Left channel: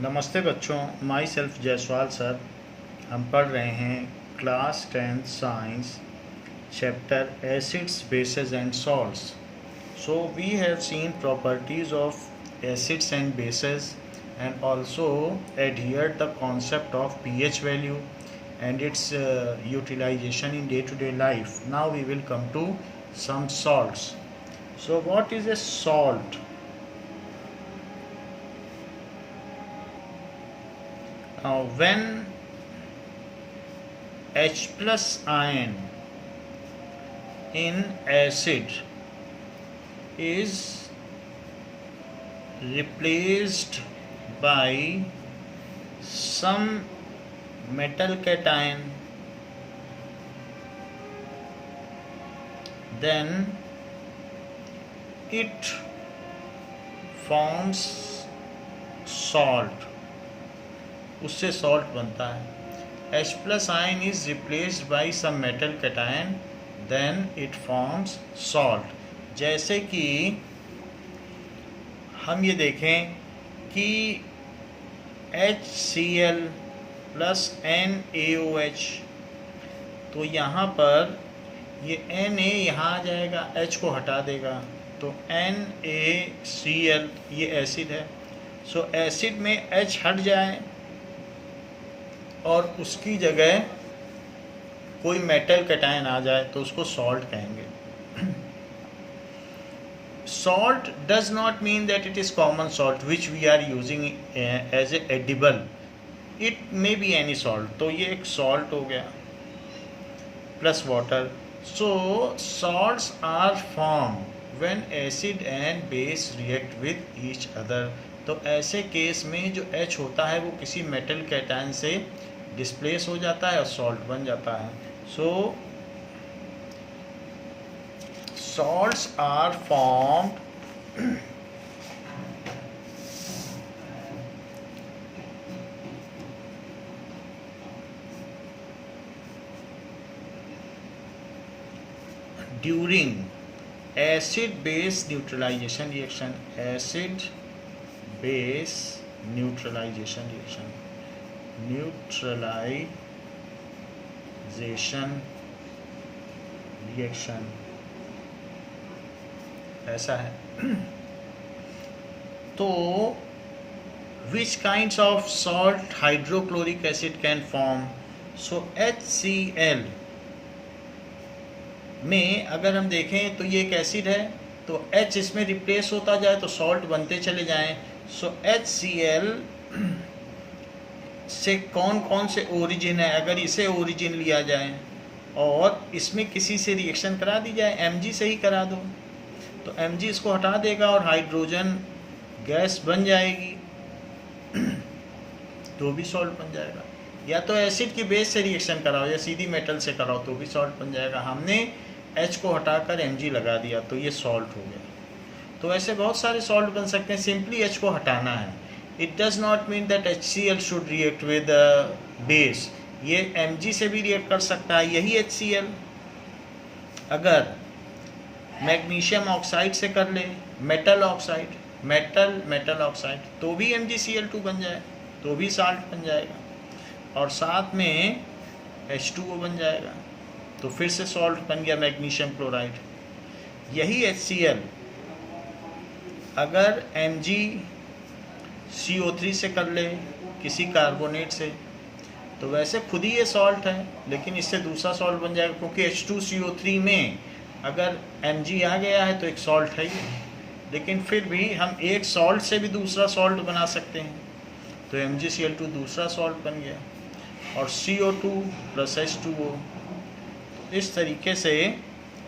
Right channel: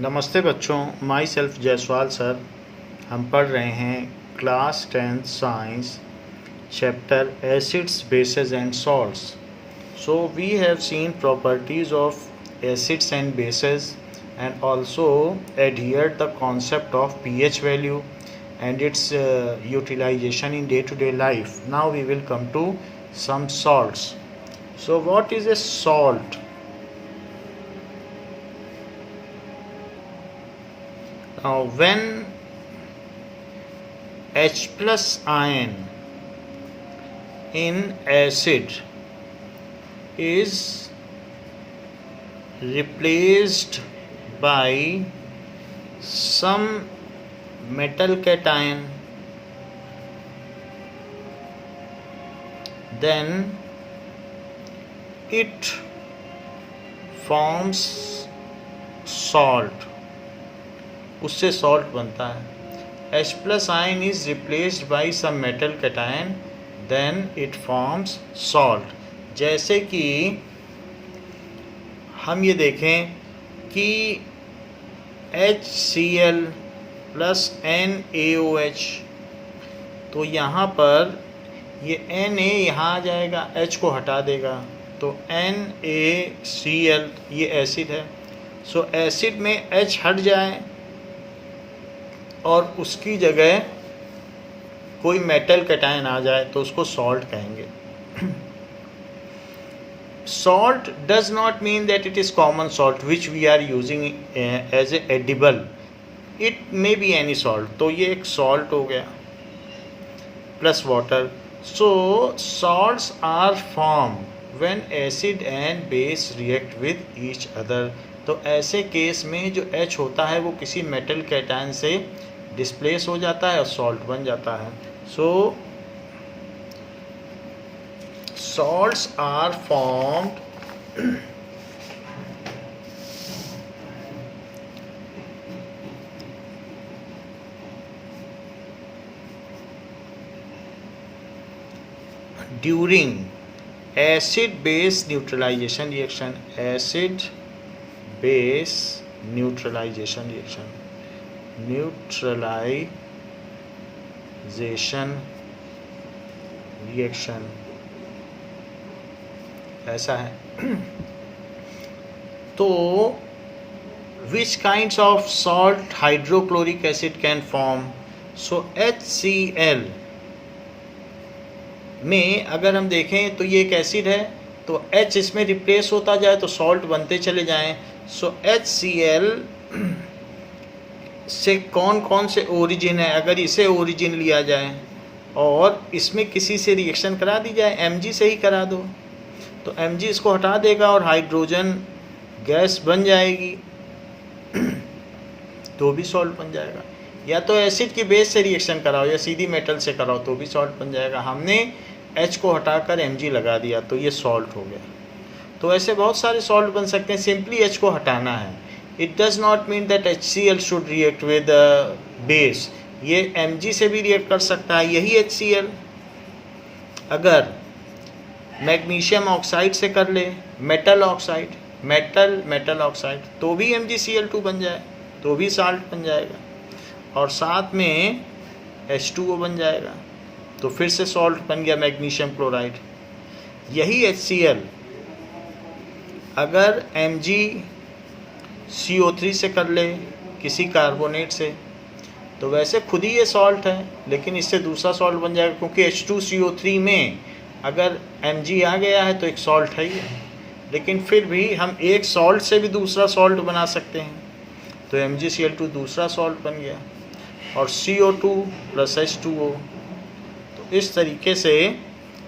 नमस्ते बच्चों, my self Jaiswal sir. हम पढ़ रहे हैं class 10th science chapter acids bases and salts. So we have seen properties of acids and bases and also adhered the concept of pH value and its utilization in day-to-day life. Now we will come to some salts. So what is a salt? Now when H plus ion in acid is replaced by some metal cation, then it forms salt. उससे salt बनता है। H plus ion is replaced by some metal cation, then it forms salt. जैसे कि हम ये देखें कि HCl plus NaOH, तो यहाँ पर ये Na यहाँ आ जाएगा, H को हटा देगा, तो NaCl ये एसिड है। सो एसिड में H हट जाए और उसकी जगह कोई मेटल कैटायन आ जाए तो उसको सॉल्ट कहेंगे। Salt does not mean that it is common salt which we are using as a edible, it may be any salt. तो ये एक सॉल्ट हो गया plus water. So salts are form when acid and base react with each other. तो ऐसे case में जो H होता है वो किसी मेटल कैटायन से डिस्प्लेस हो जाता है और सॉल्ट बन जाता है। So salts are formed during acid base neutralisation reaction. Acid base neutralisation reaction, neutralisation reaction ऐसा है। तो which kinds of salt hydrochloric acid can form? So HCl में अगर हम देखें तो ये एक एसिड है, तो H इसमें रिप्लेस होता जाए तो सॉल्ट बनते चले जाएं। सो HCl से कौन कौन से ओरिजिन है, अगर इसे ओरिजिन लिया जाए और इसमें किसी से रिएक्शन करा दी जाए, Mg से ही करा दो, तो Mg इसको हटा देगा और हाइड्रोजन गैस बन जाएगी, तो भी सॉल्ट बन जाएगा। या तो एसिड की बेस से रिएक्शन कराओ या सीधी मेटल से कराओ तो भी सॉल्ट बन जाएगा। हमने H को हटाकर Mg लगा दिया तो ये सॉल्ट हो गया। तो ऐसे बहुत सारे सॉल्ट बन सकते हैं, सिंपली H को हटाना है। It does not mean that HCl should react with base, ये Mg से भी रिएक्ट कर सकता है। यही HCl अगर मैग्नीशियम ऑक्साइड से कर ले, मेटल ऑक्साइड, मेटल ऑक्साइड, तो भी MgCl2 बन जाए तो भी साल्ट बन जाएगा और साथ में H2O बन जाएगा, तो फिर से सॉल्ट बन गया मैग्नीशियम क्लोराइड। यही HCl अगर MgCO3 से कर ले किसी कार्बोनेट से, तो वैसे खुद ही ये सॉल्ट है लेकिन इससे दूसरा सॉल्ट बन जाएगा, क्योंकि H2CO3 में अगर Mg आ गया है तो एक सॉल्ट है ही है। लेकिन फिर भी हम एक सॉल्ट से भी दूसरा सॉल्ट बना सकते हैं, तो MgCl2 दूसरा सॉल्ट बन गया और CO2 प्लस H2O। तो इस तरीके से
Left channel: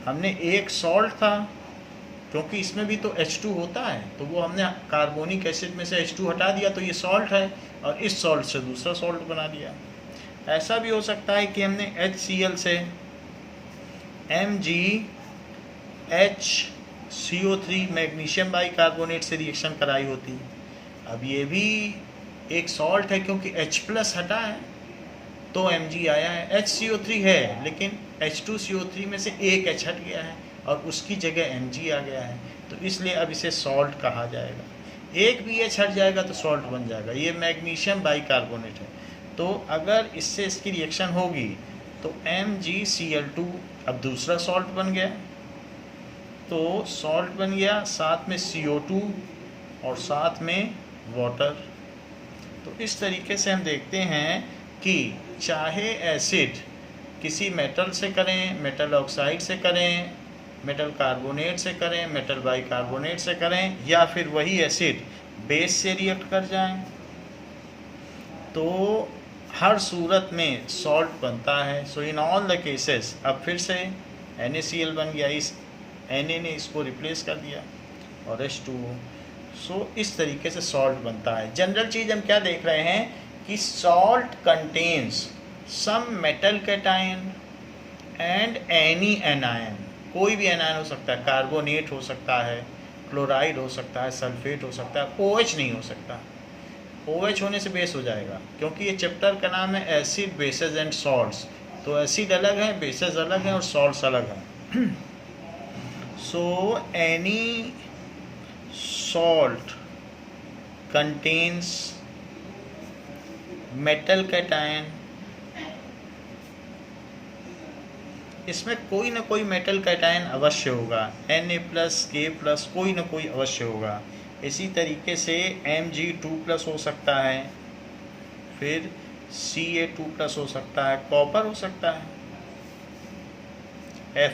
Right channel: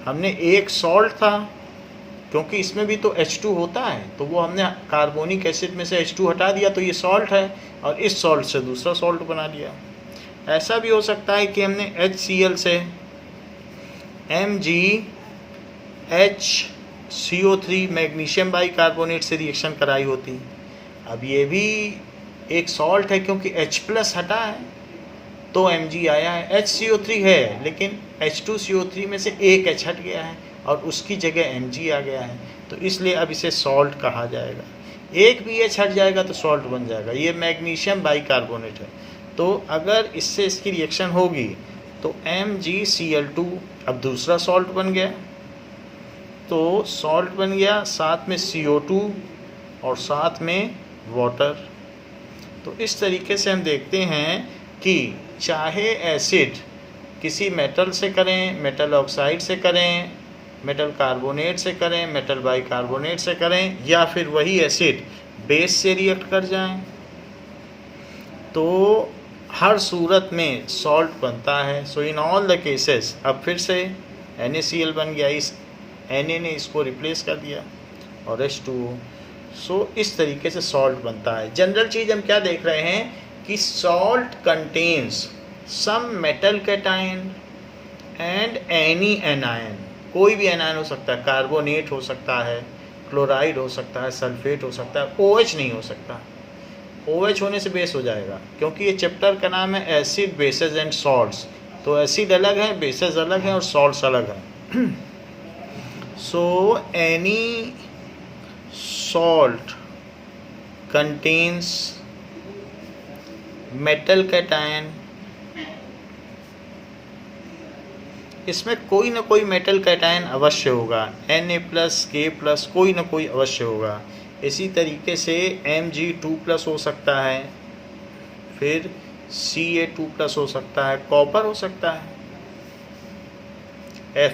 हमने एक सॉल्ट था, क्योंकि इसमें भी तो H2 होता है, तो वो हमने कार्बोनिक एसिड में से H2 हटा दिया तो ये सॉल्ट है, और इस सॉल्ट से दूसरा सॉल्ट बना दिया। ऐसा भी हो सकता है कि हमने HCl से MgHCO3 मैग्नीशियम बाइकार्बोनेट से रिएक्शन कराई होती। अब ये भी एक सॉल्ट है क्योंकि H प्लस हटा है तो Mg आया है। HCO3 है लेकिन H2CO3 में से एक H हट गया है और उसकी जगह Mg आ गया है, तो इसलिए अब इसे सॉल्ट कहा जाएगा। एक भी एच हट जाएगा तो सॉल्ट बन जाएगा। ये मैग्नीशियम बाइकार्बोनेट है। तो अगर इससे इसकी रिएक्शन होगी तो MgCl2 अब दूसरा सॉल्ट बन गया, तो सॉल्ट बन गया, साथ में CO2 और साथ में वाटर। तो इस तरीके से हम देखते हैं कि चाहे एसिड किसी मेटल से करें, मेटल ऑक्साइड से करें, मेटल कार्बोनेट से करें, मेटल बाइकार्बोनेट से करें, या फिर वही एसिड बेस से रिएक्ट कर जाएं, तो हर सूरत में सॉल्ट बनता है। सो इन ऑल द केसेस, अब फिर से NaCl बन गया, इस Na ने इसको रिप्लेस कर दिया और H2O। सो इस तरीके से सॉल्ट बनता है। जनरल चीज़ हम क्या देख रहे हैं कि salt contains some metal cation and any anion. कोई भी एनायन हो सकता है, कार्बोनेट हो सकता है, क्लोराइड हो सकता है, सल्फेट हो सकता है, OH नहीं हो सकता। OH होने से बेस हो जाएगा, क्योंकि ये चैप्टर का नाम है एसिड बेसेस एंड सॉल्ट्स। तो एसिड अलग है, बेसेस अलग हैं और सॉल्ट्स अलग हैं। So any salt contains metal cation, इसमें कोई ना कोई मेटल कैटायन अवश्य होगा, Na+K+, कोई ना कोई अवश्य होगा। इसी तरीके से Mg2+ हो सकता है, फिर Ca2+ हो सकता है, कॉपर हो सकता है,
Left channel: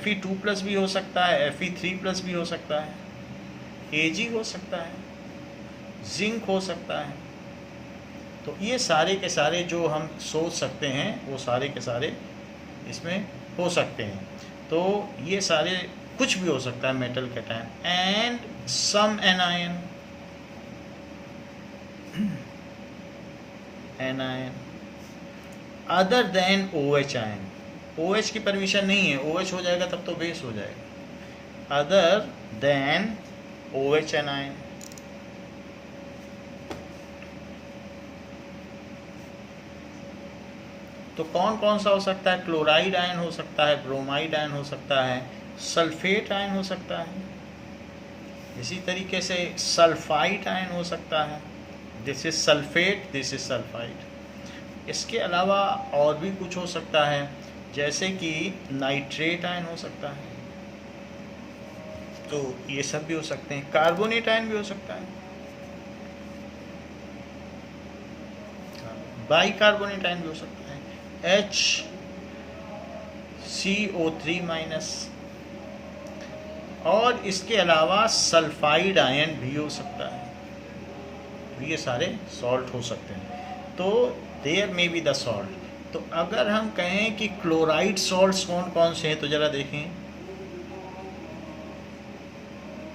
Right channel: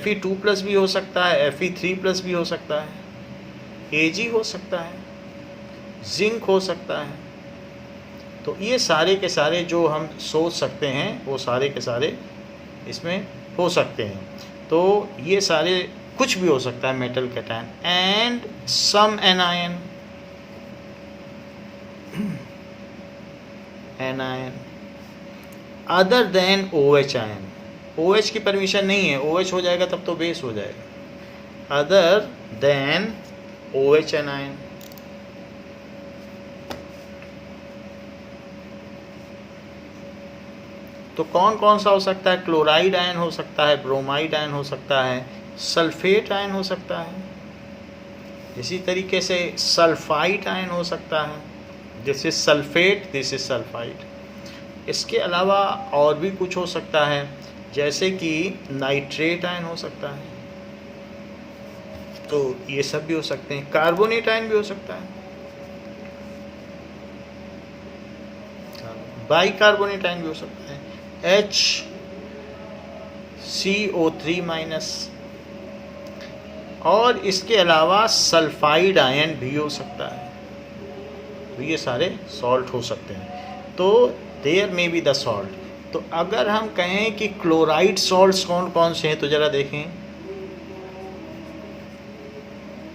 Fe2+ भी हो सकता है, Fe3+ भी हो सकता है, Ag हो सकता है, जिंक हो सकता है। तो ये सारे के सारे जो हम सोच सकते हैं वो सारे के सारे इसमें हो सकते हैं। तो ये सारे कुछ भी हो सकता है metal cation and some anion other than OH ion. OH की परमिशन नहीं है, OH हो जाएगा तब तो बेस हो जाएगा। Other than OH ion. तो कौन कौन सा हो सकता है? क्लोराइड आयन हो सकता है, ब्रोमाइड आयन हो सकता है, सल्फेट आयन हो सकता है, इसी तरीके से सल्फाइड आयन हो सकता है। This is sulphate, this is sulphide. इसके अलावा और भी कुछ हो सकता है, जैसे कि नाइट्रेट आयन हो सकता है। तो ये सब भी हो सकते हैं। कार्बोनेट आयन भी हो सकता है, बाइकार्बोनेट आयन भी हो सकता है, HCO3-, और इसके अलावा सल्फाइड आयन भी हो सकता है। तो ये सारे सॉल्ट हो सकते हैं। तो देयर में बी द सॉल्ट। तो अगर हम कहें कि क्लोराइड सॉल्ट्स कौन कौन से हैं, तो ज़रा देखें।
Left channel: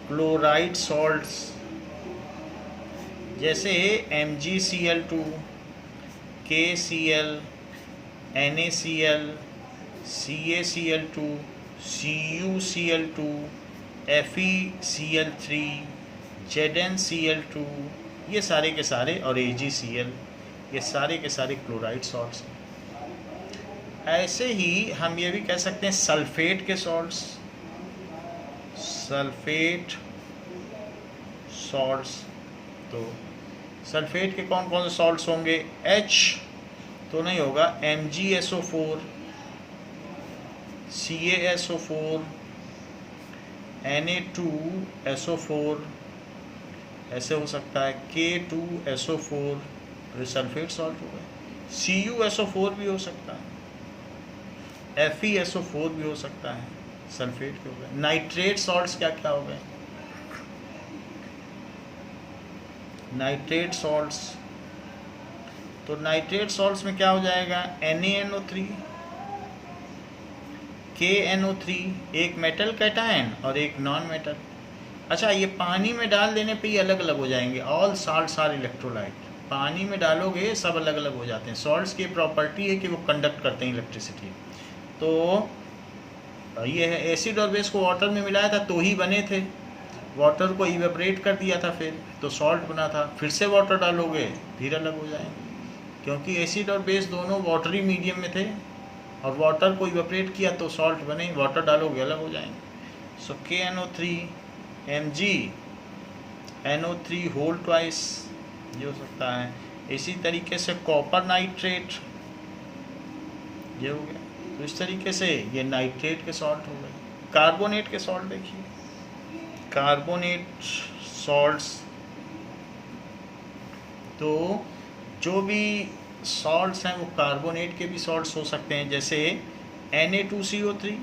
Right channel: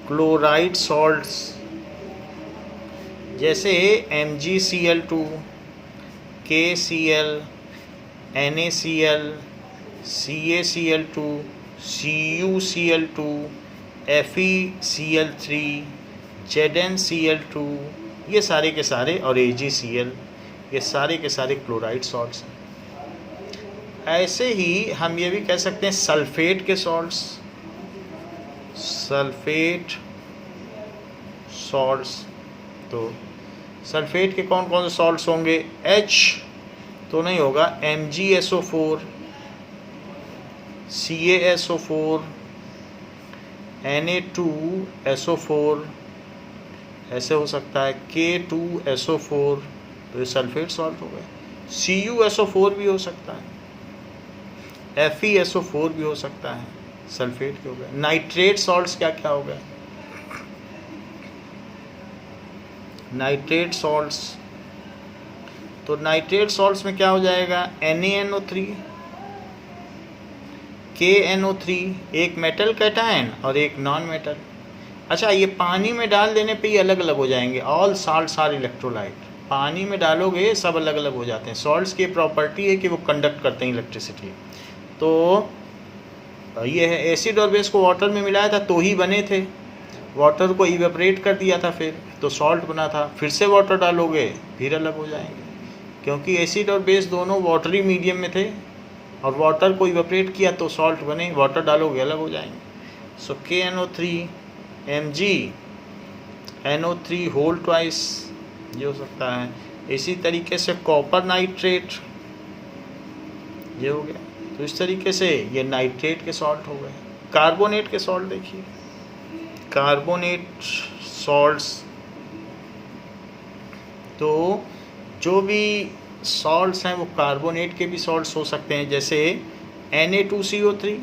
क्लोराइड सॉल्ट्स जैसे MgCl2, KCl, NaCl, CaCl2, CuCl2, FeCl3, ZnCl2, ये सारे के सारे, और AgCl, ये सारे के सारे क्लोराइड सॉल्ट्स हैं। ऐसे ही हम ये भी कह सकते हैं सल्फेट के सॉल्ट्स, सल्फेट सॉल्ट्स। तो सल्फेट के कौन कौन से सॉल्ट्स होंगे? H तो नहीं होगा, MgSO4, CaSO4, Na2SO4, ऐसे हो सकता है K2SO4, तो ये सल्फेट सॉल्ट हो गए। CuSO4 भी हो सकता है, FeSO4 भी हो सकता है, सल्फेट के हो गए। नाइट्रेट सॉल्ट्स क्या क्या हो गए? नाइट्रेट सॉल्ट्स, तो नाइट्रेट सॉल्ट्स में क्या हो जाएगा? NaNO3, KNO3, एक मेटल कैटायन और एक नॉन मेटल। अच्छा, ये पानी में डाल देने पे ये अलग अलग हो जाएंगे। All salts are electrolyte. पानी में डालोगे सब अलग अलग हो जाते हैं। सॉल्ट्स की प्रॉपर्टी है कि वो कंडक्ट करते हैं इलेक्ट्रिसिटी। तो ये है, एसिड और बेस को वाटर में मिलाया था तो ही बने थे, वाटर को इवेपरेट कर दिया था फिर तो सॉल्ट बना था। फिर से वाटर डालोगे फिर अलग हो जाएंगे, क्योंकि एसिड और बेस दोनों वाटरी मीडियम में थे और वाटर को इवेपरेट किया तो सॉल्ट बने, वाटर डालोगे अलग हो जाएंगे। सो KNO3, Mg NO3 whole twice, ये हो सकता है। इसी तरीके से कॉपर नाइट्रेट, ये हो गया। तो इस तरीके से ये नाइट्रेट के सॉल्ट हो गए। कार्बोनेट के सॉल्ट देखिए, कार्बोनेट सॉल्ट्स, तो जो भी सॉल्ट्स हैं वो कार्बोनेट के भी सॉल्ट्स हो सकते हैं, जैसे Na2CO3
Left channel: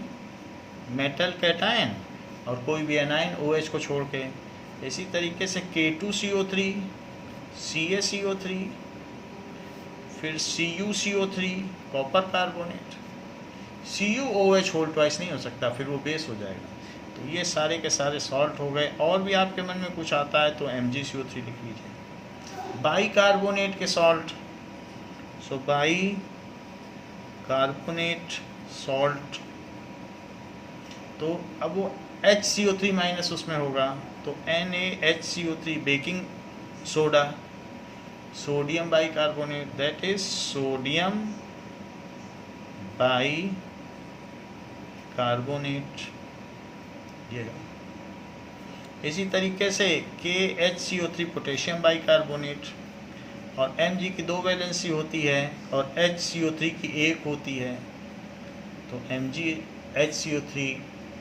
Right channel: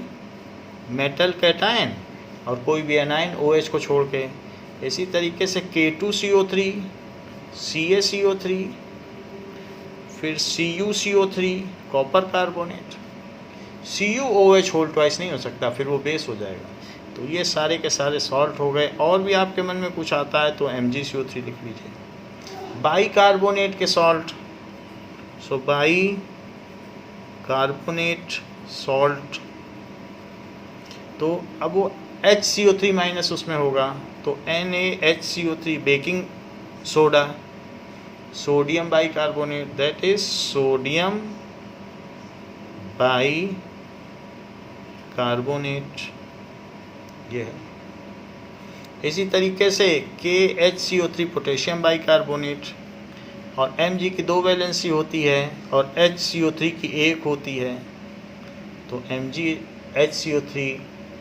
मेटल कैटायन और कोई भी एनायन OH को छोड़ के। इसी तरीके से K2CO3, CaCO3, फिर CuCO3 copper carbonate. CuOH whole twice नहीं हो सकता, फिर वो बेस हो जाएगा। तो ये सारे के सारे सॉल्ट हो गए। और भी आपके मन में कुछ आता है तो MgCO3 लिख लीजिए। बाई कार्बोनेट के salt, so by carbonate salt, तो अब वो HCO3 माइनस उसमें होगा, तो NaHCO3 baking soda, sodium by carbonate, that is sodium by carbonate, ये है। इसी तरीके से KHCO3 पोटेशियम बाई कार्बोनेट, और Mg की 2 वैलेंसी होती है और HCO3 की 1 होती है, तो MgHCO3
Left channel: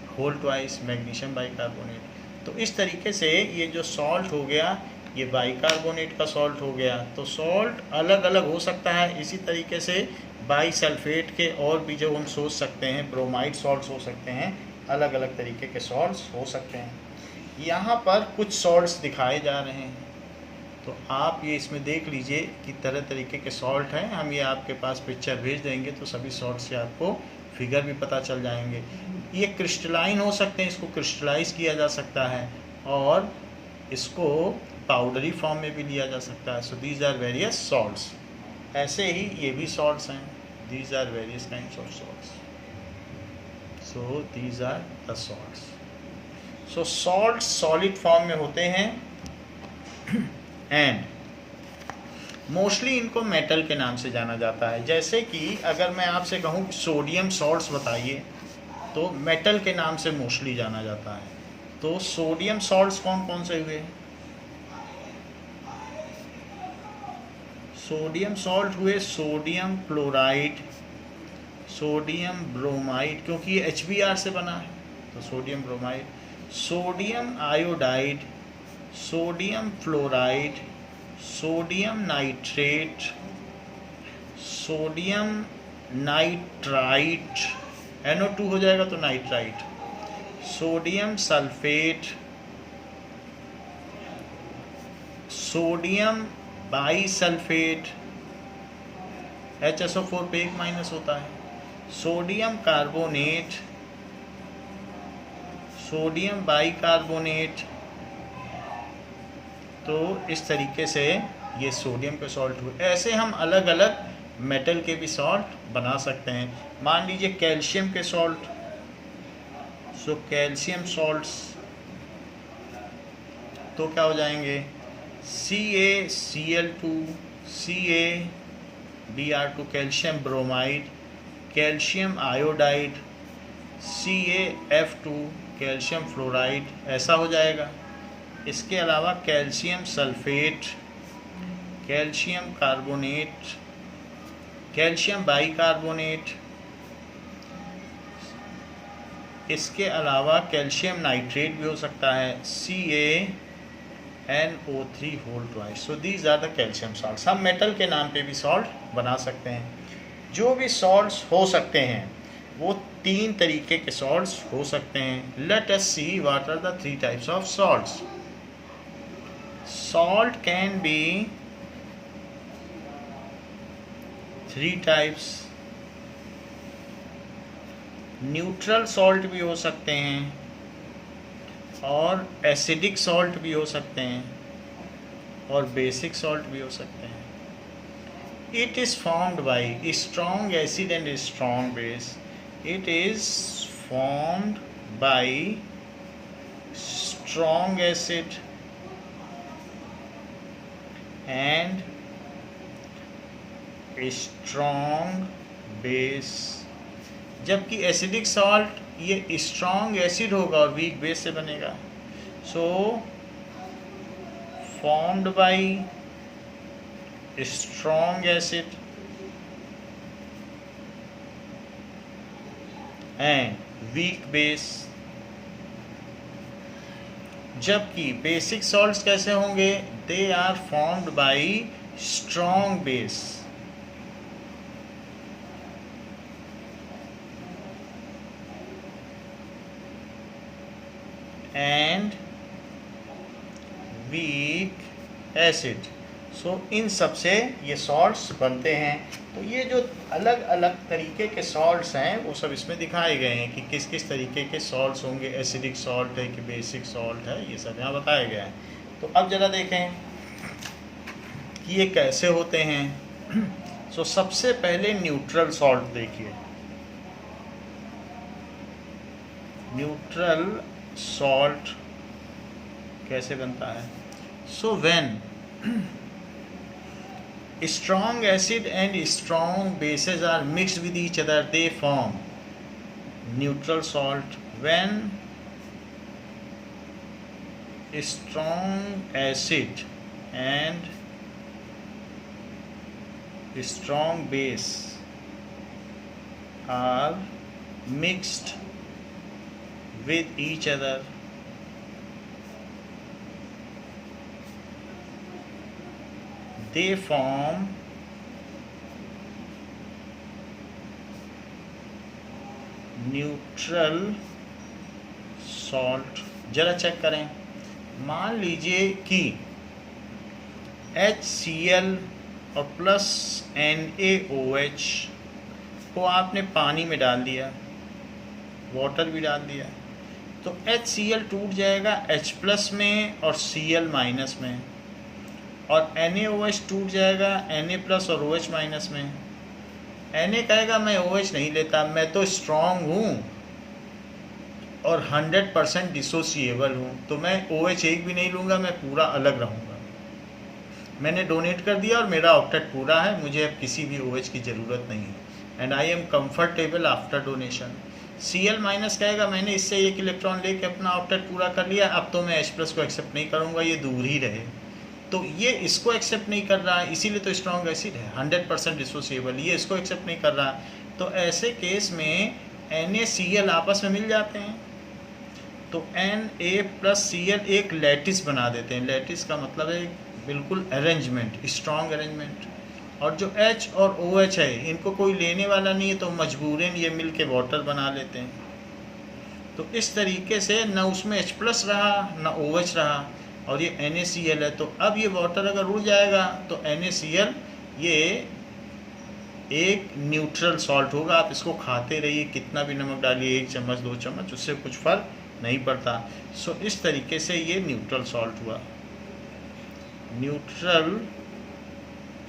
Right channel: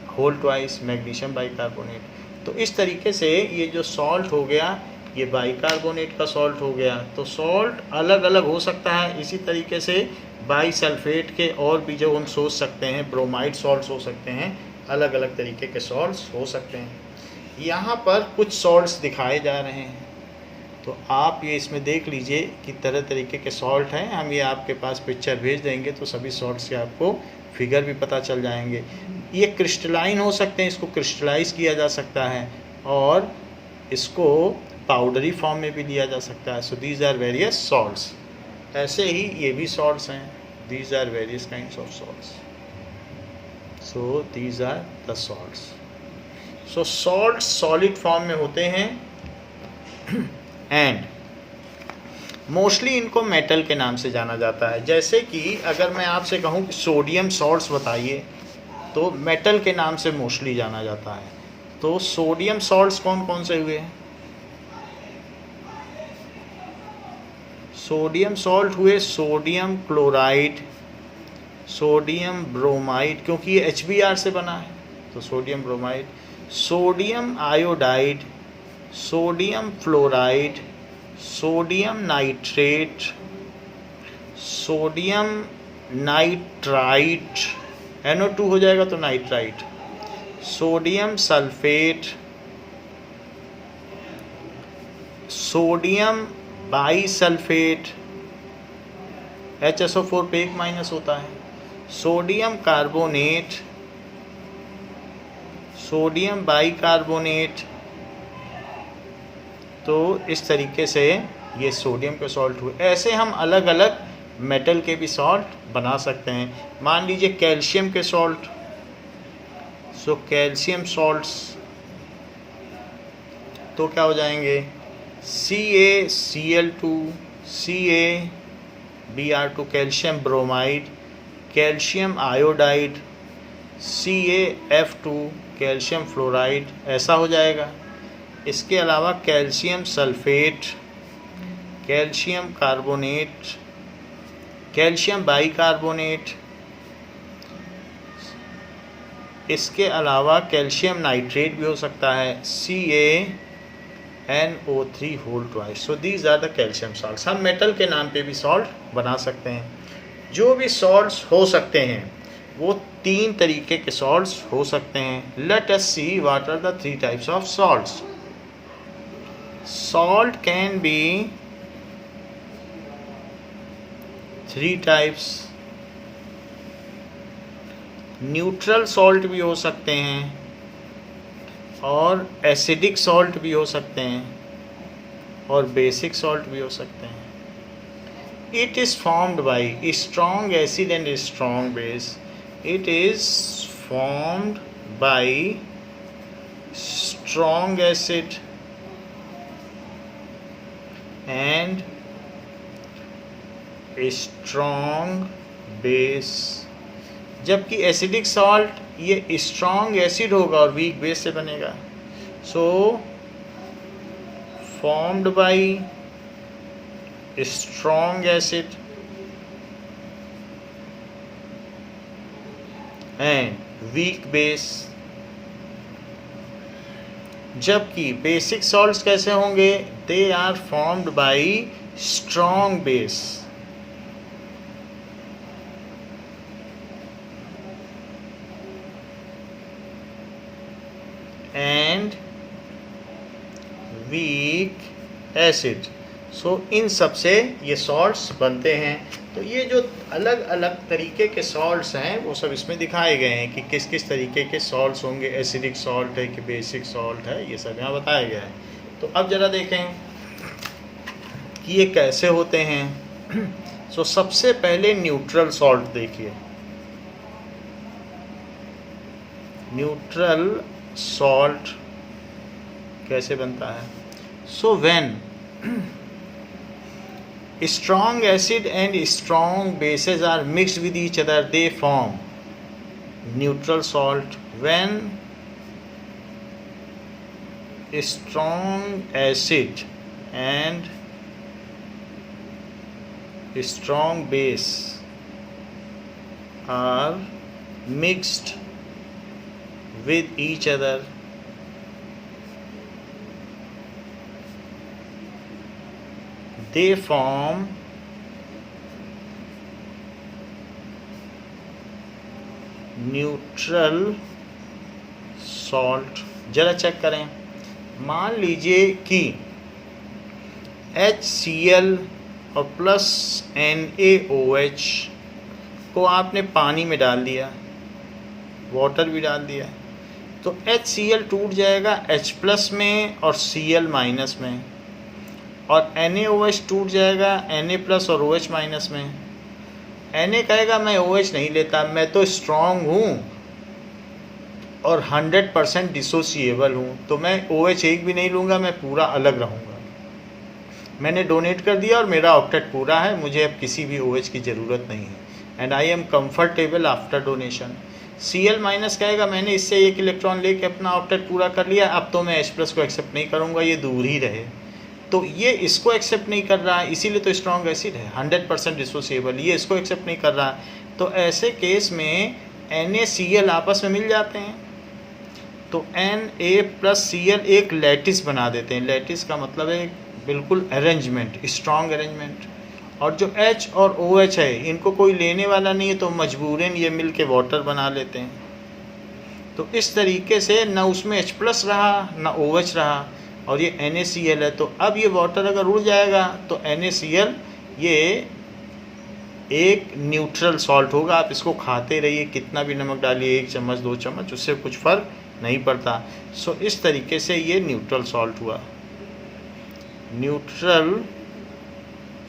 whole twice magnesium bicarbonate. तो इस तरीके से ये जो सॉल्ट हो गया ये बाई कार्बोनेट का सॉल्ट हो गया। तो सॉल्ट अलग अलग हो सकता है। इसी तरीके से बाई सल्फेट के और भी जो हम सोच सकते हैं, ब्रोमाइड सॉल्ट्स हो सकते हैं, अलग अलग तरीके के सॉल्ट्स हो सकते हैं। यहाँ पर कुछ सॉल्ट्स दिखाए जा रहे हैं, तो आप ये इसमें देख लीजिए कि तरह तरीके के सॉल्ट हैं। हम ये आपके पास पिक्चर भेज देंगे तो सभी सॉल्ट से आपको फिगर भी पता चल जाएंगे। ये क्रिस्टलाइन हो सकते हैं, इसको क्रिस्टलाइज किया जा सकता है और इसको पाउडरी फॉर्म में भी लिया जा सकता है। So these are various salts. ऐसे ही ये भी सॉल्ट्स हैं, these are various kinds of salts. So these are the salts. So salt solid form में होते हैं एंड मोस्टली इनको मेटल के नाम से जाना जाता है। जैसे कि अगर मैं आपसे कहूँ कि सोडियम सॉल्ट्स बताइए, तो मेटल के नाम से मोस्टली जाना जाता है। तो सोडियम सॉल्ट्स कौन कौन से हुए? सोडियम सॉल्ट हुए सोडियम क्लोराइड, सोडियम ब्रोमाइड, क्योंकि ये HBr से बना है तो sodium bromide, sodium iodide, sodium fluoride, sodium nitrate, sodium nitrite, NO2 हो जाएगा तो nitrite, sodium sulphate, sodium bisulphate, HSO4 पे 1 माइनस होता है, सोडियम कार्बोनेट, सोडियम बाइकार्बोनेट। तो इस तरीके से ये सोडियम के सॉल्ट हुए। ऐसे हम अलग अलग मेटल के भी सॉल्ट बना सकते हैं। मान लीजिए कैल्शियम के सॉल्ट, सो कैल्शियम सॉल्ट्स तो क्या हो जाएंगे? CaCl2, CaBr2 calcium bromide, calcium iodide, CaF2 calcium fluoride, ऐसा हो जाएगा। इसके अलावा calcium sulphate, calcium carbonate, calcium bicarbonate, इसके अलावा कैल्शियम नाइट्रेट भी हो सकता है, CaNO3 whole twice. So these are the calcium salts. हम मेटल के नाम पे भी सॉल्ट बना सकते हैं। जो भी सॉल्ट्स हो सकते हैं वो 3 तरीके के सॉल्ट्स हो सकते हैं। Let us see what are the 3 types of salts. Salt can be 3 types. Neutral salt भी हो सकते हैं और एसिडिक सॉल्ट भी हो सकते हैं और बेसिक सॉल्ट भी हो सकते हैं। It is formed by strong acid and strong base. It is formed by strong acid and strong base। जबकि एसिडिक सॉल्ट ये स्ट्रॉन्ग एसिड होगा और वीक बेस से बनेगा। So formed by strong acid and weak base, जबकि basic salts कैसे होंगे? They are formed by strong base and weak acid. So इन सब से ये सॉल्ट्स बनते हैं। तो ये जो अलग अलग तरीके के सॉल्ट्स हैं वो सब इसमें दिखाए गए हैं कि किस किस तरीके के सॉल्ट्स होंगे, एसिडिक सॉल्ट है कि बेसिक सॉल्ट है, ये सब यहाँ बताया गया है। तो अब ज़रा देखें कि ये कैसे होते हैं। सो सबसे पहले न्यूट्रल सॉल्ट देखिए। न्यूट्रल सॉल्ट कैसे बनता है? So when strong acid and strong bases are mixed with each other, they form neutral salt. When strong acid and strong base are mixed with each other, they form neutral salt. जरा check करें, मान लीजिए कि HCl और plus NaOH को आपने पानी में डाल दिया, वाटर भी डाल दिया, तो HCl टूट जाएगा H प्लस में और Cl माइनस में, और NaOH टूट जाएगा Na प्लस और OH माइनस में। Na कहेगा मैं OH नहीं लेता, मैं तो स्ट्रॉन्ग हूँ और 100% डिसोसिएबल हूँ, तो मैं OH एक भी नहीं लूँगा, मैं पूरा अलग रहूँगा। मैंने डोनेट कर दिया और मेरा ऑक्टेट पूरा है, मुझे अब किसी भी OH की ज़रूरत नहीं है, and I am comfortable after donation. Cl minus कहेगा मैंने इससे एक इलेक्ट्रॉन लेके अपना ऑक्टेट पूरा कर लिया, अब तो मैं H प्लस को एक्सेप्ट नहीं करूँगा, ये दूर ही रहे। तो ये इसको एक्सेप्ट नहीं कर रहा है, इसीलिए तो स्ट्रॉन्ग एसिड है, 100% डिसोसिएबल, ये इसको एक्सेप्ट नहीं कर रहा। तो ऐसे केस में NaCl आपस में मिल जाते हैं, तो Na प्लस Cl एक लैटिस बना देते हैं। लैटिस का मतलब है बिल्कुल अरेंजमेंट, स्ट्रॉन्ग अरेंजमेंट। और जो H और OH है इनको कोई लेने वाला नहीं है, तो मजबूरन ये मिल के वाटर बना लेते हैं। तो इस तरीके से न उसमें H प्लस रहा न OH रहा, और ये NaCl है। तो अब ये वाटर अगर उड़ जाएगा तो NaCl ये एक न्यूट्रल सॉल्ट होगा। आप इसको खाते रहिए, कितना भी नमक डालिए, 1 चम्मच 2 चम्मच, उससे कुछ फ़र्क नहीं पड़ता। सो इस तरीके से ये न्यूट्रल सॉल्ट हुआ, neutral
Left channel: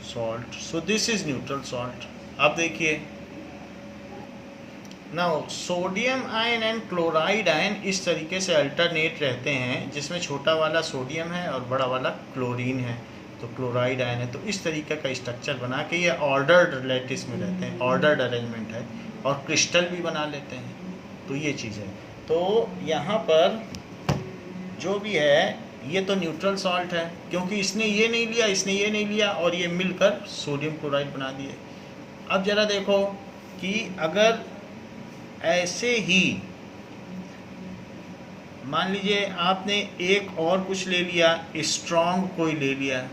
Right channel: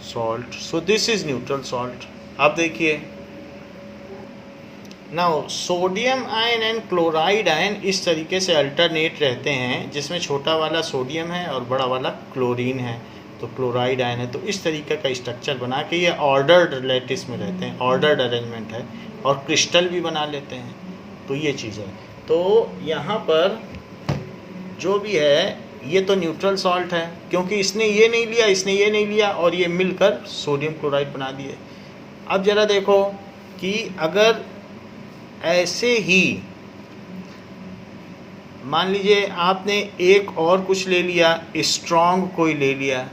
salt. So this is neutral salt. अब देखिए now sodium ion and chloride ion इस तरीके से अल्टरनेट रहते हैं, जिसमें छोटा वाला सोडियम है और बड़ा वाला क्लोरीन है, तो क्लोराइड आयन है। तो इस तरीके का स्ट्रक्चर बना के ये ऑर्डर्ड लैटिस में रहते हैं, ऑर्डर्ड अरेंजमेंट है, और क्रिस्टल भी बना लेते हैं। तो ये चीज़ है। तो यहाँ पर जो भी है ये तो न्यूट्रल सॉल्ट है, क्योंकि इसने ये नहीं लिया, इसने ये नहीं लिया, और ये मिलकर सोडियम क्लोराइड बना दिए। अब ज़रा देखो कि अगर ऐसे ही मान लीजिए आपने एक और कुछ ले लिया, स्ट्रॉन्ग कोई ले लिया,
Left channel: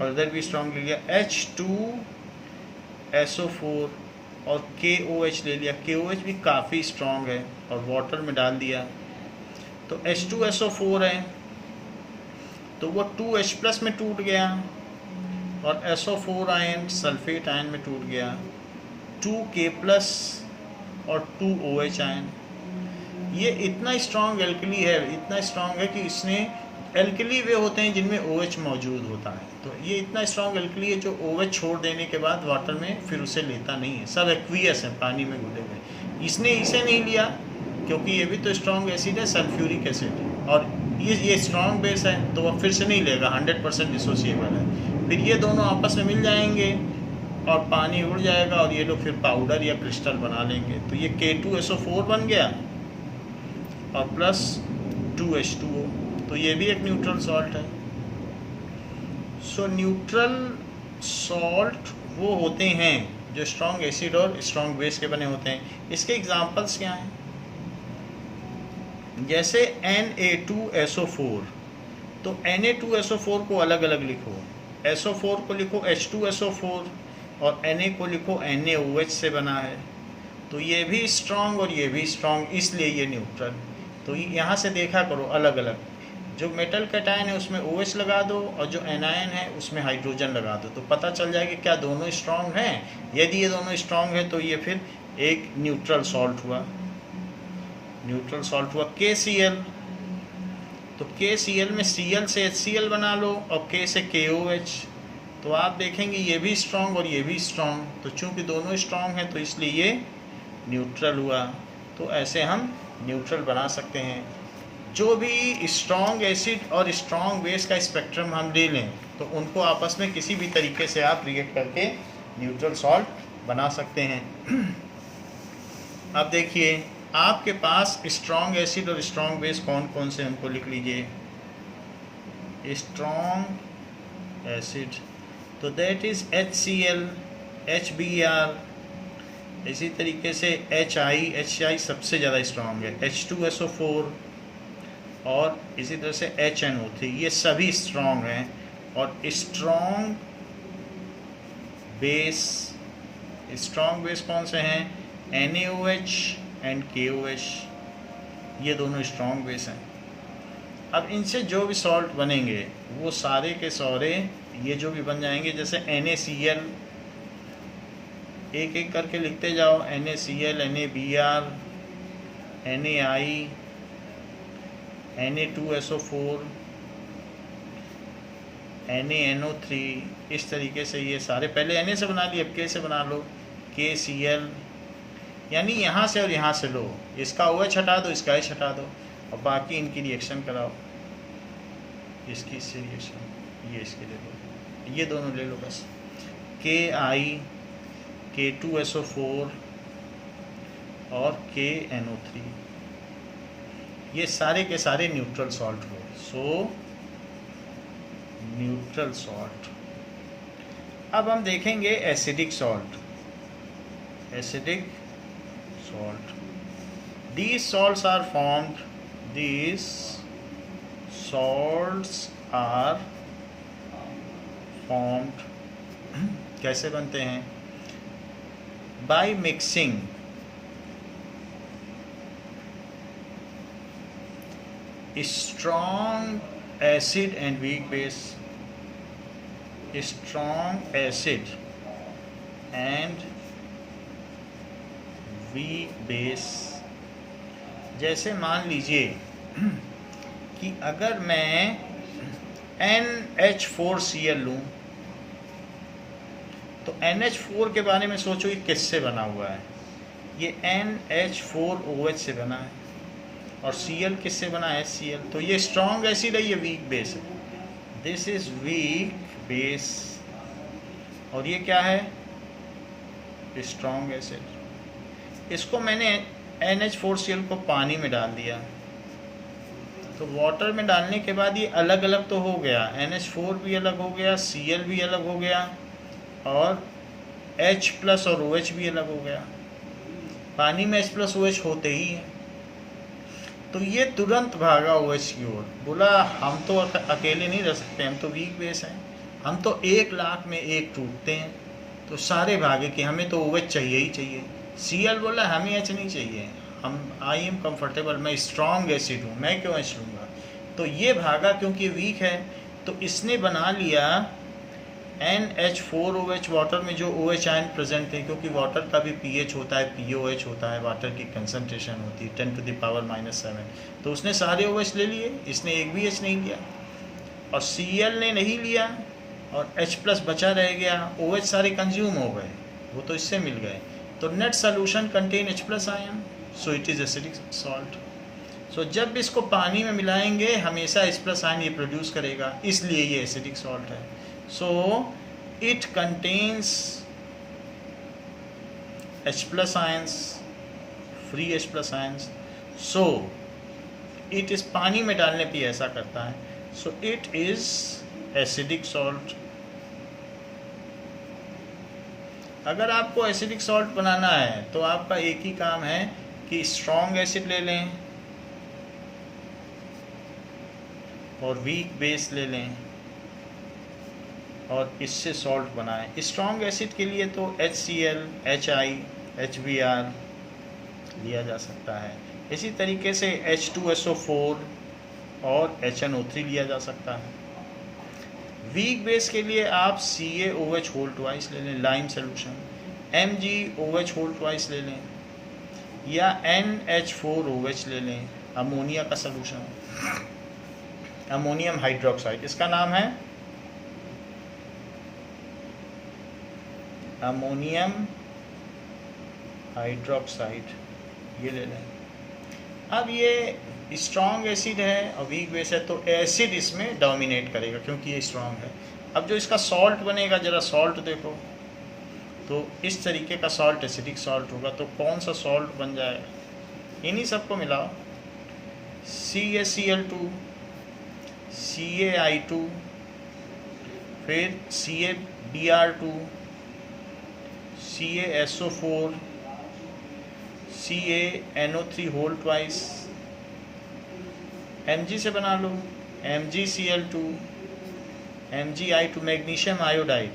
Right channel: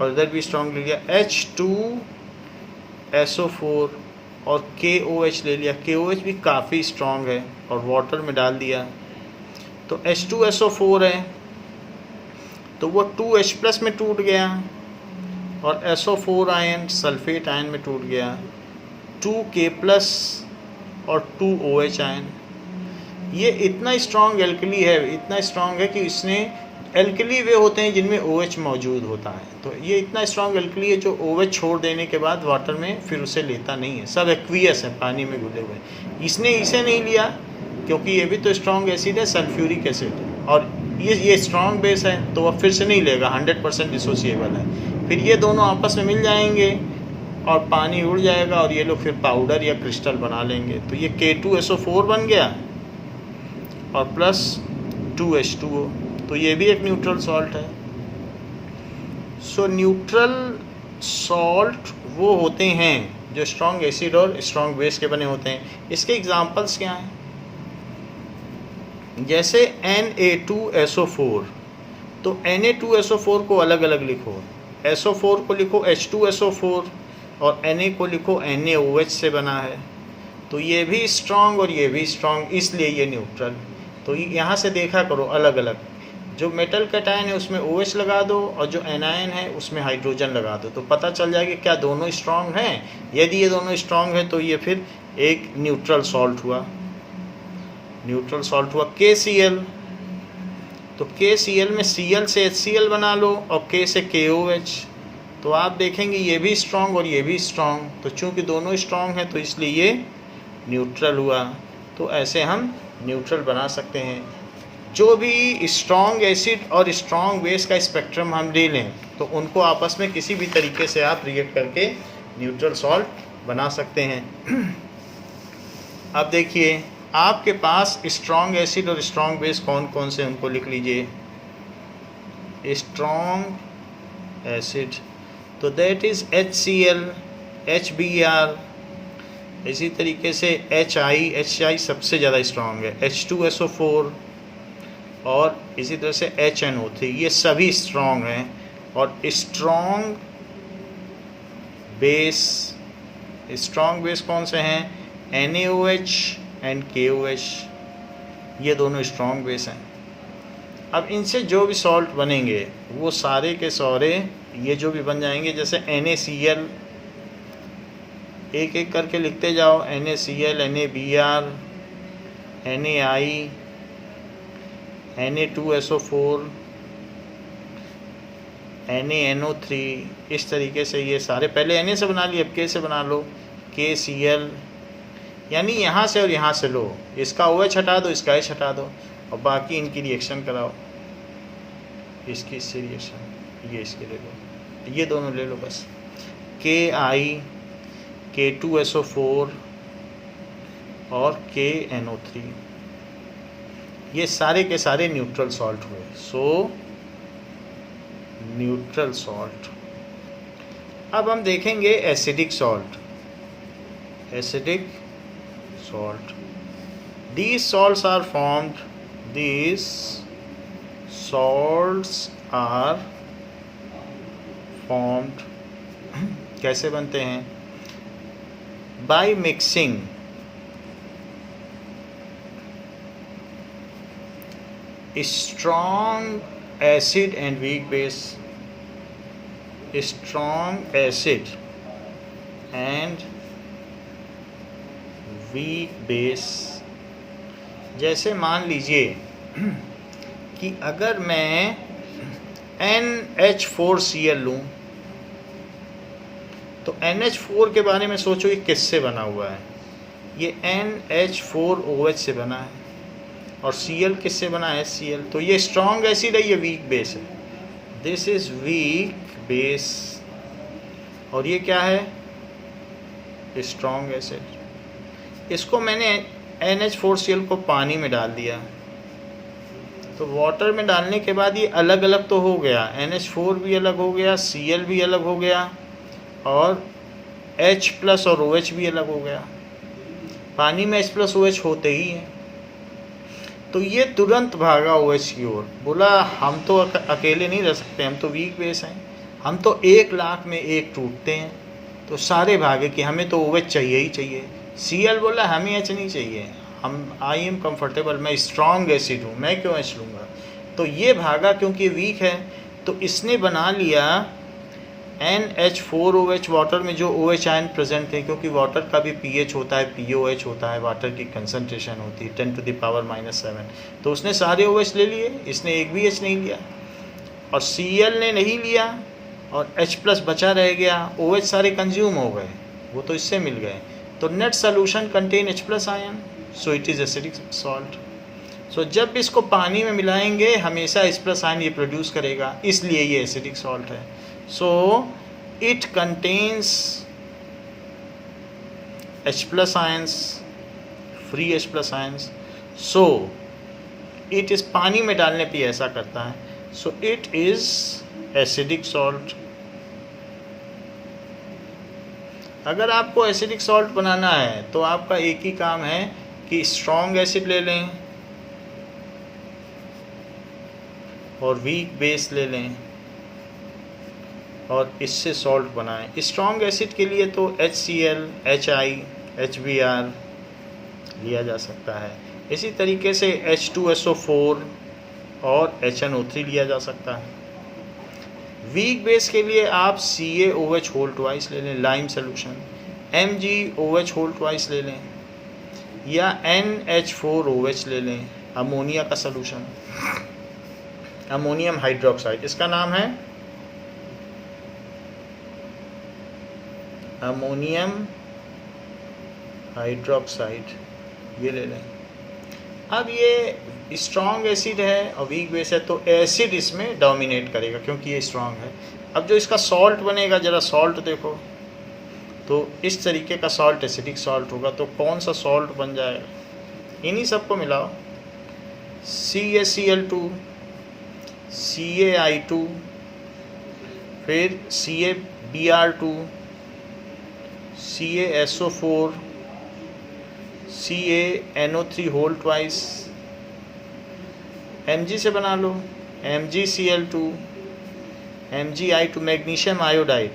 और इधर भी स्ट्रॉन्ग ले लिया, H2SO4 और KOH ले लिया, KOH भी काफ़ी स्ट्रॉन्ग है, और वाटर में डाल दिया, तो H2SO4 है, तो वो 2H प्लस में टूट गया, और SO4 आयन सल्फेट आयन में टूट गया, 2K प्लस और 2OH आयन। ये इतना स्ट्रॉन्ग एल्कली है, इतना स्ट्रॉन्ग है कि इसने एल्कली वे होते हैं जिनमें OH मौजूद होता है, तो ये इतना स्ट्रॉन्ग एल्कली है जो OH छोड़ देने के बाद वाटर में फिर उसे लेता नहीं है, सब एक्वियस है, पानी में घुले हुए। इसने इसे नहीं लिया क्योंकि ये भी तो स्ट्रॉन्ग एसिड है, सल्फ्यूरिक एसिड, और ये स्ट्रॉन्ग बेस है, तो वह फिर से नहीं लेगा, 100% डिसोसिएबल है। फिर ये दोनों आपस में मिल जाएंगे और पानी उड़ जाएगा, और ये लोग फिर पाउडर या क्रिस्टल बना लेंगे। तो ये K2SO4 बन गया और प्लस 2H2O, तो ये भी एक न्यूट्रल सॉल्ट है। सो न्यूट्रल सॉल्ट वो होते हैं जो स्ट्रॉन्ग एसिड और स्ट्रॉन्ग बेस के बने होते हैं। इसके एग्जांपल्स क्या हैं? जैसे Na2SO4, तो Na2SO4 को अलग अलग लिखो, SO4 को लिखो H2SO4 और Na को लिखो NaOH से बना है। तो ये भी स्ट्रॉन्ग और ये भी स्ट्रॉन्ग, इसलिए ये न्यूट्रल। तो यहाँ से देखा करो अलग अलग, जो मेटल कैटायन है उसमें OH लगा दो और जो एनायन है उसमें हाइड्रोजन लगा दो, तो पता चल जाएगा क्या दोनों स्ट्रॉन्ग हैं। यदि ये दोनों स्ट्रॉन्ग है तो ये फिर एक न्यूट्रल सॉल्ट हुआ। न्यूट्रल सॉल्ट हुआ KCl, तो KCl में Cl से HCl बना लो और K से KOH, तो आप देखेंगे ये भी स्ट्रॉन्ग और ये भी स्ट्रॉन्ग, तो चूंकि दोनों स्ट्रॉन्ग हैं तो इसलिए ये न्यूट्रल हुआ। तो ऐसे हम न्यूट्रल बना सकते हैं। जो भी स्ट्रॉन्ग एसिड और स्ट्रॉन्ग बेस का स्पेक्ट्रम हम ले लें तो उनको आपस में किसी भी तरीके से आप रिएक्ट करके न्यूट्रल सॉल्ट बना सकते हैं। अब देखिए आपके पास स्ट्रॉन्ग एसिड और स्ट्रॉन्ग बेस कौन कौन से, उनको लिख लीजिए। स्ट्रॉन्ग एसिड तो दैट इज़ HCl, HBr, इसी तरीके से HI सबसे ज़्यादा स्ट्रॉन्ग है, H2SO4 और इसी तरह से HNO3, ये सभी स्ट्रॉन्ग हैं। और स्ट्रॉन्ग बेस कौन से हैं? NaOH एंड KOH, ये दोनों स्ट्रॉन्ग बेस हैं। अब इनसे जो भी सॉल्ट बनेंगे वो सारे के सारे ये जो भी बन जाएंगे, जैसे NaCl, एक एक करके लिखते जाओ, NaCl, NaBr, NaI, Na2SO4, NaNO3, इस तरीके से ये सारे, पहले Na से बना लिए अब K से बना लो, KCl, यानी यहाँ से और यहाँ से लो, इसका OH हटा दो, इसका H हटा दो और बाकी इनकी रिएक्शन कराओ, इसकी इससे रिएक्शन, ये इसके ले लो, ये दोनों ले लो बस, KI, K2SO4 और KNO3, ये सारे के सारे न्यूट्रल सॉल्ट हुए। सो न्यूट्रल सॉल्ट। अब हम देखेंगे acidic salt. Acidic salt, these salts are formed, these salts are formed कैसे बनते हैं? by mixing strong acid and weak base, strong acid and weak base। जैसे मान लीजिए कि अगर मैं NH4Cl लूँ तो NH4 के बारे में सोचो ये किससे बना हुआ है? ये NH4OH से बना है और Cl किससे बना है? HCl। तो ये स्ट्रॉन्ग एसिड है, ये वीक बेस है। दिस इज वीक बेस और ये क्या है? Strong acid. इसको मैंने NH4Cl को पानी में डाल दिया, तो वाटर में डालने के बाद ये अलग अलग तो हो गया, NH4 भी अलग हो गया, Cl भी अलग हो गया और H+ और OH भी अलग हो गया। पानी में H+ OH होते ही हैं। तो ये तुरंत भागा OH की ओर, बोला हम तो अकेले नहीं रह सकते, हम तो वीक बेस हैं, हम तो 1,00,000 में एक टूटते हैं। तो सारे भागे कि हमें तो OH चाहिए ही चाहिए। Cl बोला हमें H नहीं चाहिए, हम आई एम कंफर्टेबल, मैं स्ट्रॉन्ग एसिड हूँ, मैं क्यों H लूँगा। तो ये भागा क्योंकि वीक है, तो इसने बना लिया NH4OH, वाटर में जो OH आयन प्रेजेंट है, क्योंकि वाटर का भी pH होता है, POH होता है, वाटर की कंसंट्रेशन होती है 10⁻⁻⁷। तो उसने सारे OH ले लिए, इसने एक भी H नहीं लिया और Cl ने नहीं लिया और H+ बचा रह गया, OH सारे कंज्यूम हो गए, वो तो इससे मिल गए। तो net solution contain H+ ion, so it is acidic salt. So जब इसको पानी में मिलाएंगे हमेशा H+ आयन ये प्रोड्यूस करेगा, इसलिए ये एसिडिक सॉल्ट है। So it contains H+ ions, free H+ ions. So it is, पानी में डालने पे ऐसा करता है। So it is acidic salt. अगर आपको एसिडिक सॉल्ट बनाना है तो आपका एक ही काम है कि स्ट्रॉन्ग एसिड ले लें और वीक बेस ले लें और इससे सॉल्ट बनाएं। स्ट्रॉन्ग एसिड के लिए तो HCl, HI, HBr लिया जा सकता है। इसी तरीके से H2SO4 और HNO3 लिया जा सकता है। वीक बेस के लिए आप CaOH होल ट्वाइस ले लें, lime solution, MgOH whole twice ले लें या NH4OH ले लें, अमोनिया का सोल्यूशन, अमोनियम हाइड्रोक्साइड, इसका नाम है अमोनियम हाइड्रोक्साइड, ये ले लें। अब ये स्ट्रॉन्ग एसिड है और वीक बेस है तो एसिड इसमें डोमिनेट करेगा क्योंकि ये स्ट्रॉन्ग है। अब जो इसका सॉल्ट बनेगा, ज़रा सॉल्ट देखो, तो इस तरीके का सॉल्ट एसिडिक सॉल्ट होगा। तो कौन सा सॉल्ट बन जाएगा? इन्हीं सबको मिलाओ, CaCl2, CaI2, फिर CaBr2, CaSO4, CaNO3 whole twice, Mg से बना लो, MgCl2, MgI2 magnesium iodide,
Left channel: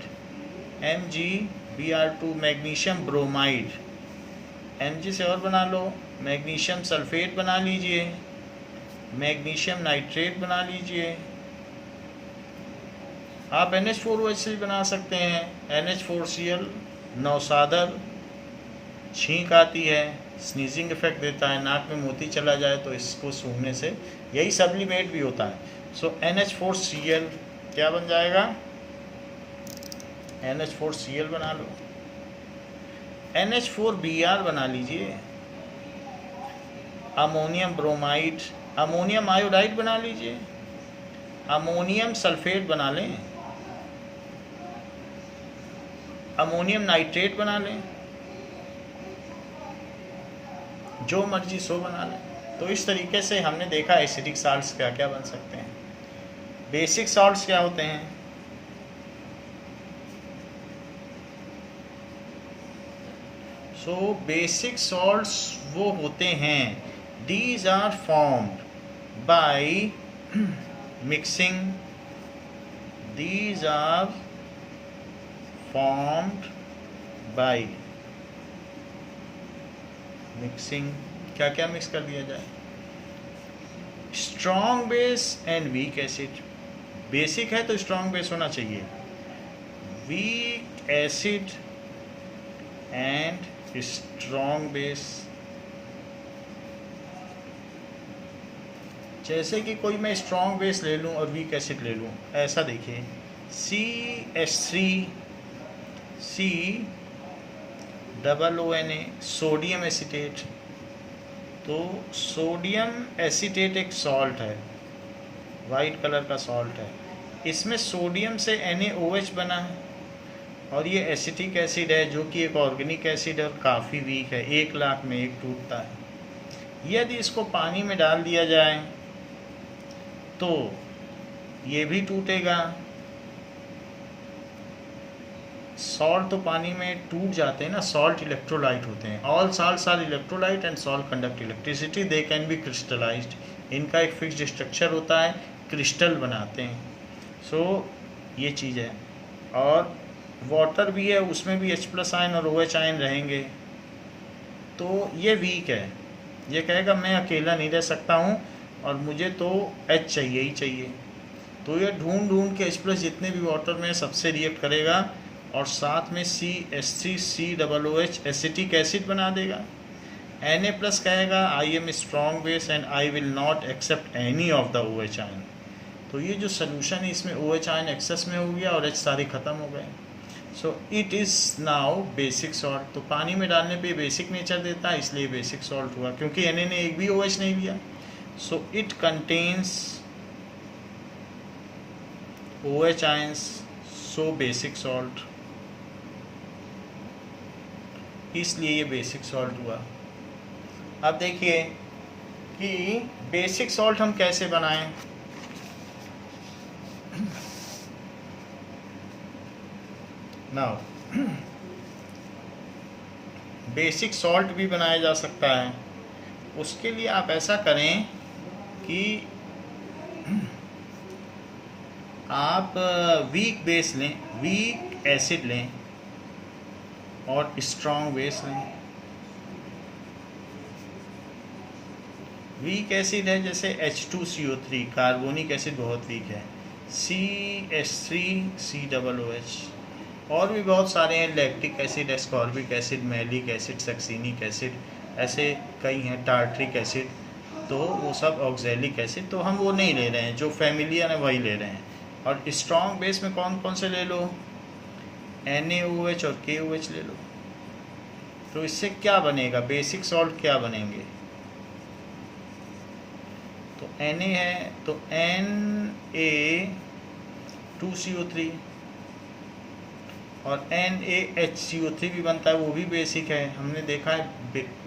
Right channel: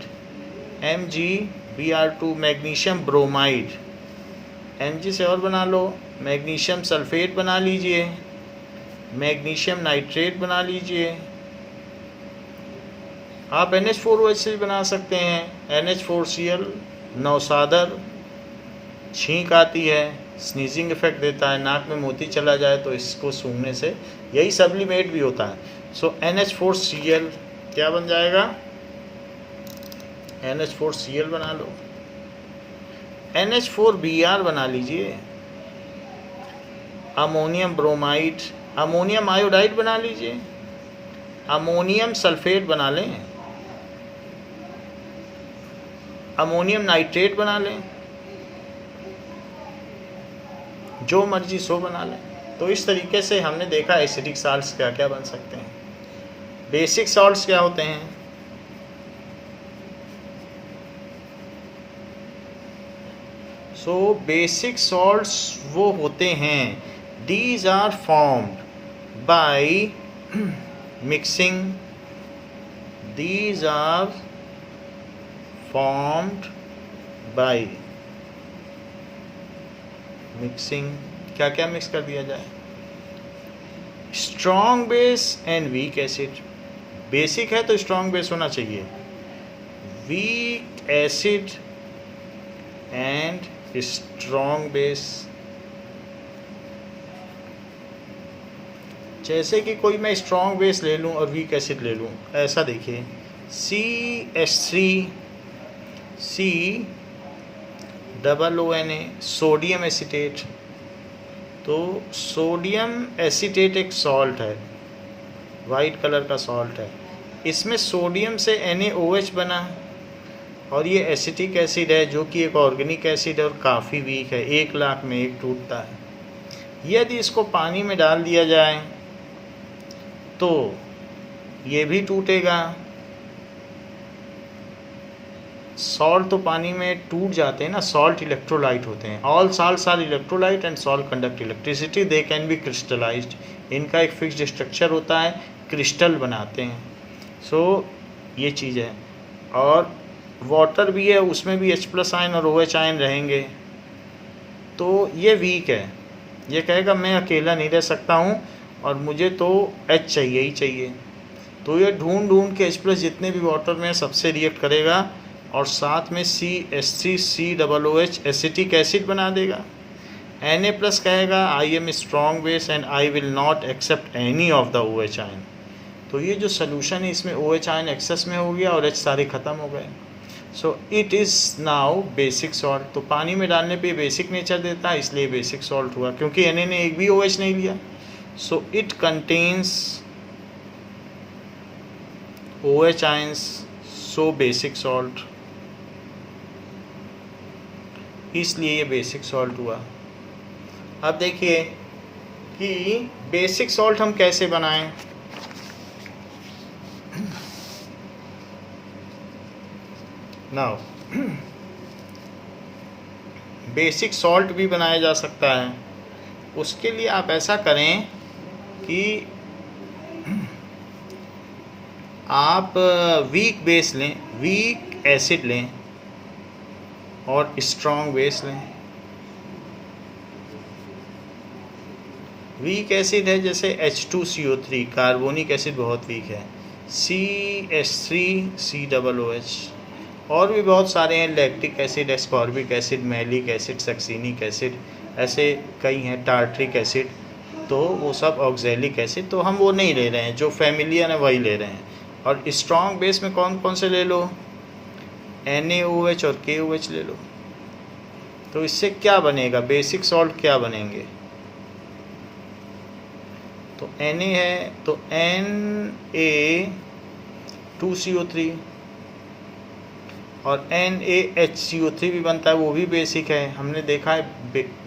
MgBr2 magnesium bromide, Mg से और बना लो, मैग्नीशियम सल्फेट बना लीजिए, मैग्नीशियम नाइट्रेट बना लीजिए। आप NH4OH से भी बना सकते हैं, NH4Cl, नौसादर, छींक आती है, स्नीजिंग इफेक्ट देता है, नाक में मोती चला जाए तो इसको सूंघने से, यही सब्लिमेट भी होता है। सो NH4Cl क्या बन जाएगा? NH4Cl बना लो, NH4Br बना लीजिए, अमोनियम ब्रोमाइड, अमोनियम आयोडाइड बना लीजिए, अमोनियम सल्फेट बना लें, अमोनियम नाइट्रेट बना लें, जो मर्जी सो बना लें। तो इस तरीके से हमने देखा एसिडिक सॉल्ट्स क्या क्या बन सकते हैं। बेसिक सॉल्ट्स क्या होते हैं? सो बेसिक सॉल्ट्स वो होते हैं, these are formed by mixing, these are formed by mixing। क्या क्या मिक्स कर दिया जाए? Strong base and weak acid. Basic है तो स्ट्रॉन्ग बेस होना चाहिए, weak acid and strong base. जैसे कि कोई मैं स्ट्रॉन्ग बेस ले लूँ और वीक एसिड ले लूँ, ऐसा देखिए, CH3 COONA, सोडियम एसीटेट। तो सोडियम एसीटेट एक सॉल्ट है, वाइट कलर का सॉल्ट है, इसमें सोडियम से NaOH बना और ये एसिटिक एसिड है जो कि एक ऑर्गेनिक एसिड है और काफ़ी वीक है, 1 लाख में एक टूटता है। यदि इसको पानी में डाल दिया जाए तो ये भी टूटेगा। सॉल्ट तो पानी में टूट जाते हैं ना, सॉल्ट इलेक्ट्रोलाइट होते हैं, all salts are electrolyte and salt conduct electricity, they can be crystallized. इनका एक फिक्स्ड स्ट्रक्चर होता है, क्रिस्टल बनाते हैं। सो ये चीज़ है। और वाटर भी है, उसमें भी H+ आयन और OH आयन रहेंगे। तो ये वीक है, ये कहेगा मैं अकेला नहीं रह सकता हूँ और मुझे तो H चाहिए ही चाहिए। तो ये ढूंढ ढूंढ के H+ जितने भी वाटर में सबसे रिएक्ट करेगा और साथ में CH3COOH एसिटिक एसिड बना देगा। Na+ कहेगा I am strong base and I will not accept any of the OH ion. तो ये जो सोल्यूशन है इसमें OH आयन एक्सेस में हो गया और H सारे ख़त्म हो गए। सो it is now basic salt. तो पानी में डालने पे बेसिक नेचर देता है, इसलिए बेसिक सॉल्ट हुआ, क्योंकि Na ने एक भी OH नहीं लिया। So it contains OH ions, so basic salt, इसलिए ये बेसिक सॉल्ट हुआ। अब देखिए कि बेसिक सॉल्ट हम कैसे बनाएं। नाउ बेसिक सॉल्ट भी बनाया जा सकता है। उसके लिए आप ऐसा करें कि आप वीक बेस लें, वीक एसिड लें और स्ट्रॉन्ग बेस लें। वीक एसिड है जैसे H2CO3, कार्बोनिक एसिड बहुत वीक है, CH3COOH, और भी बहुत सारे हैं, lactic acid, ascorbic acid, malic acid, succinic acid, ऐसे कई हैं, टार्ट्रिक एसिड, तो वो सब ऑक्जेलिक एसिड, तो हम वो नहीं ले रहे हैं, जो फैमिलियर है वही ले रहे हैं। और स्ट्रॉन्ग बेस में कौन कौन से ले लो, NaOH और KOH ले लो। तो इससे क्या बनेगा, बेसिक सॉल्ट क्या बनेंगे, तो Na है तो Na2CO3 और NaHCO3 भी बनता है, वो भी बेसिक है, हमने देखा है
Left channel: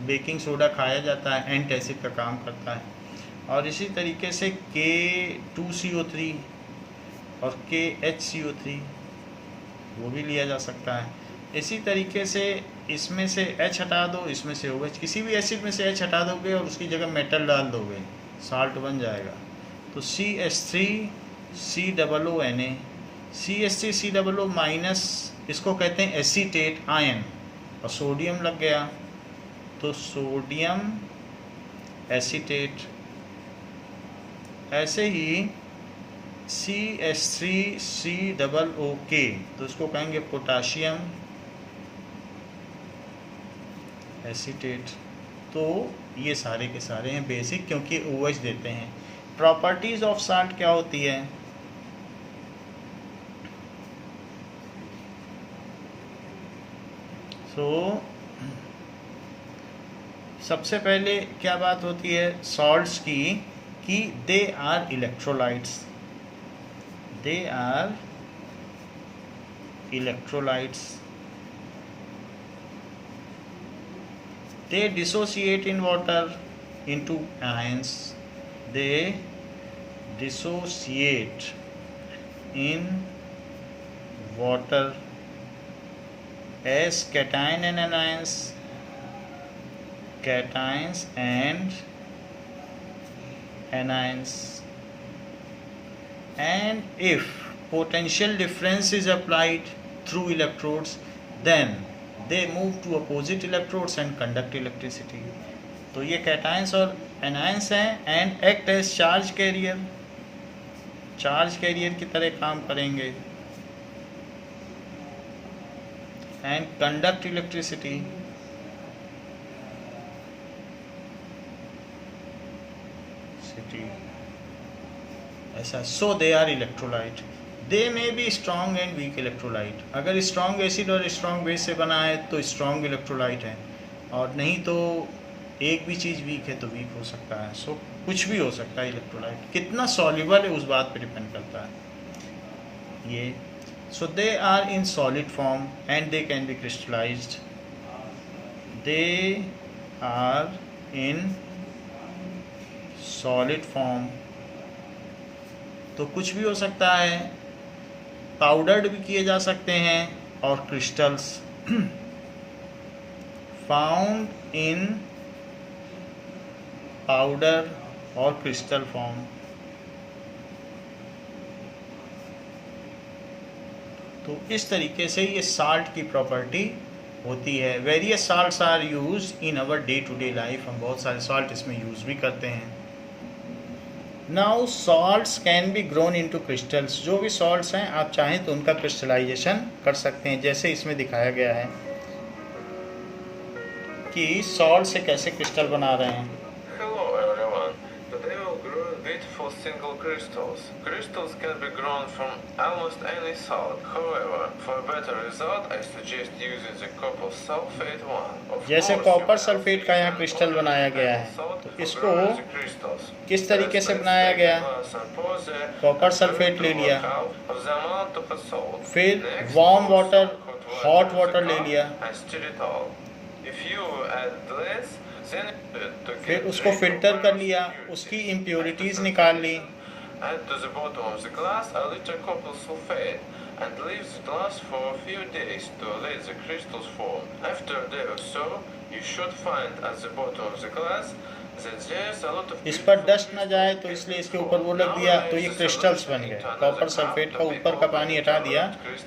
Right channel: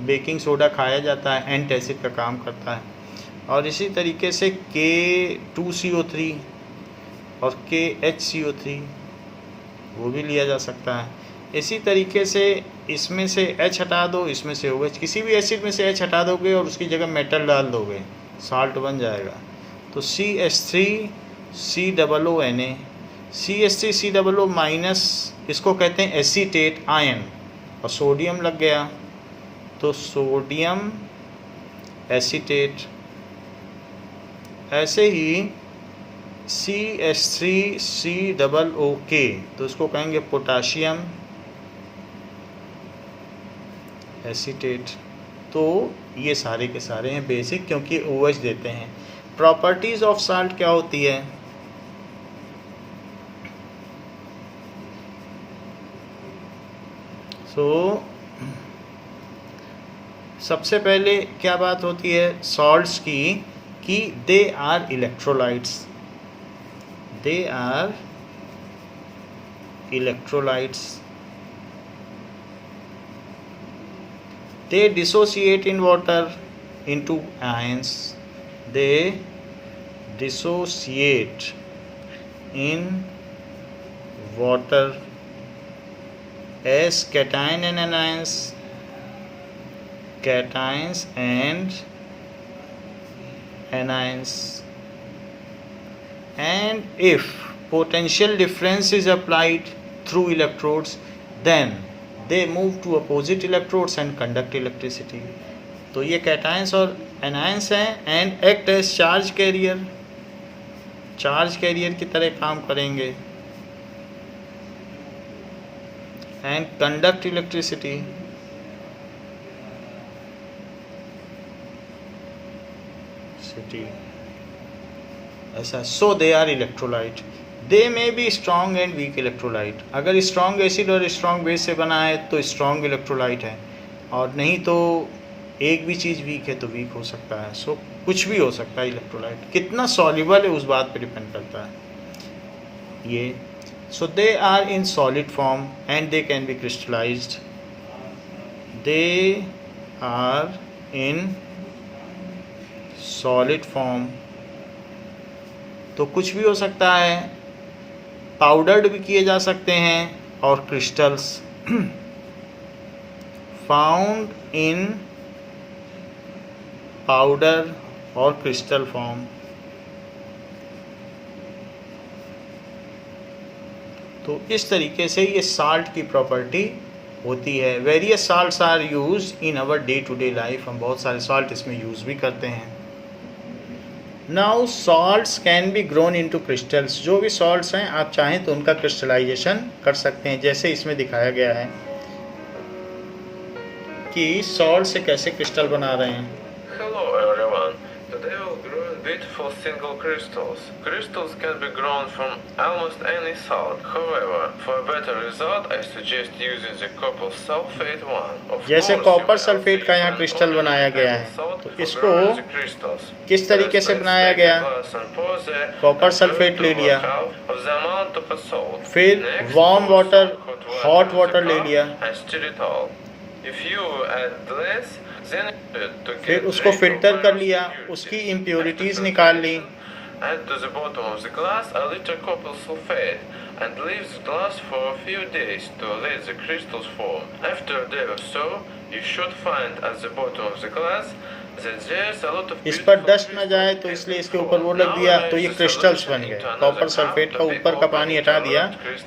बेकिंग सोडा खाया जाता है, एंटासिड का काम करता है। और इसी तरीके से K2CO3 और KHCO3 वो भी लिया जा सकता है। इसी तरीके से इसमें से H हटा दो, इसमें से OH, किसी भी एसिड में से H हटा दोगे और उसकी जगह मेटल डाल दोगे, साल्ट बन जाएगा। तो CH3COONA, CH3COO माइनस, इसको कहते हैं एसीटेट आयन, और सोडियम लग गया तो सोडियम एसीटेट। ऐसे ही CH3COOK, तो उसको कहेंगे पोटाशियम एसीटेट। तो ये सारे के सारे हैं बेसिक, क्योंकि OH देते हैं। प्रॉपर्टीज़ ऑफ साल्ट क्या होती है, सबसे पहले क्या बात होती है सॉल्ट्स की, कि they are electrolytes, they are electrolytes, they dissociate in water into ions, they dissociate in water as cation and anions, cations and anions, and if potential difference is applied through electrodes, then they move to opposite electrodes and conduct electricity। तो ये cations और anions हैं, and act as charge carrier, charge carrier की तरह काम करेंगे, and conduct electricity. ऐसा, सो they are electrolyte, दे में be strong and weak electrolyte. अगर स्ट्रॉन्ग एसिड और स्ट्रॉन्ग बेस से बना है तो स्ट्रॉन्ग इलेक्ट्रोलाइट है, और नहीं तो एक भी चीज़ वीक है तो वीक हो सकता है। सो कुछ भी हो सकता है इलेक्ट्रोलाइट, कितना सॉल्युबल है उस बात पर डिपेंड करता है ये। So they are in solid form and they can be crystallised, they are in solid form, तो कुछ भी हो सकता है, पाउडर्ड भी किए जा सकते हैं, और क्रिस्टल्स फाउंड इन पाउडर और क्रिस्टल फॉर्म। तो इस तरीके से ये साल्ट की प्रॉपर्टी होती है। Various salts are use in our day to day life, हम बहुत सारे साल्ट इसमें यूज़ भी करते हैं। Now salts can be grown into crystals, जो भी सॉल्ट्स हैं आप चाहें तो उनका क्रिस्टलाइजेशन कर सकते हैं, जैसे इसमें दिखाया गया है कि सॉल्ट से कैसे क्रिस्टल बना रहे हैं। Hello everyone. Today we'll grow beautiful single crystals. Crystals can be grown from almost any salt. However, for a better result, I suggest using the copper sulfate one. जैसे कॉपर सल्फेट का यहाँ crystal बनाया गया है, तो इसको किस तरीके से बनाया गया, कॉपर सल्फेट ले लिया, फिर वार्म वाटर, हॉट वाटर ले लिया, फिर उसको फिल्टर कर लिया, उसकी इम्प्योरिटीज़ निकाल ली, Add to the bottom of the glass a little copper sulfate and leave the glass for a few days to let the crystals form. After a day or so, you should find at the bottom of the glass that there's a lot of इस पर beautiful dust ना जाए तो इसलिए इसके ऊपर वो लग दिया, तो ये क्रिस्टल्स बन गए। कॉपर सल्फेट का ऊपर का पानी हटा दिया।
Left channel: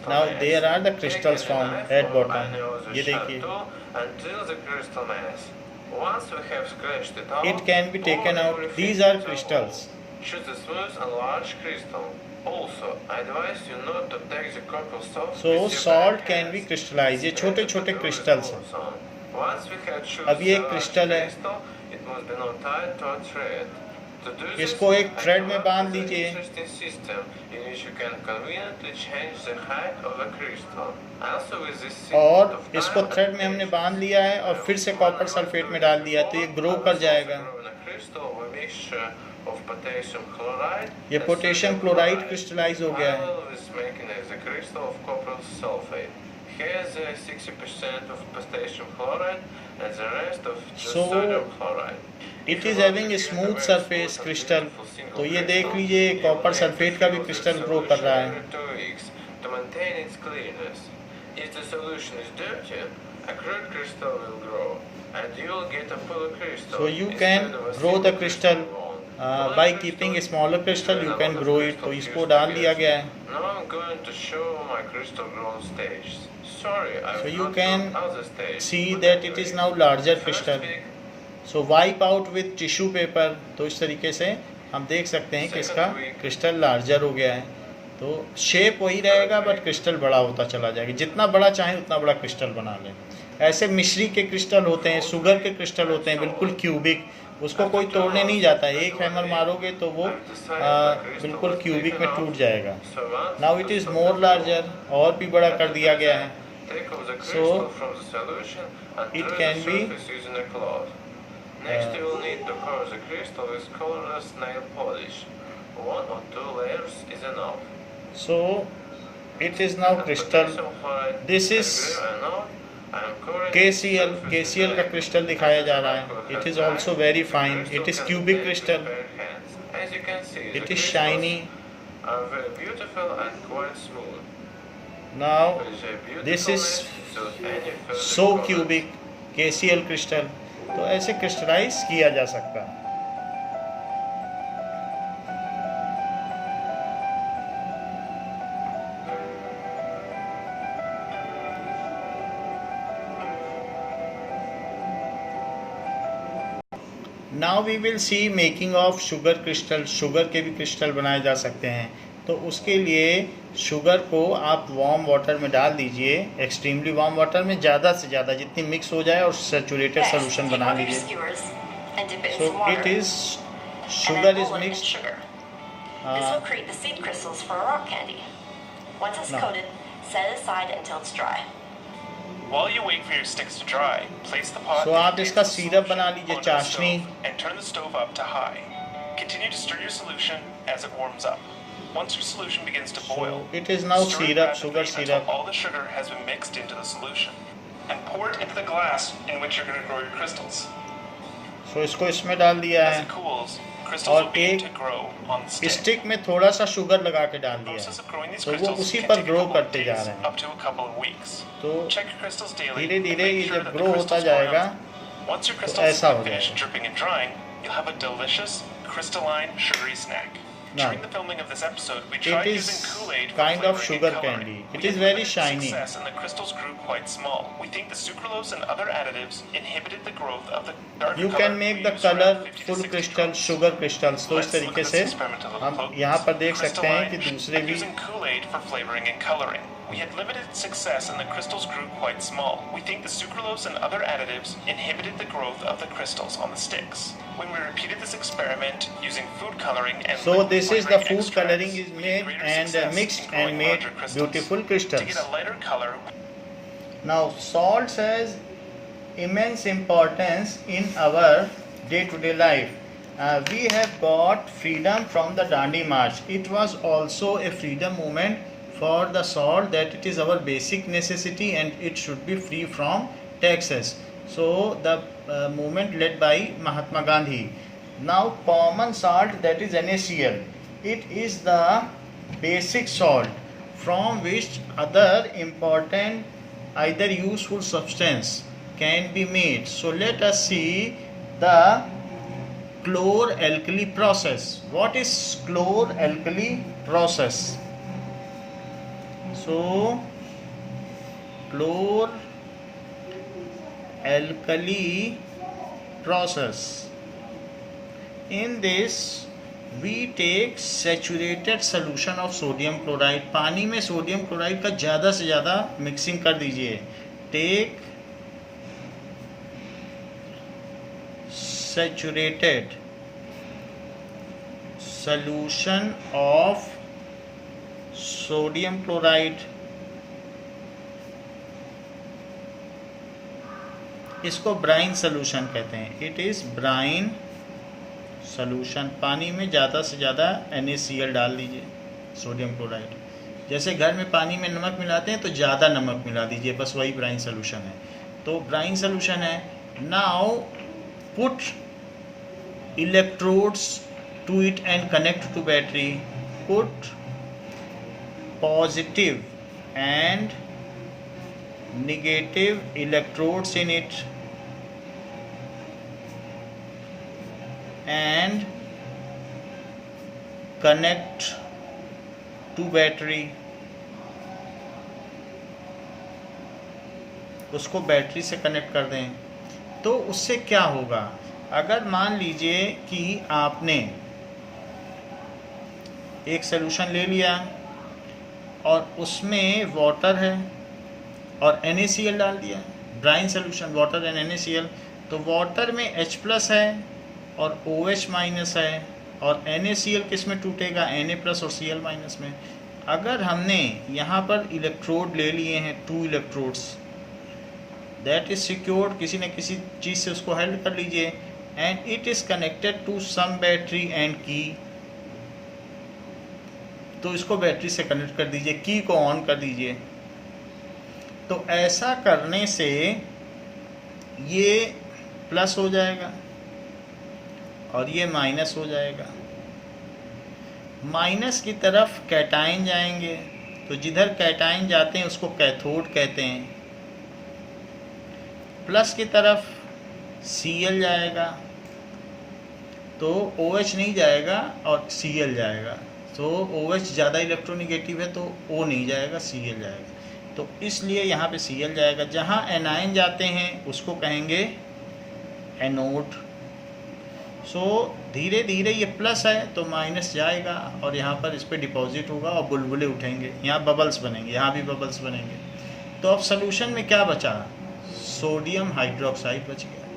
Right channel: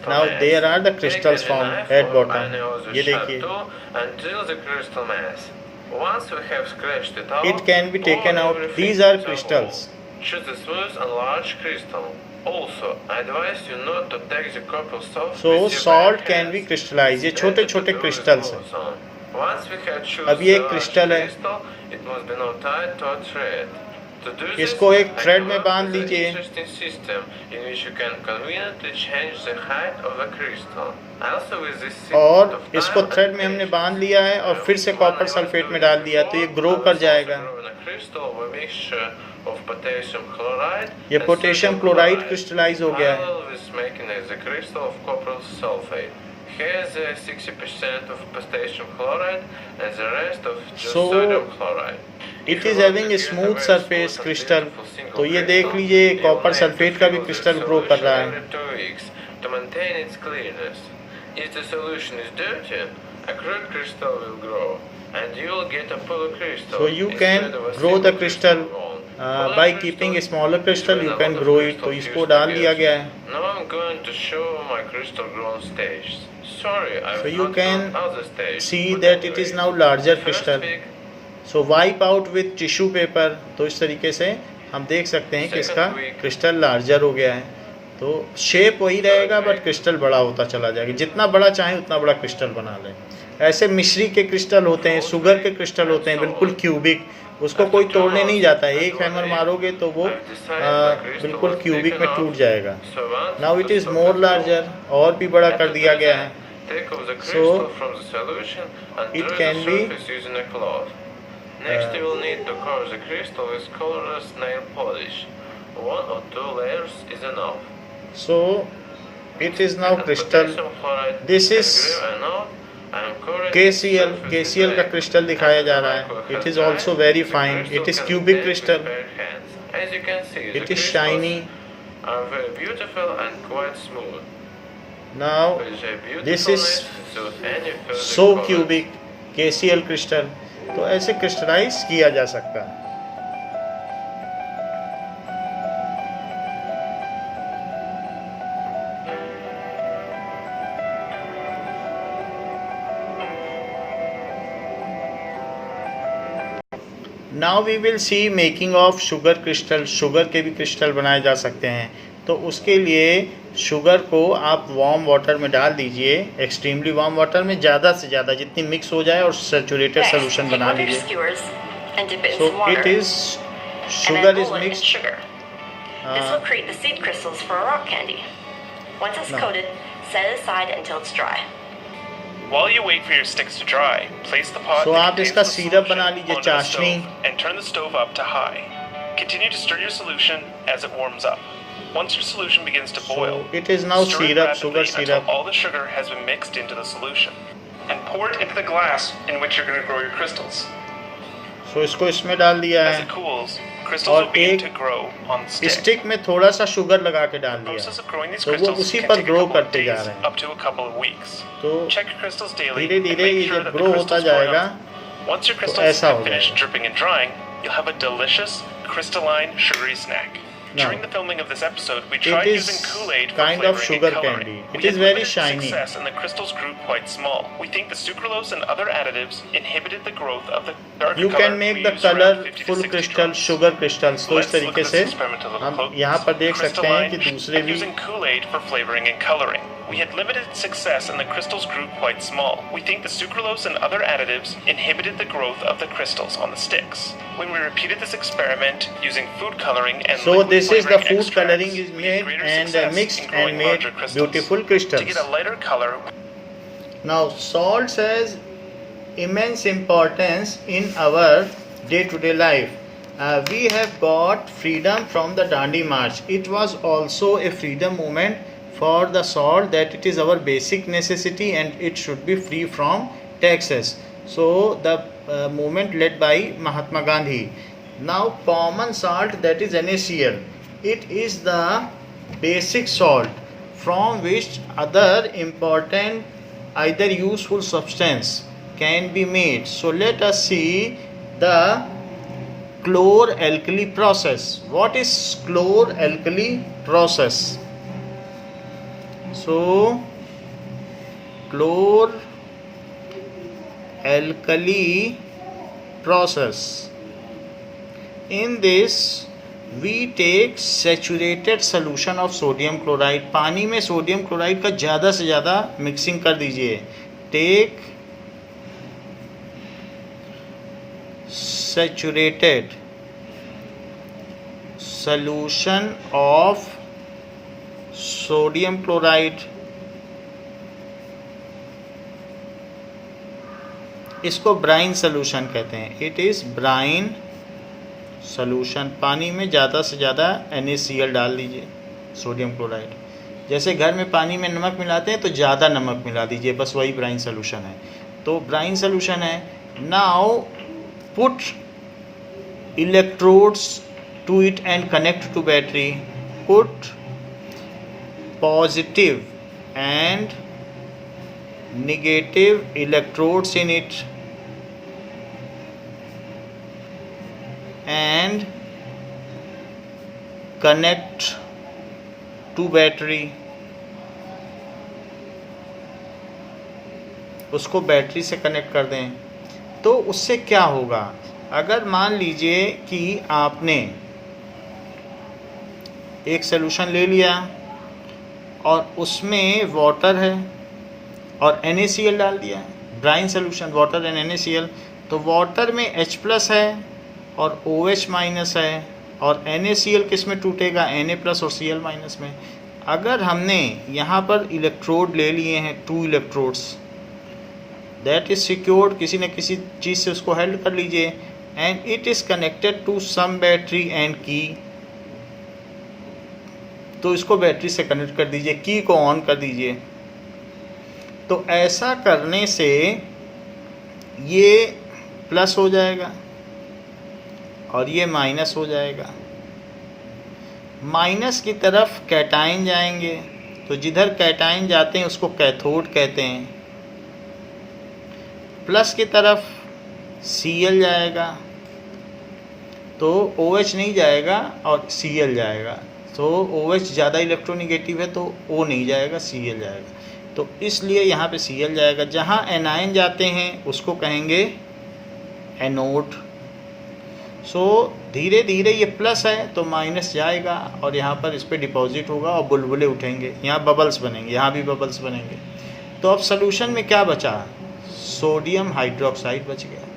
Now there are the crystals form at bottom. ये देखिए, it can be taken out. These are crystals. Choose a smooth and large crystal. Also, I advise you not to take the copper salt. So salt can be crystallized। ये छोटे छोटे crystals हैं। Once we have chosen अब ये the crystal है। crystal, it must be now tied to a thread. To do this, इसको एक I thread come में up बांध with an लीजिए। interesting system in which you can conveniently change the height of a crystal. Also with this system और of इसको time thread में हमने बांध लिया है और फिर से कॉपर सल्फेट में डाल दिया, तो ये ग्रो कर जाएगा। ये पोटेशियम क्लोराइड क्रिस्टलाइज हो गया है। Here's 60% of potassium chloride and the rest of So, sodium chloride. It is having a smooth surface crystal. तो ये देख लीजिए, कॉपर सल्फेट का भी क्रिस्टल ग्रो कर रहा है। To maintain its clearness. If the solution is dirty, a crude crystal will grow, and you will get a polar crystal. So you can instead of a grow the single crystal by keeping a smaller crystal, you can grow it। तो इसको डाल दिया गया है। Now I'm going to show my crystal grown stage. Sorry, I So will you not can grow other stage. see that it is now larger First crystal। week, so wipe out with tissue paper. तो इस तरीके से हम देख सकते हैं कि इसका क्रिस्टल लार्जर हो गया है। तो शेप वही रहेगा, बट क्रिस्टल बड़ा होता चला जाएगा। जितना बड़ा चाहे उतना बड़ा क्रिस्टल बना लें। ऐसे मिश्री के क्रिस्टल होते हैं, शुगर के क्रिस्टल होते हैं, बिल्कुल क्यूबिक, उसको कोई तोड़ने नहीं जाता है। एक हैमर मारोगे तो वो बिल्कुल क्यूबिक में टूट जाएगा। Now it is more larger, और भी बड़ा कर दिया गया है। take off the So, crystal from the solution and it dry can the be, surface using a cloth. Next, you will need to cover the crystal with colorless nail polish. 1 or 2 layers is enough. So it is now crystal. This is KCl। KCl का crystal दिखाया जा रहा है। It is also very fine. It is cubic crystal. As you can see, It the is shiny. crystals are very beautiful and quite smooth. Now With a this is beautifulness without any further so color. cubic KCl crystal. तो ऐसे crystallize किया जा सकता है। Now we will see making of sugar crystal. Sugar के भी crystal बनाए जा सकते हैं। तो उसके लिए शुगर को आप वार्म वाटर में डाल दीजिए, एक्सट्रीमली वार्म वाटर में, ज़्यादा से ज़्यादा जितनी मिक्स हो जाए, और सैचुरेटेड सोल्यूशन बना लीजिए। सो it is sugar is mixed. This will create the seed crystals for a rock candy. Once it's No. coated, set it aside until it's dry. While you wait for your sticks to dry, place the pot So that आप contains इसका the syrup बना solution लीजिए, onto the चाशनी। stove and turn the stove up to high. Continue to stir your solution as it warms up. Once your solution begins to boil, it is now stir it syrup, rapidly sugar until syrup। all the sugar has been mixed into the solution, and pour it into the glass in which you're going to grow your crystals. सो इसको इसमें डाल दिया As है, it cools, crystals और will begin एक to grow on the stick. Stick में थोड़ा सा शुगर लगा के डाल The दिया process है। of growing these तो वो crystals उसी can पर take a grow couple of करते जा days रहे हैं। up to a couple of weeks. तो Check your crystals daily धीरे and धीरे make ये sure जब that the ग्रो होता crystals growing जाएगा up. Once your तो crystals ऐसा have हो finished जाएगा। dripping and drying, you'll have a delicious crystalline sugary snack. Now, During the filming of this episode, we it tried is using Kool-Aid for kind of flavoring sugar and coloring. candy. It We is had very limited shiny. success and the crystals grew quite small. We think the sucralose and other additives inhibited the growth of the darker You color can make we the used around 50 to colorful 60 crystal drops. sugar crystals। तो इस Let's look तरीके at से this experiment a little हम closer. यहाँ पर देख सकते हैं कि Crystalline दूसरे and भी using Kool-Aid for flavoring and coloring. We had limited success and the crystals grew quite small. We think the sucralose and other additives inhibited the growth of the crystals on the sticks. When we repeated this experiment using food coloring and So liquid this is the flavoring food extracts, coloring is we had made greater and success mixed in growing and made larger crystals. beautiful To crystals। get a lighter color, Now salt has immense importance in our day-to-day life. We have got freedom from the Dandi March. It was also a freedom movement for the salt, that it is our basic necessity and it should be free from taxes. So the movement led by Mahatma Gandhi. Now common salt, that is NaCl. It is the basic salt from which other important either useful substance can be made. So let us see the chlor-alkali process. What is chlor-alkali process? So chlor-alkali process. In this we take saturated solution of sodium chloride. पानी में sodium chloride का ज़्यादा से ज़्यादा mixing कर दीजिए. Take saturated solution of sodium chloride. इसको brine solution कहते हैं. It is brine solution. पानी में ज़्यादा से ज़्यादा NaCl डाल दीजिए, सोडियम क्लोराइड. जैसे घर में पानी में नमक मिलाते हैं तो ज़्यादा नमक मिला दीजिए, बस वही ब्राइन सोल्यूशन है. तो ब्राइन सोल्यूशन है. Now put electrodes to it and connect to battery. Put positive and negative electrodes in it and connect to battery. उसको बैटरी से कनेक्ट कर दें. तो उससे क्या होगा? अगर मान लीजिए कि आपने एक सॉल्यूशन ले लिया और उसमें वाटर है और NaCl डाल दिया, brine solution water and NaCl. तो वाटर में H+ है और OH- है और NaCl किस में टूटेगा? Na+ और Cl- में. अगर हमने यहाँ पर इलेक्ट्रोड ले लिए हैं, 2 इलेक्ट्रोड्स, दैट इज सिक्योर्ड, किसी न किसी चीज़ से उसको हेल्ड कर लीजिए. And it is connected to some battery and key. तो इसको बैटरी से कनेक्ट कर दीजिए, की को ऑन कर दीजिए. तो ऐसा करने से ये प्लस हो जाएगा और ये माइनस हो जाएगा. माइनस की तरफ कैटाइन जाएंगे, तो जिधर कैटाइन जाते हैं उसको कैथोड कहते हैं. प्लस की तरफ Cl जाएगा, तो OH नहीं जाएगा और Cl जाएगा. तो OH ज़्यादा इलेक्ट्रोनिगेटिव है तो O नहीं जाएगा, Cl जाएगा. तो इसलिए यहाँ पे Cl जाएगा. जहाँ एनायन जाते हैं उसको कहेंगे एनोड. सो धीरे धीरे ये प्लस है तो माइनस जाएगा और यहाँ पर इस पर डिपॉजिट होगा और बुलबुले उठेंगे, यहाँ बबल्स बनेंगे, यहाँ भी बबल्स बनेंगे. तो अब सॉल्यूशन में क्या बचा? सोडियम हाइड्रोक्साइड बच गया.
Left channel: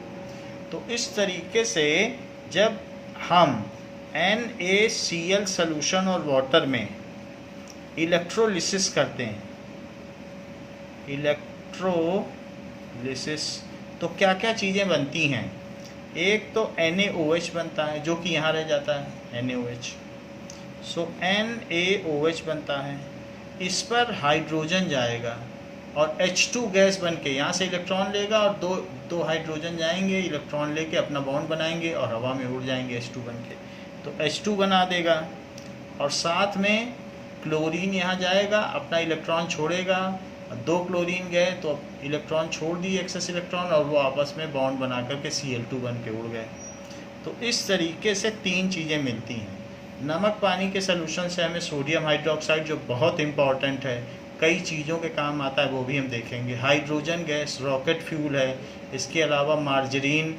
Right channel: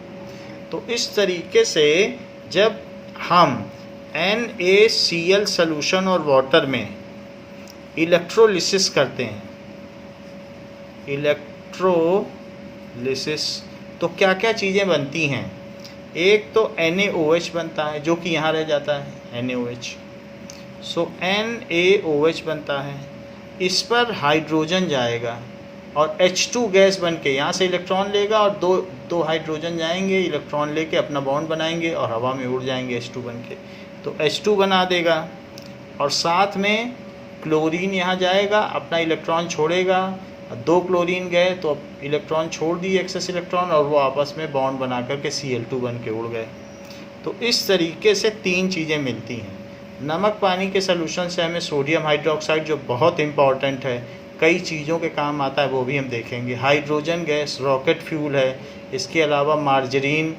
तो इस तरीके से जब हम NaCl सॉल्यूशन और वाटर में इलेक्ट्रोलिसिस करते हैं, इलेक्ट्रोलिसिस, तो क्या क्या चीज़ें बनती हैं? एक तो NaOH बनता है जो कि यहाँ रह जाता है, NaOH. सो NaOH बनता है. इस पर हाइड्रोजन जाएगा और H2 गैस बन के यहाँ से इलेक्ट्रॉन लेगा और दो हाइड्रोजन जाएंगे, इलेक्ट्रॉन लेके अपना बॉन्ड बनाएंगे और हवा में उड़ जाएंगे H2 बन के. तो H2 बना देगा और साथ में क्लोरीन यहाँ जाएगा, अपना इलेक्ट्रॉन छोड़ेगा. 2 क्लोरीन गए तो इलेक्ट्रॉन छोड़ दिए, एक्सेस इलेक्ट्रॉन, और वो आपस में बॉन्ड बना करके Cl2 बन के उड़ गए. तो इस तरीके से 3 चीज़ें मिलती हैं. नमक पानी के सॉल्यूशन से हमें सोडियम हाइड्रोक्साइड, जो बहुत इम्पॉर्टेंट है, कई चीज़ों के काम आता है, वो भी हम देखेंगे. हाइड्रोजन गैस रॉकेट फ्यूल है. इसके अलावा मार्जरीन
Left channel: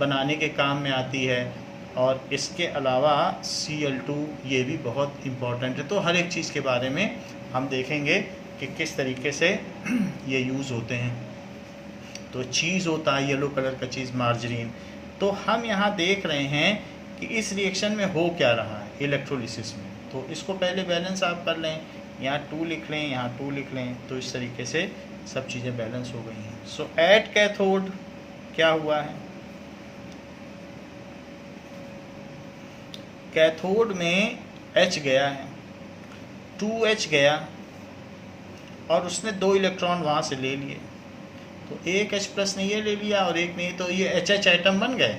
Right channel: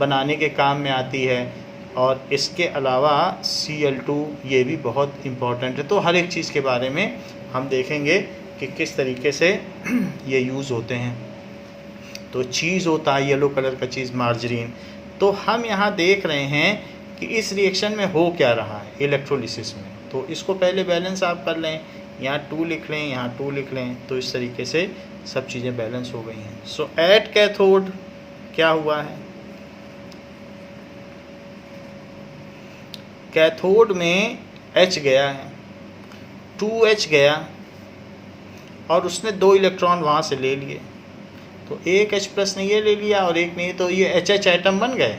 बनाने के काम में आती है. और इसके अलावा Cl2 ये भी बहुत इम्पॉर्टेंट है. तो हर एक चीज़ के बारे में हम देखेंगे कि किस तरीके से ये यूज़ होते हैं. तो चीज़ होता है येलो कलर का चीज़, मार्जरीन. तो हम यहाँ देख रहे हैं कि इस रिएक्शन में हो क्या रहा है इलेक्ट्रोलिसिस में. तो इसको पहले बैलेंस आप कर लें, यहाँ 2 लिख लें, यहाँ 2 लिख लें. तो इस तरीके से सब चीज़ें बैलेंस हो गई हैं. सो एट कैथोड क्या हुआ है? कैथोड में H गया है, 2H गया और उसने 2 इलेक्ट्रॉन वहाँ से ले लिए. तो एक H+ ने ये ले लिया और एक नहीं, तो ये HH एटम बन गए,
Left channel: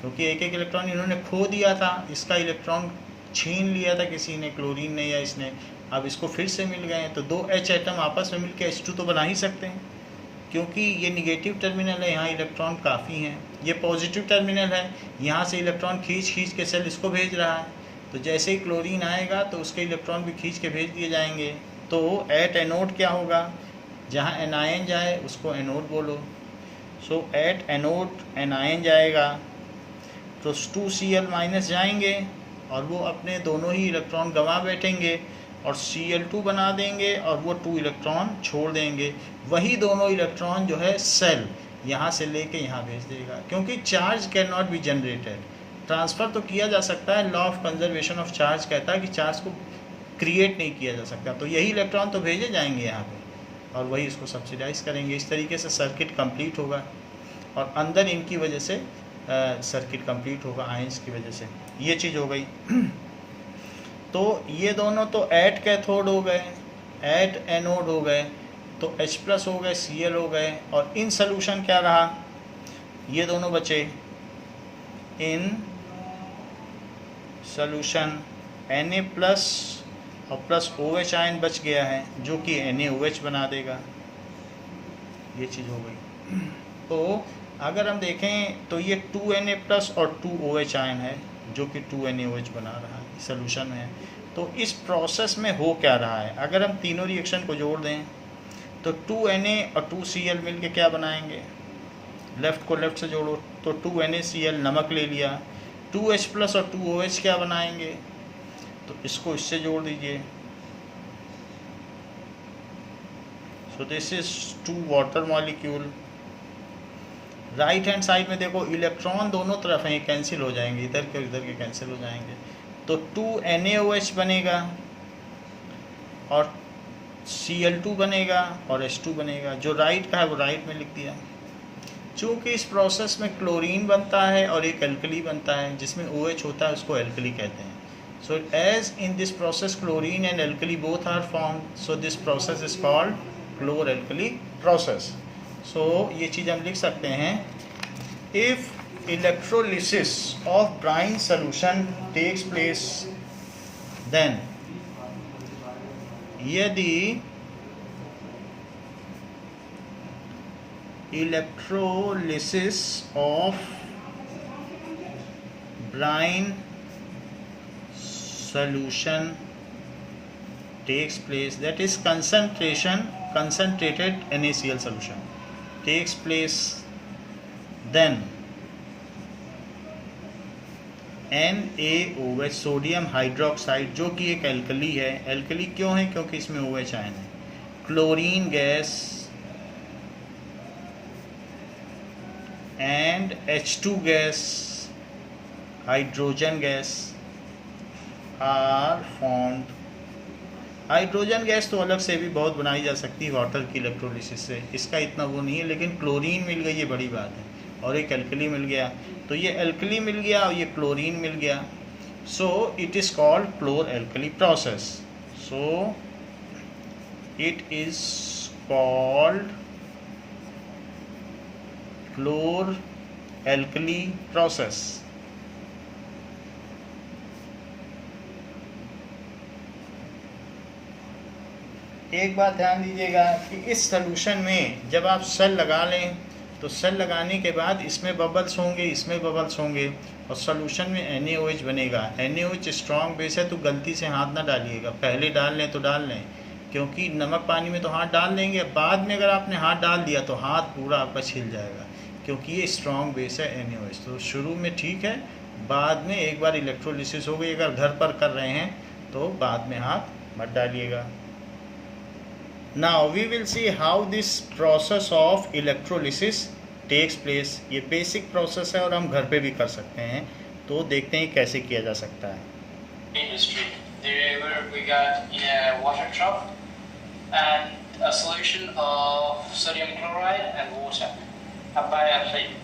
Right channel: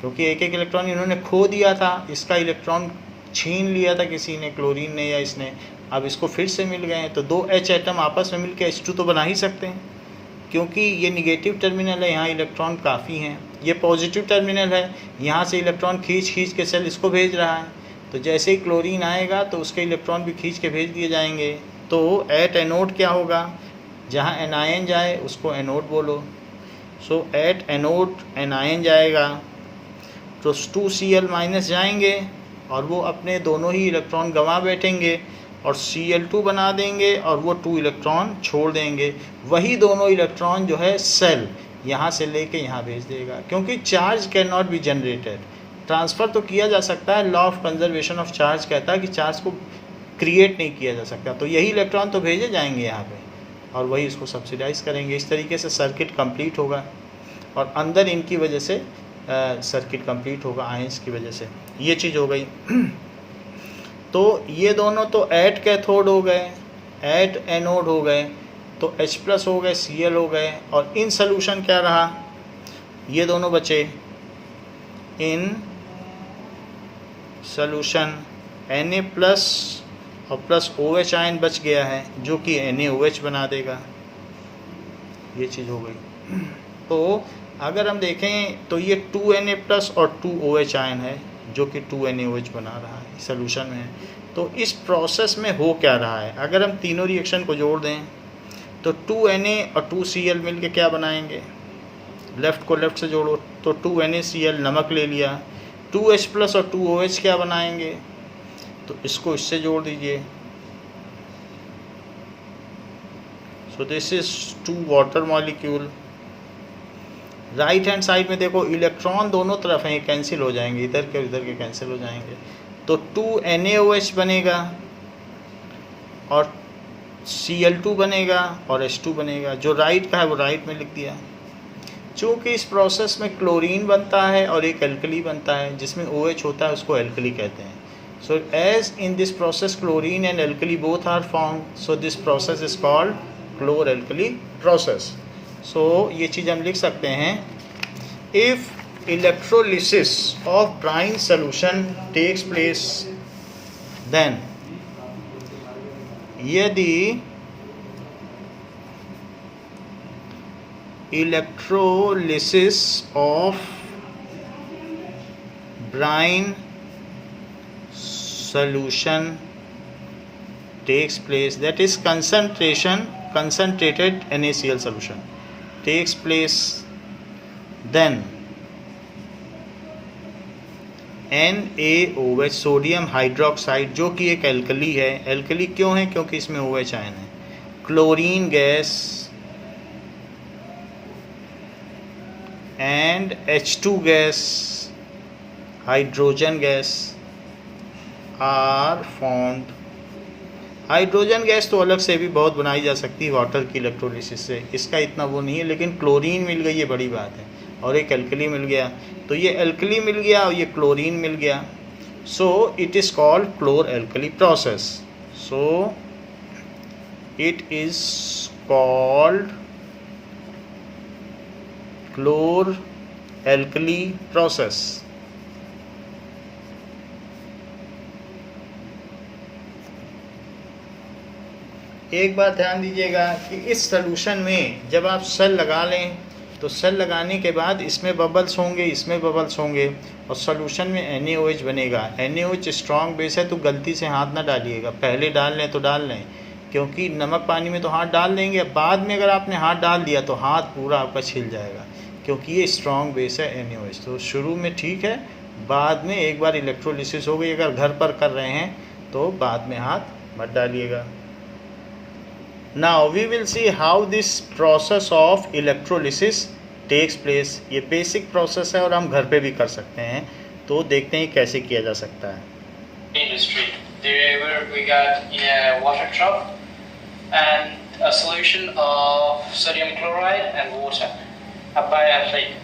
क्योंकि एक एक इलेक्ट्रॉन इन्होंने खो दिया था. इसका इलेक्ट्रॉन छीन लिया था किसी ने, क्लोरीन ने या इसने, अब इसको फिर से मिल गए हैं, तो दो H एटम आपस में मिलकर H2 तो बना ही सकते हैं, क्योंकि ये निगेटिव टर्मिनल है, यहाँ इलेक्ट्रॉन काफ़ी हैं। ये पॉजिटिव टर्मिनल है, यहाँ से इलेक्ट्रॉन खींच के सेल इसको भेज रहा है, तो जैसे ही क्लोरीन आएगा तो उसके इलेक्ट्रॉन भी खींच के भेज दिए जाएंगे। तो एट एनोड क्या होगा, जहाँ एनायन जाए उसको एनोड बोलो। सो एट एनोड एनायन जाएगा तो 2Cl- जाएंगे और वो अपने दोनों ही इलेक्ट्रॉन गंवा बैठेंगे और Cl2 बना देंगे और वो 2 इलेक्ट्रॉन छोड़ देंगे। वही दोनों इलेक्ट्रॉन जो है सेल यहाँ से लेके यहाँ भेज देगा, क्योंकि charge can not be generated. Transfer तो किया जा सकता है, law of conservation of charge कहता है कि चार्ज को क्रिएट नहीं किया जा सकता, तो यही इलेक्ट्रॉन तो भेजे जाएंगे यहाँ पे और वही इसको सब्सिडाइज करेंगे। इस तरीके से सर्किट कंप्लीट होगा और अंदर इनकी वजह से सर्किट कंप्लीट होगा, आयंस की वजह से। ये चीज़ हो गई। तो ये दोनों तो एट कैथोड हो गए, एट एनोड हो गए, तो H+ हो गए, Cl हो गए, और इन सोल्यूशन क्या रहा, ये दोनों बचे इन सोल्यूशन Na+ और प्लस OH आयन बच गया है जो कि NaOH बना देगा। ये चीज़ हो गई। तो अगर हम देखें तो ये 2Na+ और 2OH आयन है जो कि 2NaOH बना रहा है, सोल्यूशन में है। तो इस प्रोसेस में हो क्या रहा है, अगर हम तीनों रिएक्शन को जोड़ दें तो 2Na और 2Cl मिल के क्या बनाएंगे, लेफ़्ट को लेफ़्ट से जोड़ो तो 2NaCl नमक ले लिया, 2H+ और 2OH क्या बनाएंगे, तो इसको इससे जोड़ दीजिए। So this is 2 water molecule. Right hand side में देखो इलेक्ट्रॉन दोनों तरफ हैं, कैंसिल हो जाएंगे, इधर के इधर के कैंसिल हो जाएंगे, तो 2NaOH बनेगा और Cl2 बनेगा और H2 बनेगा। जो राइट का है वो राइट में लिख दिया। चूँकि इस प्रोसेस में क्लोरीन बनता है और एक एल्कली बनता है, जिसमें OH होता है उसको एल्कली कहते हैं। So as in this process chlorine and alkali both are formed, so this process is called chlor-alkali process. So ये चीज़ हम लिख सकते हैं, if electrolysis of brine solution takes place, then यदि electrolysis of brine solution takes place, that is concentrated NaCl solution takes place, then NaOH sodium hydroxide जो कि एक alkali है, एल्कली क्यों है, क्योंकि इसमें OH आयन है, chlorine gas and H2 gas, hydrogen gas are formed. Hydrogen gas तो अलग से भी बहुत बनाई जा सकती है वाटर की इलेक्ट्रोलिसिस से, इसका इतना वो नहीं है, लेकिन क्लोरीन मिल गई ये बड़ी बात है, और एक एल्कली मिल गया, तो ये एल्कली मिल गया और ये क्लोरीन मिल गया। So it is called chlor alkali process. So it is called chlor alkali process. एक बात ध्यान दीजिएगा कि इस सॉल्यूशन में जब आप सेल लगा लें तो सेल लगाने के बाद इसमें बबल्स होंगे, इसमें बबल्स होंगे, और सॉल्यूशन में NaOH बनेगा। NaOH स्ट्रॉन्ग बेस है, तो गलती से हाथ ना डालिएगा, पहले डाल लें तो डाल लें, क्योंकि नमक पानी में तो हाथ डाल देंगे, बाद में अगर आपने हाथ डाल दिया तो हाथ पूरा आपका छिल जाएगा, क्योंकि ये स्ट्रॉन्ग बेस है NaOH। तो शुरू में ठीक है, बाद में एक बार इलेक्ट्रोलिसिस हो गई, अगर घर पर कर रहे हैं तो बाद में हाथ मत डालिएगा। Now we will see how this process of electrolysis takes place. ये basic process है और हम घर पे भी कर सकते हैं, तो देखते हैं कैसे किया जा सकता है। Industry. There we got a water drop and a solution of sodium chloride and water, a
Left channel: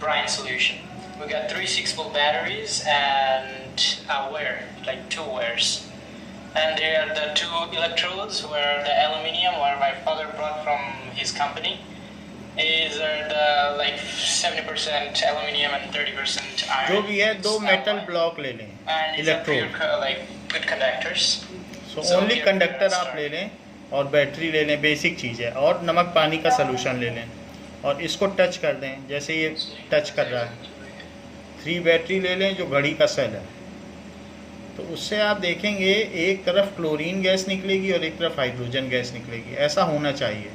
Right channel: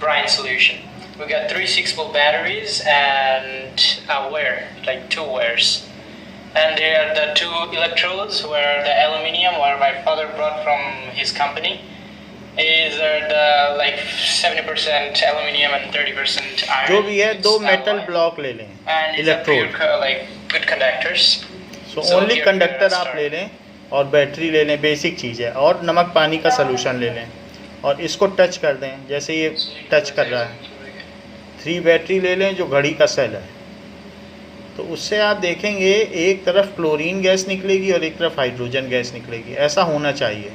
brine solution. We got 3 6-volt batteries and a wire, like 2 wires. And there are the 2 electrodes where the aluminium, where my father brought from his company, is the like 70% aluminium and 30% iron. जो भी है 2 metal block ले लें, and it's a electrode. pure, like good conductors. So So only here conductor we आप start. ले लें और battery ले लें, बेसिक चीज़ है, और नमक पानी का सलूशन ले लें और इसको टच कर दें जैसे ये टच कर रहा है। 3 बैटरी ले लें जो घड़ी का सेल है, तो उससे आप देखेंगे एक तरफ क्लोरीन गैस निकलेगी और एक तरफ हाइड्रोजन गैस निकलेगी। ऐसा होना चाहिए,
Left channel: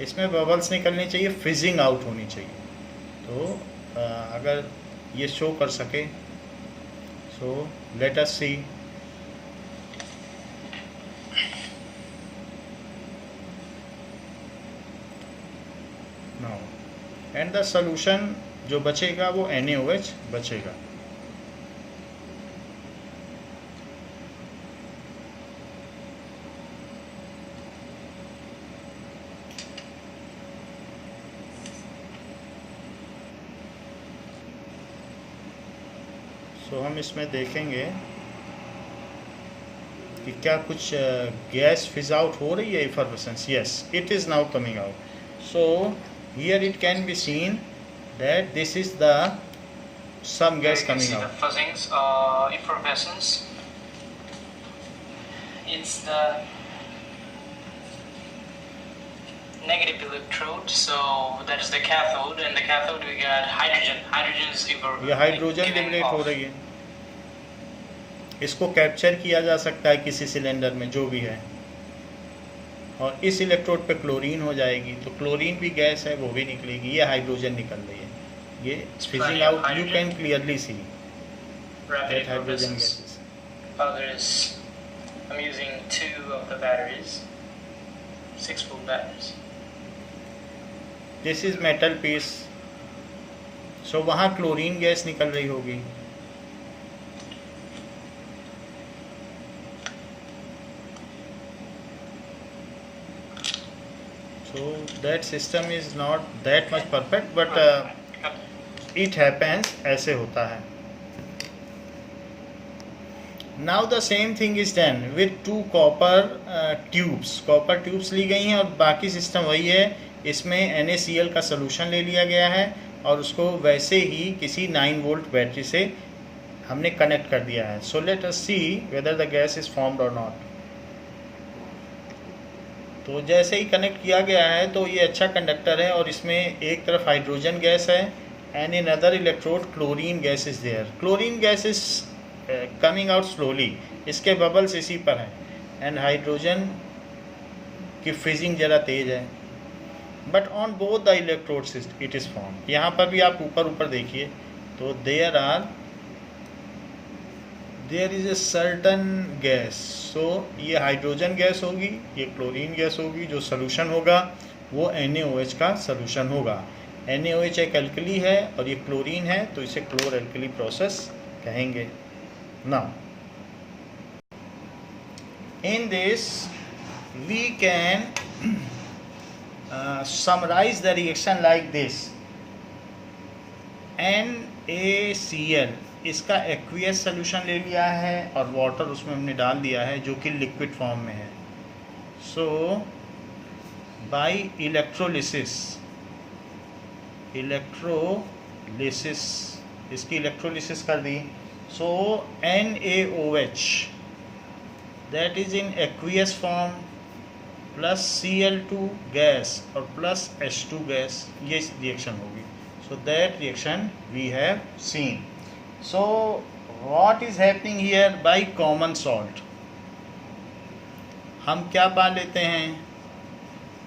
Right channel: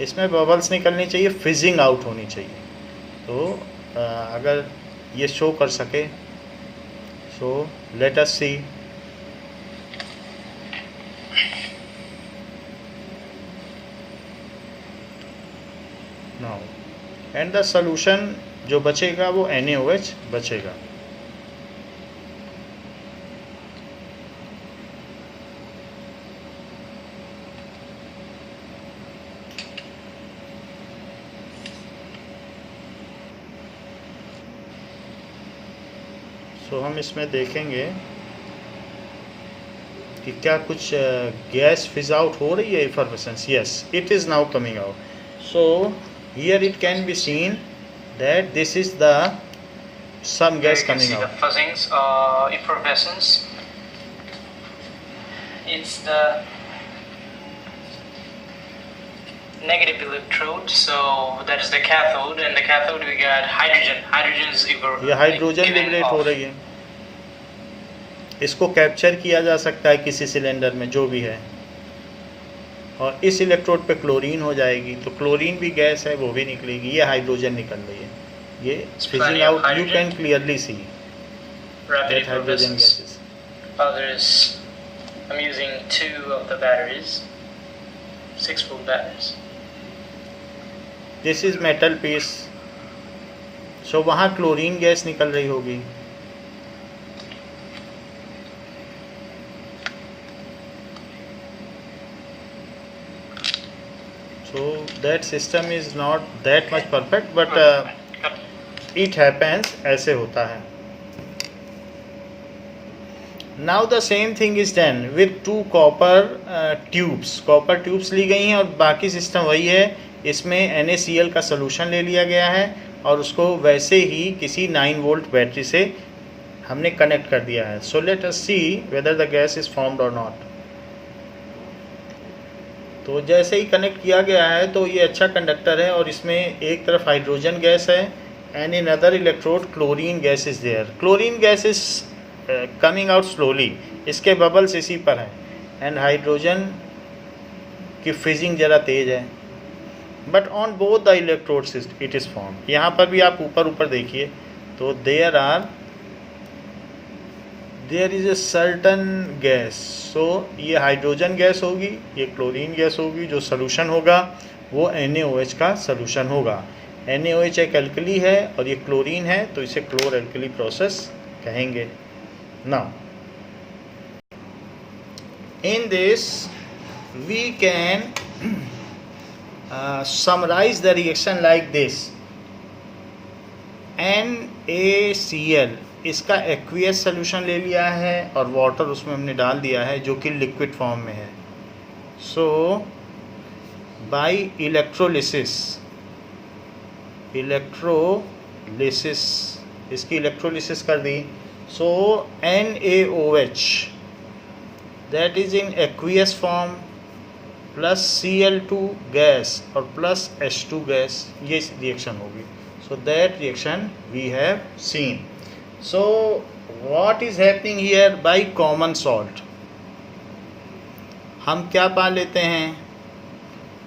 इसमें बबल्स निकलने चाहिए, फिजिंग आउट होनी चाहिए। तो अगर ये शो कर सके, so let us see. Now and the solution जो बचेगा वो NaOH बचेगा। तो हम इसमें देखेंगे कि क्या कुछ गैस फिज आउट हो रही है, effervescence. Yes, it is now coming out. So here it can be seen that this is the some Here gas you can coming see out. the fuzzings, effervescence. It's the negative electrode, so that's the cathode, and the cathode we got hydrogen. Hydrogen is ये hydrogen given liberate हो off. रही है। इसको capture किया जा सकता है किसी सिलेंडर में जो भी है, और इस इलेक्ट्रोड पे क्लोरीन हो जाएगी, तो क्लोरीन भी गैस है, वो भी निकलेगी। ये हाइड्रोजन निकल रही है, ये fizzing out. You can clearly see Rapid that hydrogen effervescence. Gases. Others, I'm using 2 of the batteries, 6-volt batteries. This is metal piece, so वहाँ क्लोरीन गैस निकल रही होगी। So that system is not that much perfect, but it happens, ऐसे होता है। Now the same thing is done with 2 copper tubes. Copper tubes ली गई हैं और बाकी सिस्टम वही है। इसमें NaCl का सलूशन ले लिया गया है और उसको वैसे ही किसी 9 वोल्ट बैटरी से हमने कनेक्ट कर दिया है। So let us see whether the gas is formed or not. तो जैसे ही कनेक्ट किया गया है तो ये अच्छा कंडक्टर है और इसमें एक तरफ हाइड्रोजन गैस है and in other electrode chlorine gas is there. Chlorine gas is coming out slowly, इसके बबल्स इसी पर हैं एंड हाइड्रोजन की फ्रीजिंग ज़रा तेज है, but on both the electrodes it is form. यहाँ पर भी आप ऊपर देखिए तो there is a certain gas. So ये हाइड्रोजन गैस होगी, ये क्लोरीन गैस होगी, जो सलूशन होगा वो NaOH का सलूशन होगा। NaOH एक एल्कली है और ये क्लोरीन है, तो इसे क्लोर एल्कली प्रोसेस कहेंगे। Now in this we can summarize the reaction like this. NaCl इसका एक्वियस सॉल्यूशन ले लिया है और वाटर उसमें हमने डाल दिया है जो कि लिक्विड फॉर्म में है। सो बाय इलेक्ट्रोलिसिस इसकी इलेक्ट्रोलिसिस कर दी। So NaOH that is in aqueous form plus Cl2 gas और प्लस H2 गैस, ये रिएक्शन होगी। So that reaction we have seen. So what is happening here by common salt? हम क्या पा लेते हैं?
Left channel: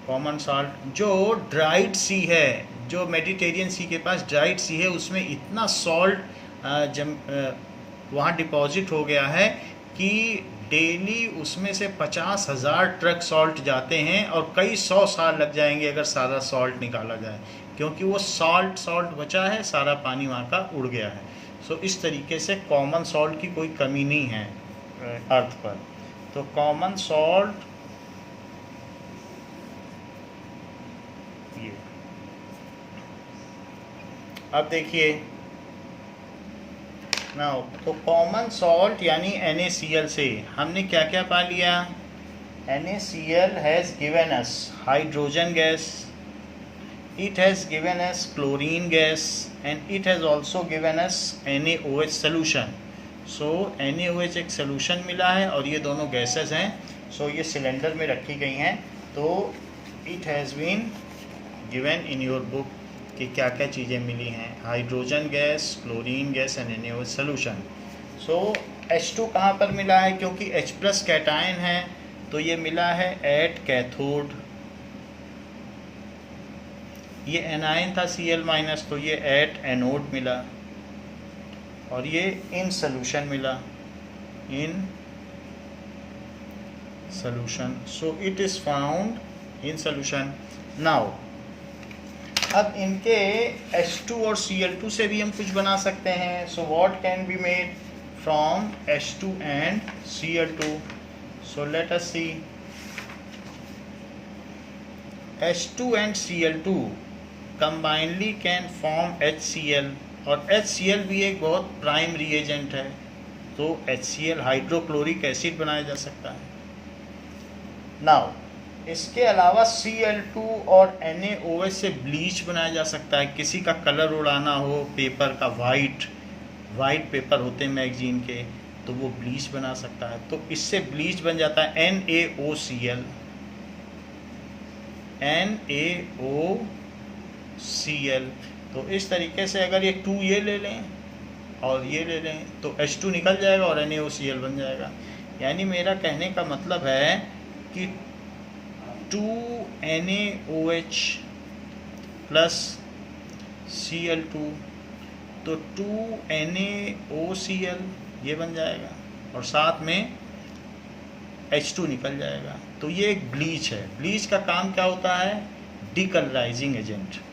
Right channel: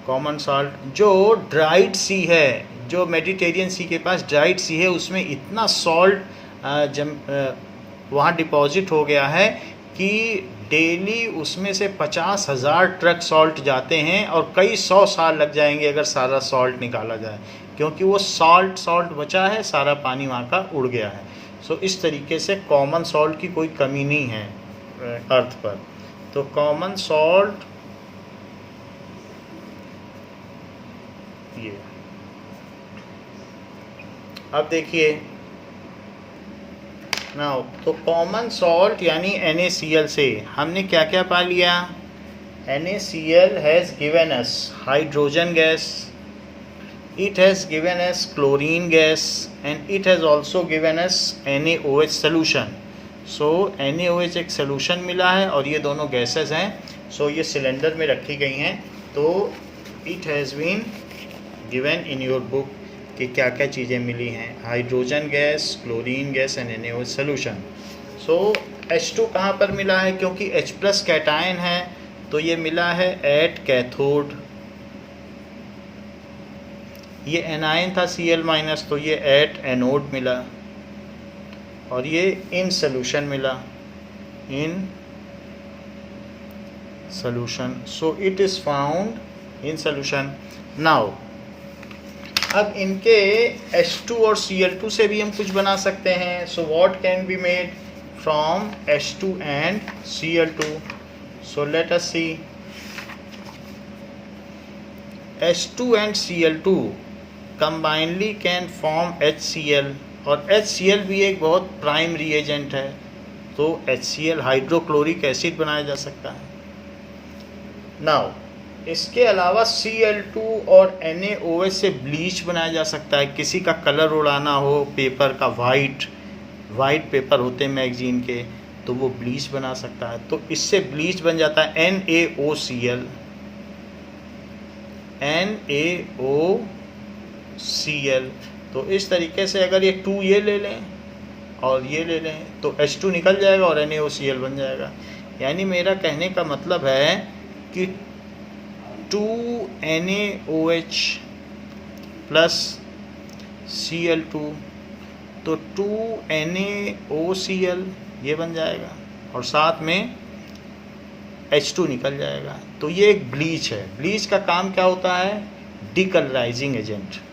कॉमन सॉल्ट जो ड्राइड सी है, जो मेडिटेरियन सी के पास ड्राइड सी है, उसमें इतना सॉल्ट वहाँ डिपॉजिट हो गया है कि डेली उसमें से 50,000 ट्रक सॉल्ट जाते हैं और कई 100 साल लग जाएंगे अगर सारा सॉल्ट निकाला जाए, क्योंकि वो सॉल्ट बचा है, सारा पानी वहाँ का उड़ गया है। सो इस तरीके से कॉमन सॉल्ट की कोई कमी नहीं है अर्थ पर। तो कॉमन सॉल्ट ये, अब देखिए ना, तो कॉमन सॉल्ट यानी NaCl से हमने क्या क्या पा लिया? NaCl has given us hydrogen gas, it has given us chlorine gas, and it has also given us NaOH solution. So NaOH एक सोल्यूशन मिला है और ये दोनों गैसेस हैं। सो ये सिलेंडर में रखी गई हैं। तो it has been given in your book कि क्या क्या चीज़ें मिली हैं, hydrogen gas, chlorine gas and NaOH solution. So H2 कहाँ पर मिला है, क्योंकि H+ कैटायन है तो ये मिला है एट कैथोड। ये एनायन था Cl- तो ये एट एनोड मिला, और ये इन सोल्यूशन मिला, in solution. So it is found in solution. Now अब इनके H2 और Cl2 से भी हम कुछ बना सकते हैं। So what can be made from H2 and Cl2? So let us see. H2 and Cl2 combinedly can form HCl, और HCl भी एक बहुत प्राइम रिएजेंट है। तो HCl हाइड्रोक्लोरिक एसिड बनाया जा सकता है। नाउ इसके अलावा Cl2 और NaOH से ब्लीच बनाया जा सकता है। किसी का कलर उड़ाना हो, पेपर का वाइट पेपर होते हैं मैगजीन के, तो वो ब्लीच बना सकता है। तो इससे ब्लीच बन जाता है NaOCl। तो इस तरीके से अगर ये 2 ये ले लें और ये ले लें तो H2 निकल जाएगा और NaOCl बन जाएगा। यानी मेरा कहने का मतलब है कि 2 NaOH प्लस Cl2, तो 2 NaOCl ये बन जाएगा और साथ में H2 निकल जाएगा। तो ये एक ब्लीच है। ब्लीच का काम क्या होता है? डिकलराइजिंग एजेंट।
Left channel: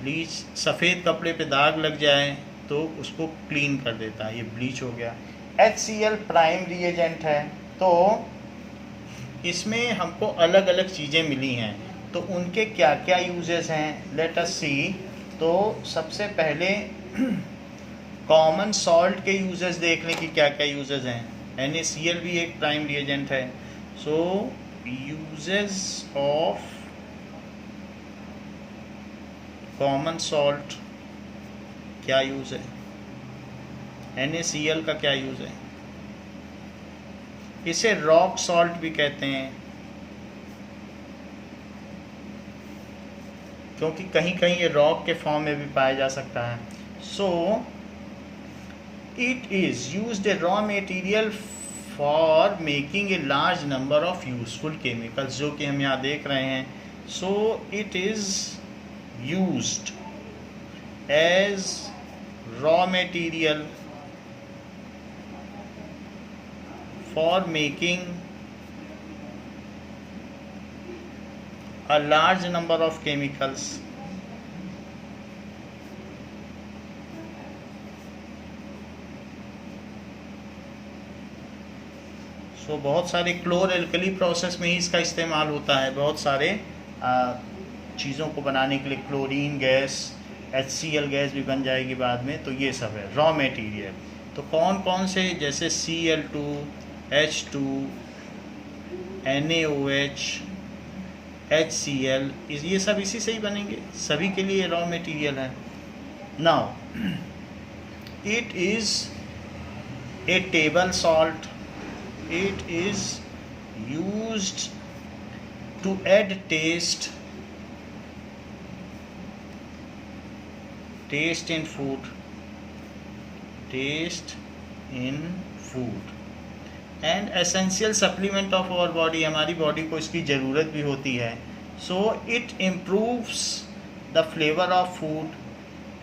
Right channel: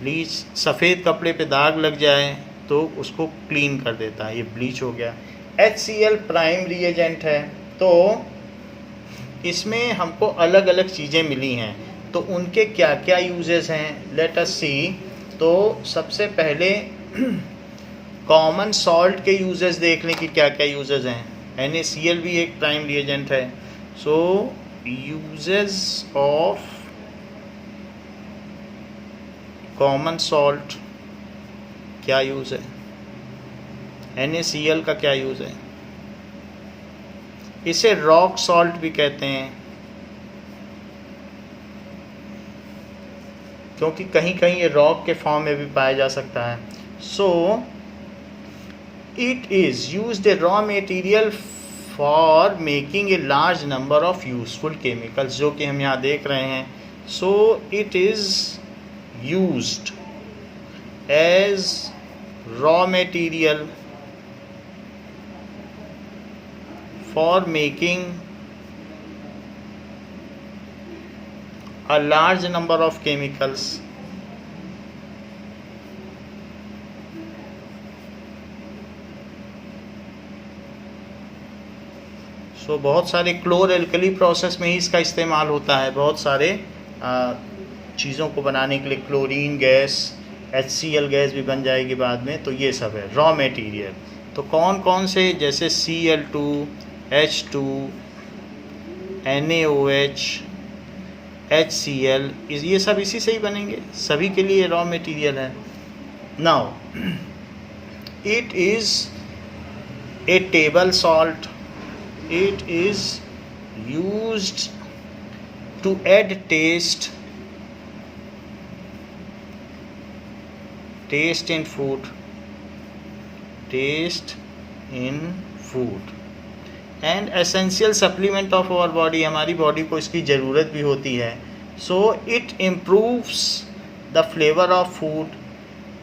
ब्लीच सफ़ेद कपड़े पे दाग लग जाए तो उसको क्लीन कर देता है, ये ब्लीच हो गया। HCl प्राइम रिएजेंट है। तो इसमें हमको अलग अलग चीज़ें मिली हैं, तो उनके क्या क्या यूजेस हैं, लेट अस सी। तो सबसे पहले कॉमन सॉल्ट के यूजेस देख लें कि क्या क्या यूजेस हैं। NaCl भी एक प्राइम रिएजेंट है। So uses of common salt, क्या यूज़ है? NaCl का क्या यूज़ है? इसे रॉक सॉल्ट भी कहते हैं, क्योंकि कहीं कहीं ये रॉक के फॉर्म में भी पाया जा सकता है। सो it is used A raw material for making a large number of useful chemicals, जो कि हम यहाँ देख रहे हैं। So it is used as raw material for making a large number of chemicals. So बहुत सारे क्लोर एल्कली प्रोसेस में ही इसका इस्तेमाल होता है। बहुत सारे चीज़ों को बनाने के लिए क्लोरीन गैस, HCl गैस भी बन जाएगी बाद में। तो ये सब है रॉ मटेरियल। तो कौन कौन से, जैसे Cl2, H2, NaOH, HCl, ये सब इसी से ही बनेंगे, सभी के लिए रॉ मटेरियल है। Now it is a table salt. It is used to add taste in food, and essential supplement of our body, हमारी बॉडी को इसकी ज़रूरत भी होती है। so it improves the flavor of food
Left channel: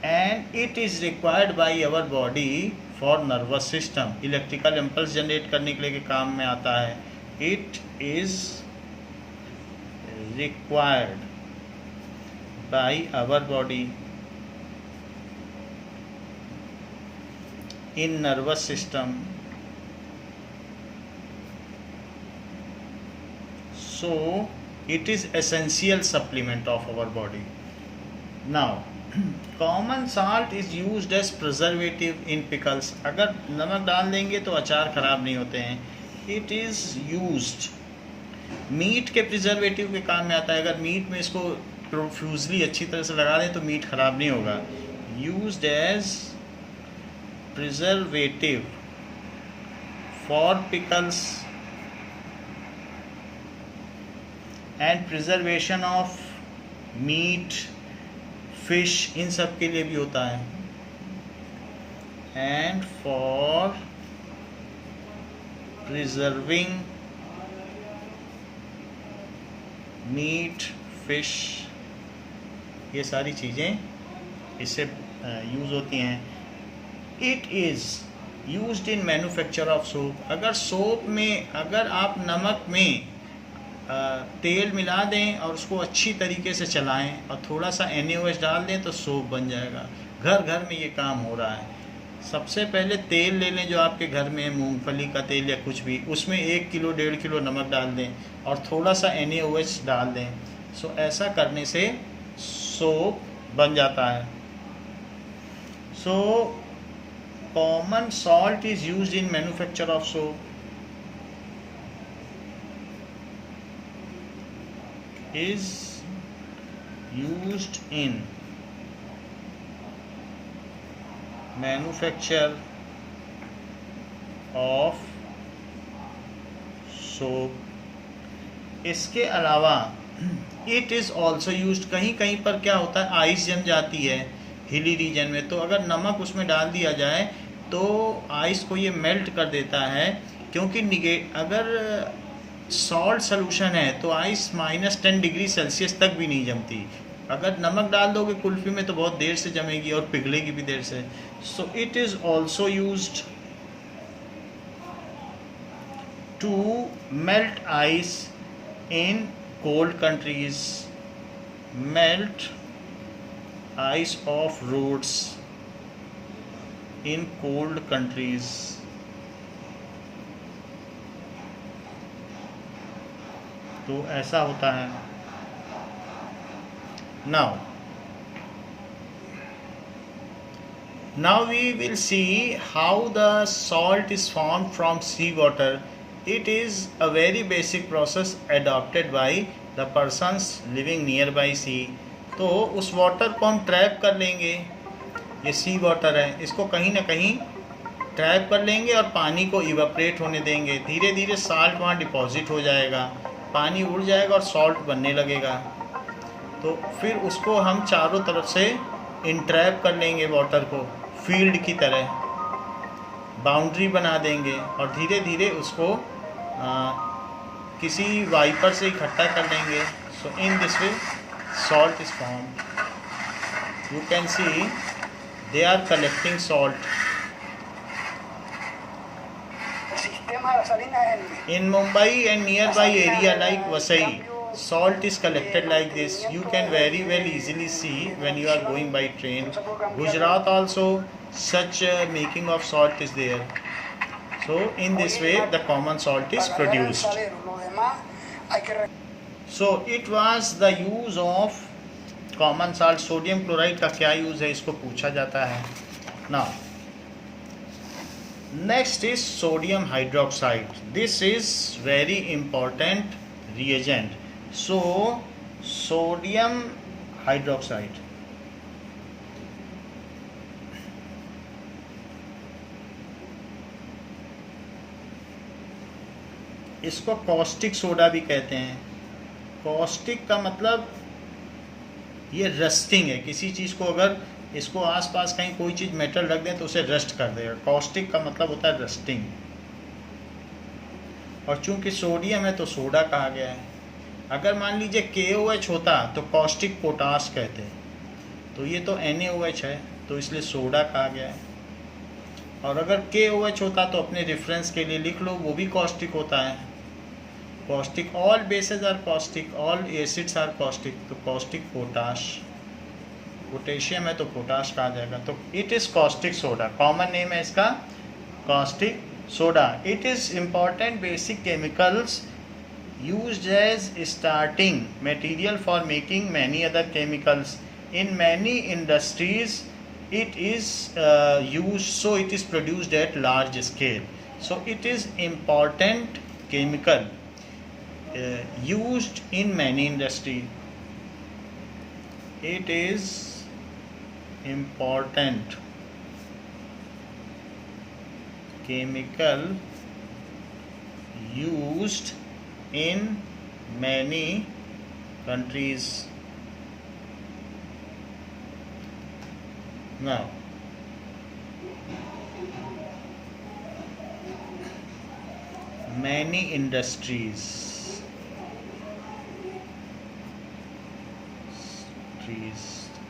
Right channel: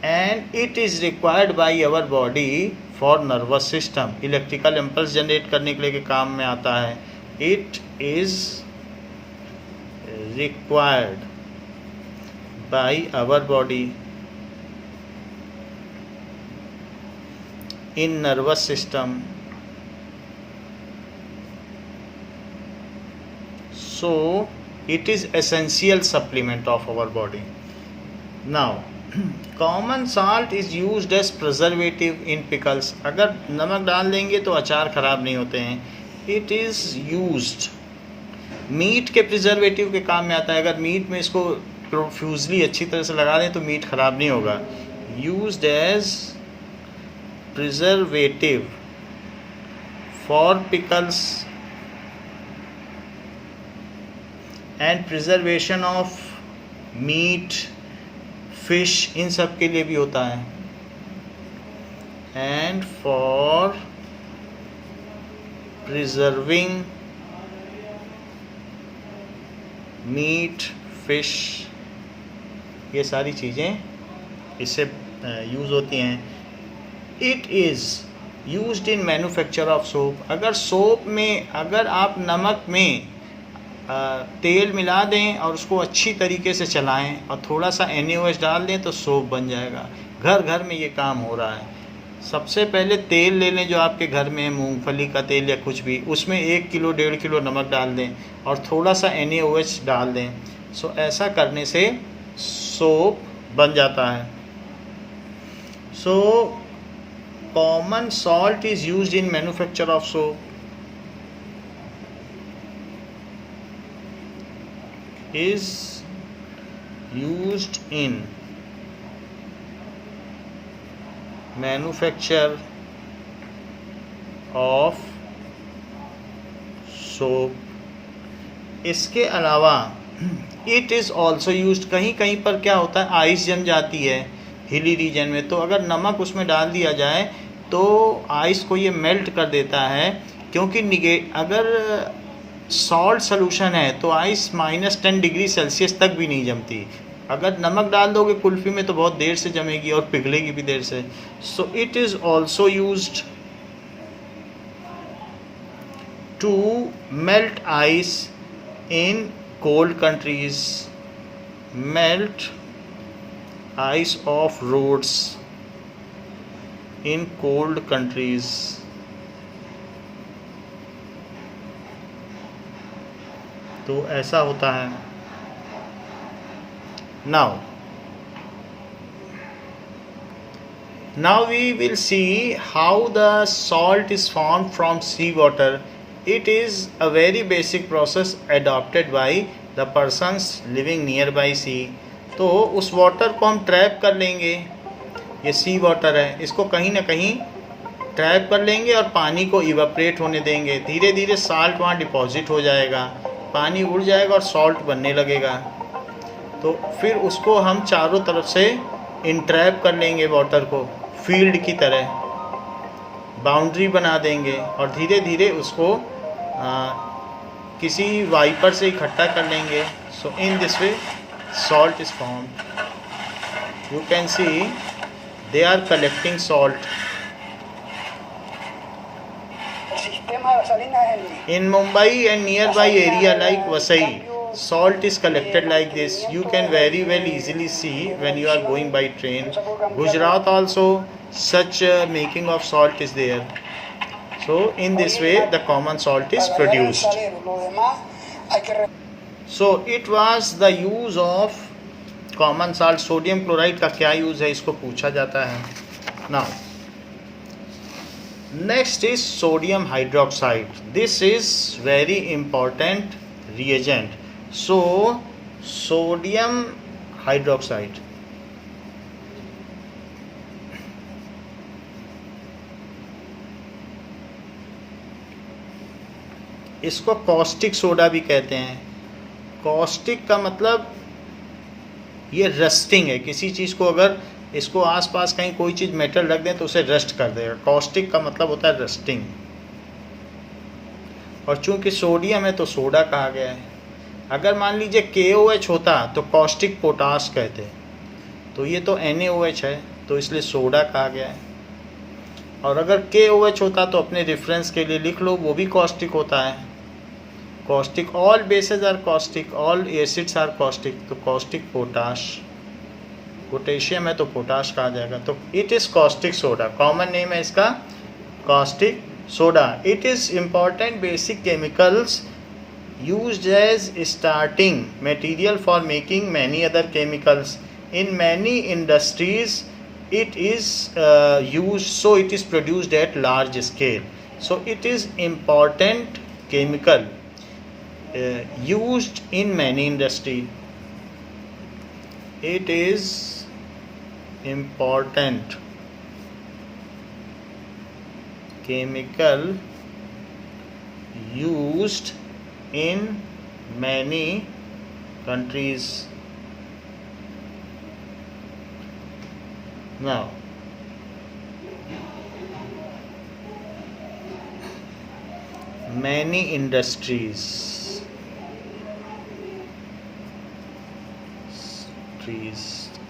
and it is required by our body for nervous system, electrical impulse generate करने के लिए के काम में आता है। it is required by our body in nervous system, so it is essential supplement of our body. Now common salt is used as preservative in pickles. अगर नमक डाल देंगे तो अचार ख़राब नहीं होते हैं। it is used, मीट के प्रिजर्वेटिव के काम में आता है। अगर मीट में इसको प्रोफ्यूजली अच्छी तरह से लगा दें तो मीट ख़राब नहीं होगा। used as preservative for pickles and preservation of meat, fish, इन सब के लिए भी होता है. And for preserving meat, fish, ये सारी चीज़ें इससे यूज़ होती हैं. It is used in manufacture of soap. अगर सोप में अगर आप नमक में तेल मिला दें और उसको अच्छी तरीके से चलाएं और थोड़ा सा NaOH डाल दें तो सोप बन जाएगा. घर घर में ये काम हो रहा है. सबसे पहले तेल ले लें जो आपके घर में है, मूंगफली का तेल या कुछ भी, उसमें 1 किलो 1.5 किलो नमक डाल दें और थोड़ा सा NaOH डाल दें. सो ऐसा करने से सोप बन जाता है. So common salt is used in manufacture of soap. Is used in manufacture of soap. इसके अलावा इट इज़ ऑल्सो यूज्ड. कहीं कहीं पर क्या होता है, आइस जम जाती है हिली रीजन में, तो अगर नमक उसमें डाल दिया जाए तो आइस को ये मेल्ट कर देता है. क्योंकि अगर सॉल्ट सोल्यूशन है तो आइस -10 डिग्री सेल्सियस तक भी नहीं जमती. अगर नमक डाल दोगे कुल्फ़ी में तो बहुत देर से जमेगी और पिघलेगी भी देर से. So it is also used to melt ice in cold countries. Melt ice of roads in cold countries. तो ऐसा होता है. Now we will see how the salt is formed from sea water. It is a very basic process adopted by the persons living nearby sea. तो उस water को हम trap कर लेंगे. ये सी वाटर है, इसको कहीं ना कहीं ट्रैप कर लेंगे और पानी को इवापरेट होने देंगे. धीरे धीरे साल्ट वहाँ डिपॉजिट हो जाएगा, पानी उड़ जाएगा और सॉल्ट बनने लगेगा. तो फिर उसको हम चारों तरफ से इंट्रैप कर लेंगे वाटर को, फील्ड की तरह बाउंड्री बना देंगे और धीरे धीरे उसको किसी वाइपर से इकट्ठा कर लेंगे. So in this way salt is formed. You can see they are collecting salt. In Mumbai and nearby area like Vasai, salt is collected like this. You can very well easily see when you are going by train. Gujarat also such making of salt is there. So in this way the common salt is produced. So it was the use of common salt. Sodium chloride का क्या use है इसको पूछा जाता है. Now next is sodium hydroxide. This is very important reagent. So sodium hydroxide, इसको caustic soda भी कहते हैं. कॉस्टिक का मतलब ये रस्टिंग है. किसी चीज़ को अगर इसको आसपास कहीं कोई चीज़ मेटल रख दें तो उसे रस्ट कर देगा. कॉस्टिक का मतलब होता है रस्टिंग. और चूंकि सोडियम है तो सोडा कहा गया है. अगर मान लीजिए KOH होता तो कॉस्टिक पोटास कहते. तो ये तो NaOH है तो इसलिए सोडा कहा गया है. और अगर KOH होता तो अपने रेफरेंस के लिए लिख लो, वो भी कॉस्टिक होता है. Caustic, all bases are caustic, all acids are caustic. तो कॉस्टिक पोटाश, पोटेशियम है तो पोटाश कहा जाएगा. तो it is caustic soda. Common name है इसका caustic soda. It is important basic chemicals used as starting material for making many other chemicals. In many industries it is used, so it is produced at large scale. So it is important chemical used in many industry. It is important chemical used in many countries. Now, many industries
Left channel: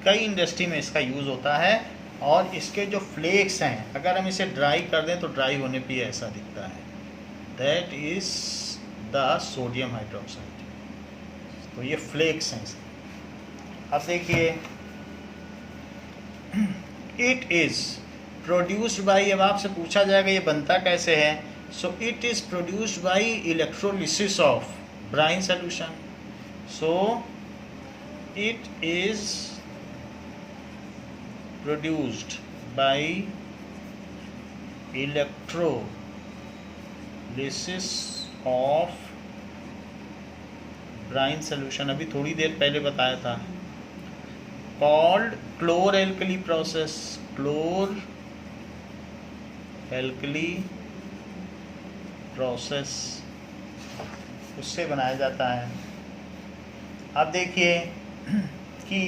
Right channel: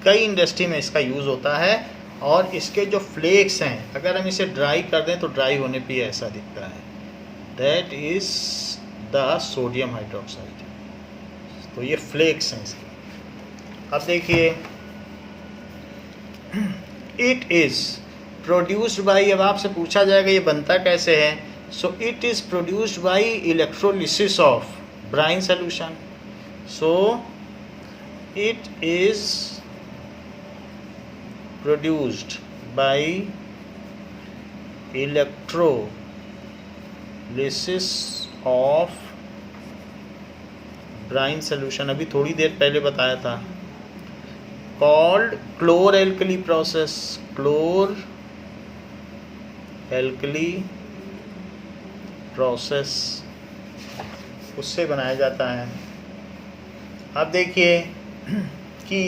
कई industry में इसका use होता है। और इसके जो flex हैं, अगर हम इसे ड्राई कर दें तो ड्राई होने पे ऐसा दिखता है, that is the sodium hydroxide. तो ये फ्लेक्स हैं इसके। अब देखिए, इट इज़ प्रोड्यूस्ड बाई, अब आपसे पूछा जाएगा ये बनता कैसे है। सो it is produced by electrolysis of brine solution. So it is produced by electrolysis of brine solution, अभी थोड़ी देर पहले बताया था, called chlor-alkali process। chlor-alkali process उससे बनाया जाता है। अब देखिए कि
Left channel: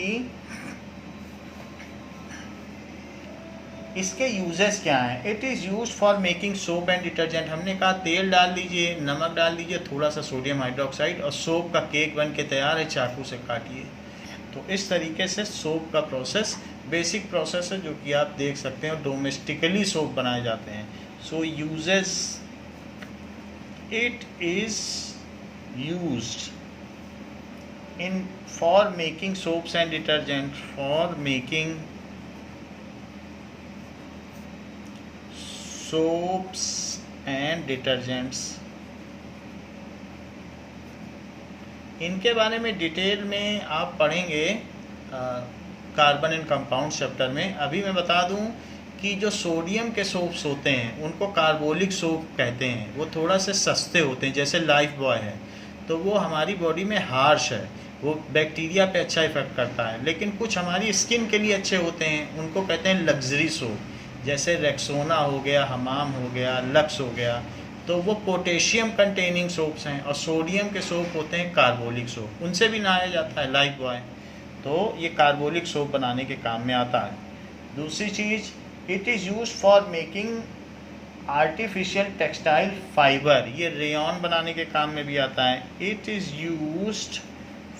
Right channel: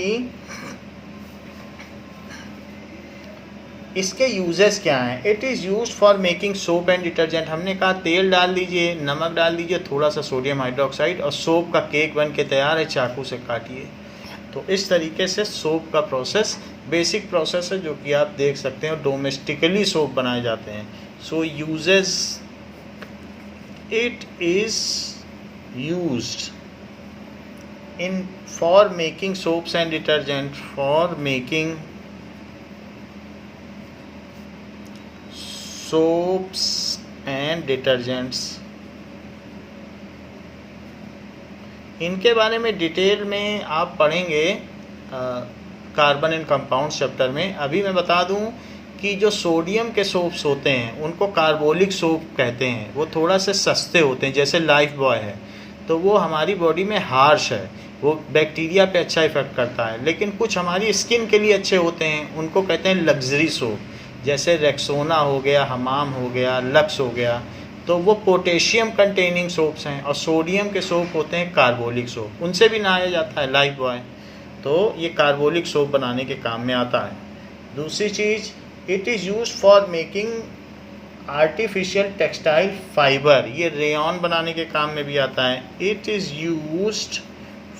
इसके यूजेस क्या हैं। It is used for making soap and detergent. हमने कहा तेल डाल दीजिए, नमक डाल दीजिए, थोड़ा सा सोडियम हाइड्रोक्साइड और सोप का केक बन के तैयार है, चाकू से काटिए। तो इस तरीके से सोप का प्रोसेस बेसिक प्रोसेस है जो कि आप देख सकते हैं, डोमेस्टिकली सोप बनाए जाते हैं। So uses, it is used in for making soaps and detergent, for making soaps and detergents। इनके बारे में डिटेल में आप पढ़ेंगे कार्बन एंड कंपाउंड्स चैप्टर में। अभी मैं बता दूं कि जो सोडियम के सोप्स होते हैं उनको कार्बोलिक सोप कहते हैं। वो थोड़ा से सस्ते होते हैं, जैसे लाइफ बॉय है, तो वो हमारी बॉडी में हार्श है, वो बैक्टीरिया पे अच्छा इफेक्ट करता है। लेकिन कुछ हमारी स्किन के लिए अच्छे होते हैं, उनको कहते हैं लग्जरी सोप, जैसे रेक्सोना हो गया, हमाम हो गया, लक्स हो गया। तो वो पोटेशियम कंटेनिंग सोप्स हैं। और सोडियम के सोप होते हैं कार्बोलिक सोप, उनसे भी नहाया जाता है लाइफ बॉय। तो ये कार्बोलिक सोप बनाने के काम में आता है। दूसरी चीज़, it is use for making artificial textile fibre, ये रेयॉन बनाने के काम में भी आता है। It is used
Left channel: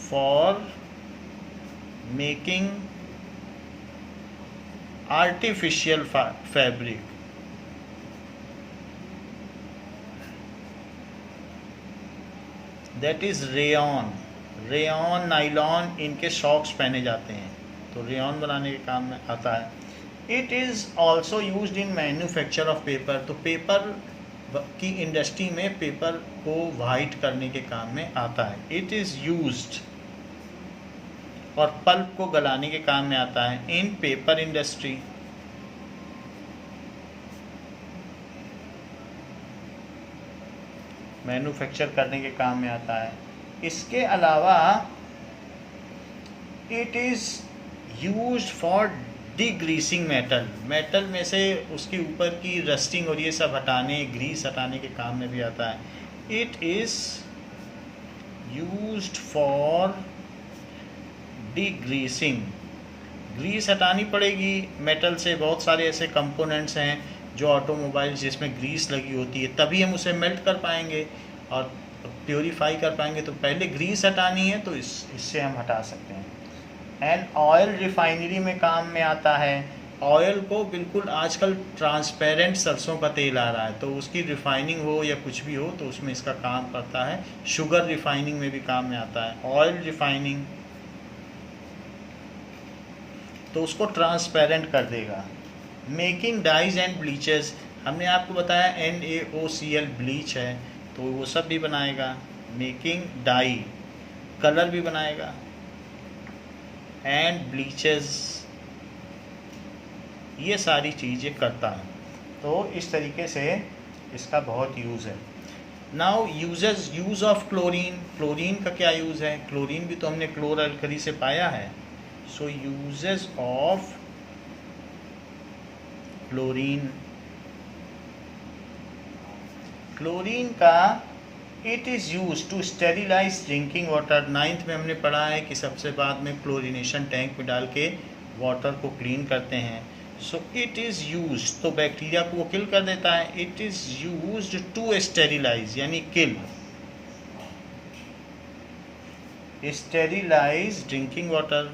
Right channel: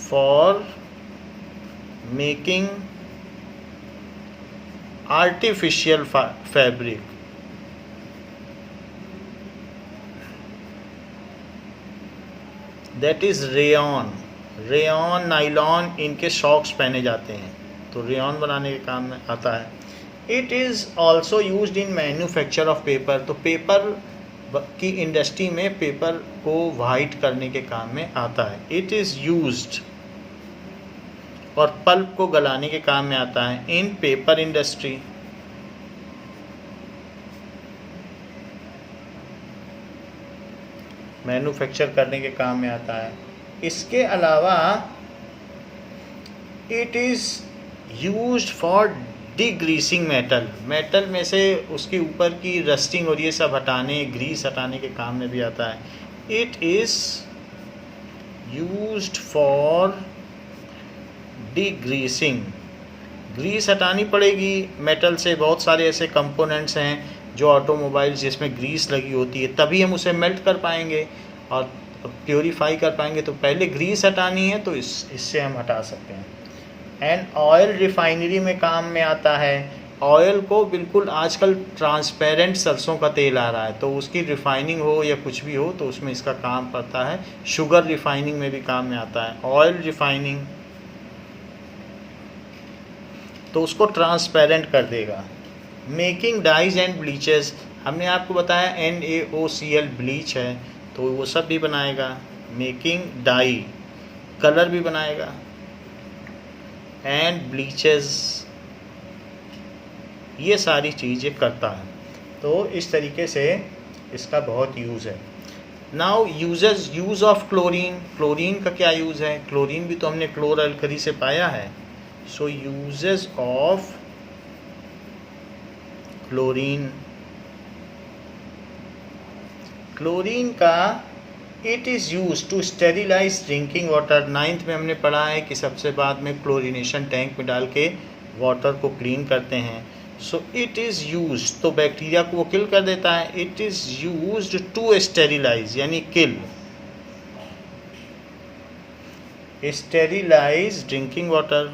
for making artificial fabric, that is rayon. Rayon, nylon, इनके सॉक्स पहने जाते हैं, तो रेयॉन बनाने के काम में आता है। It is also used in manufacture of paper, तो पेपर की इंडस्ट्री में पेपर को वाइट करने के काम में आता है। इट इज़ यूज्ड, और पल्प को गलाने के काम में आता है इन पेपर इंडस्ट्री। मैन्युफैक्चर करने के काम में आता है। इसके अलावा it is used for degreasing metal, metal में से उसके ऊपर की रस्टिंग और ये सब हटाने, ग्रीस हटाने के काम में भी आता है। It is used for degreasing, grease हटानी पड़ेगी मेटल से। बहुत सारे ऐसे कंपोनेंट्स हैं जो ऑटोमोबाइल्स जिसमें ग्रीस लगी होती है, तभी हम उसे मेल्ट कर पाएंगे और प्योरीफाई कर पाएंगे। तो पहले ग्रीस हटानी है, तो इससे हम हटा सकते हैं। एंड ऑयल रिफाइनरी में काम में आता है। ऑयल को बिल्कुल आजकल ट्रांसपेरेंट सरसों का तेल आ रहा है, तो उसकी रिफाइनिंग हो या कुछ भी हो तो उसमें इसका काम पड़ता है। शुगर रिफाइनिंग में भी काम में आता है। ऑयल रिफाइनिंग तो उसको ट्रांसपेरेंट कर देगा। मेकिंग डाइज एंड ब्लीचेस, हमने आपको बताया NaOCl ब्लीच है, तो वो सब भी बनाएगा। मेकिंग डाई, कलर भी बनाएगा, एंड ब्लीचेस, ये सारी चीज़ें करता है। तो इस तरीके से इसका बहुत यूज़ है। Now use of chlorine, chlorine का क्या यूज़ है। क्लोरीन भी तो हमने क्लोर-अल्कली से पाया है। So uses of chlorine, chlorine का it is use to sterilize drinking water. 9th में हमने पढ़ा है कि सबसे बाद में क्लोरीनेशन टैंक में डाल के वाटर को क्लीन करते हैं। सो इट इज़ यूज, तो बैक्टीरिया को वो किल कर देता है। It is use to sterilize यानी किल, स्टेरिलाइज ड्रिंकिंग वाटर।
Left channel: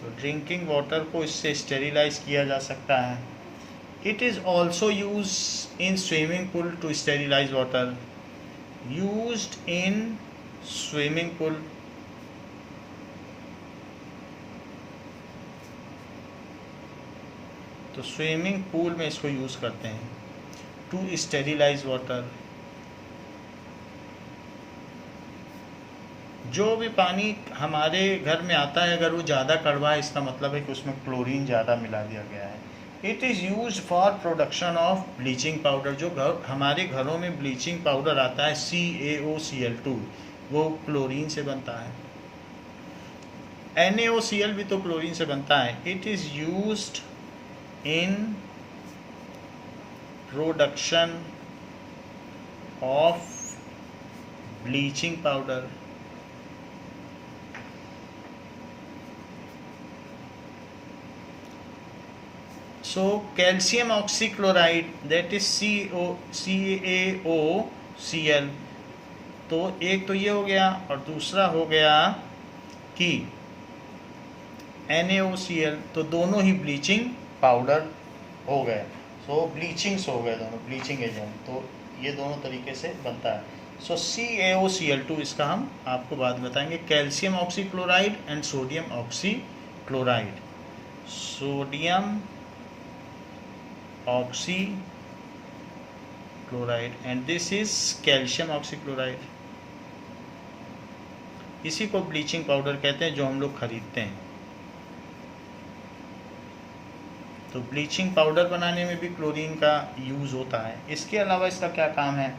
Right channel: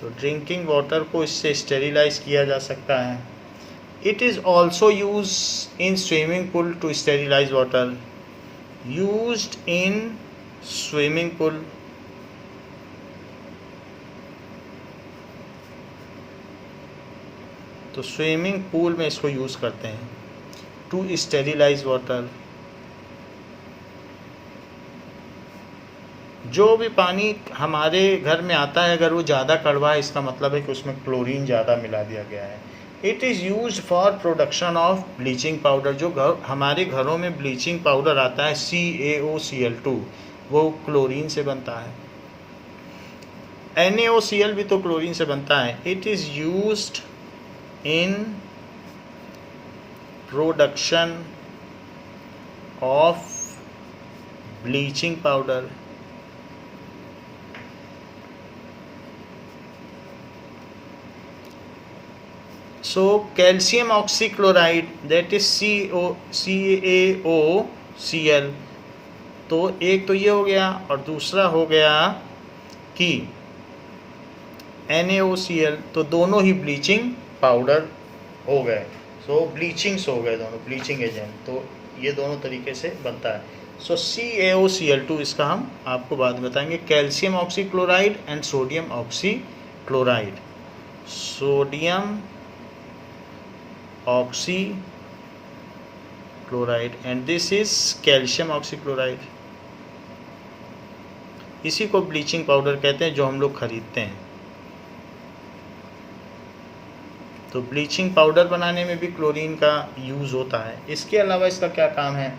तो ड्रिंकिंग वाटर को इससे स्टेरिलाइज किया जा सकता है। It is also use in swimming pool to sterilize water. Used in swimming pool, तो स्विमिंग पूल में इसको यूज़ करते हैं टू स्टेरिलाइज वाटर। जो भी पानी हमारे घर में आता है अगर वो ज़्यादा कड़वा है, इसका मतलब है कि उसमें क्लोरीन ज़्यादा मिला दिया गया है। It is use for production of bleaching powder. जो हमारे घरों में ब्लीचिंग पाउडर आता है CaOCl2, वो क्लोरीन से बनता है। NaOCl भी तो क्लोरीन से बनता है। It is used in production of bleaching powder. So calcium oxychloride, that is CaOCl, तो एक तो ये हो गया और दूसरा हो गया कि NaOCl, तो दोनों ही ब्लीचिंग पाउडर हो गए। सो ब्लीचिंग्स हो गए दोनों, ब्लीचिंग एजेंट, तो ये दोनों तरीके से बनता है। सो CaOCl2 इसका हम आपको बाद में बताएंगे। Calcium oxychloride and sodium oxychloride. Sodium oxychloride and this is calcium oxychloride। इसी को ब्लीचिंग पाउडर कहते हैं जो हम लोग खरीदते हैं। तो ब्लीचिंग पाउडर बनाने में भी क्लोरीन का यूज़ होता है। इसके अलावा इसका क्या काम है?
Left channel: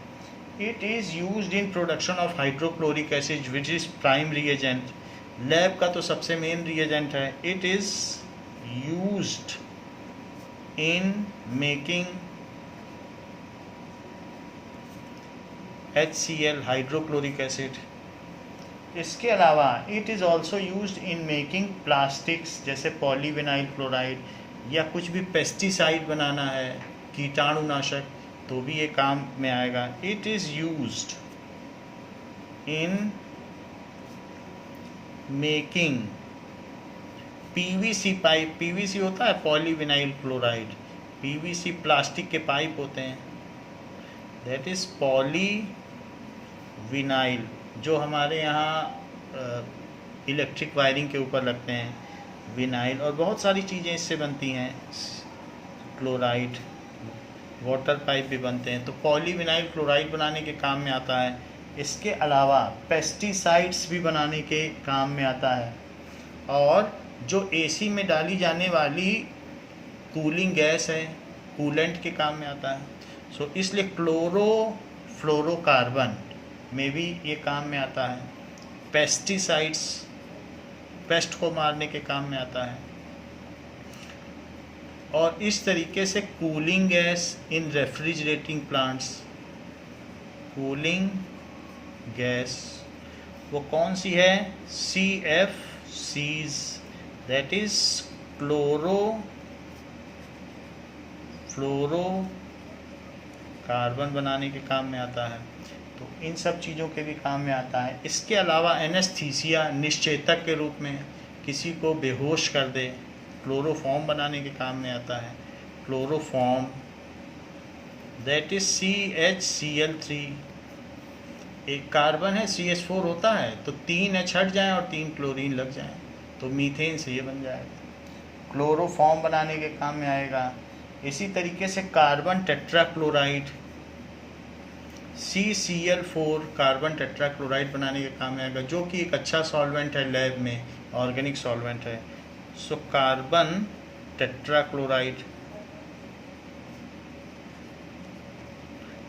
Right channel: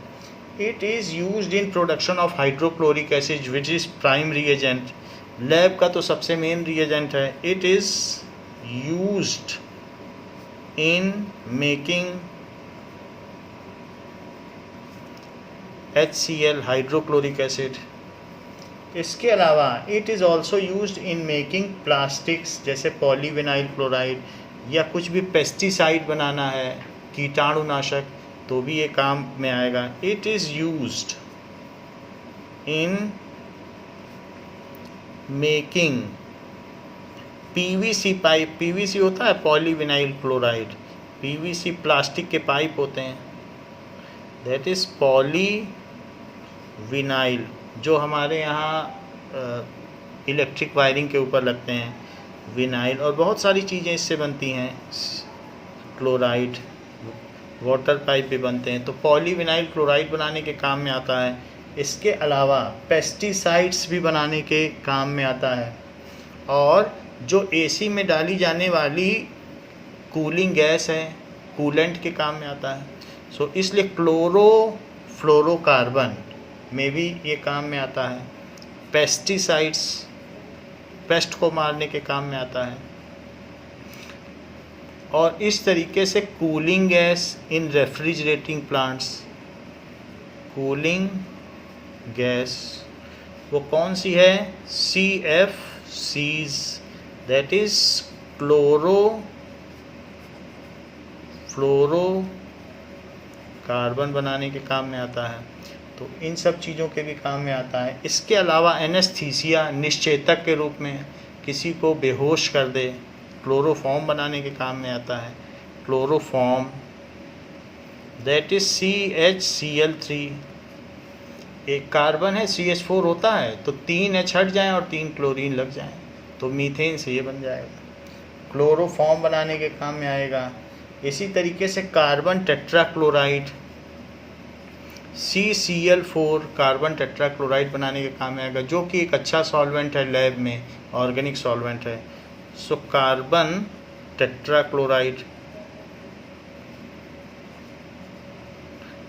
It is used in production of hydrochloric acid which is prime reagent. Lab का तो सबसे मेन रिएजेंट है। It is used in making HCl hydrochloric acid. इसके अलावा it is also used in making plastics, जैसे पॉलीविनाइल क्लोराइड, या कुछ भी पेस्टिसाइड बनाना है, कीटाणुनाशक, तो भी ये काम में आएगा। It is used in making PVC pipe. PVC होता है पॉलीविनाइल क्लोराइड। PVC प्लास्टिक के पाइप होते हैं, दैट इज़ पॉलीविनाइल, जो हमारे यहाँ इलेक्ट्रिक वायरिंग के ऊपर लगते हैं, विनाइल, और बहुत सारी चीज़ें इससे बनती हैं। क्लोराइड, वाटर पाइप भी बनते हैं, तो पॉलीविनाइल क्लोराइड बनाने के काम में आता है। इसके अलावा पेस्टिसाइड्स भी बनाने के काम में आता है, और जो AC में डाली जाने वाली कूलिंग गैस है, कूलेंट के काम में आता है। सो इसलिए क्लोरोफ्लोरोकार्बन में भी ये काम में आता है। पेस्टिसाइड्स, पेस्ट को मारने के काम में आता है। और इस तरीके से cooling gas in refrigerating plants. Cooling gas वो कौन सी है? CFCs, that is क्लोरोफ्लोरोकार्बन बनाने के काम में आता है। तो इन सब चीज़ों के भी काम में आता है। इसके अलावा एनेस्थीसिया, निश्चेतक के रूप में किसी को बेहोश कर दे, क्लोरोफॉर्म बनाने के काम में आता है। Chloroform, that is CHCl3। एक कार्बन है, CH4 होता है, तो 3 H हट जाएँ और 3 क्लोरीन लग जाएँ, तो मीथेन से ये बन जाएगा। क्लोरोफॉर्म बनाने के काम में आएगा। इसी तरीके से carbon tetrachloride, CCl4, carbon tetrachloride बनाने के काम में आएगा, जो कि एक अच्छा सॉल्वेंट है लैब में, ऑर्गेनिक सॉल्वेंट है। सो कार्बन टेट्राक्लोराइड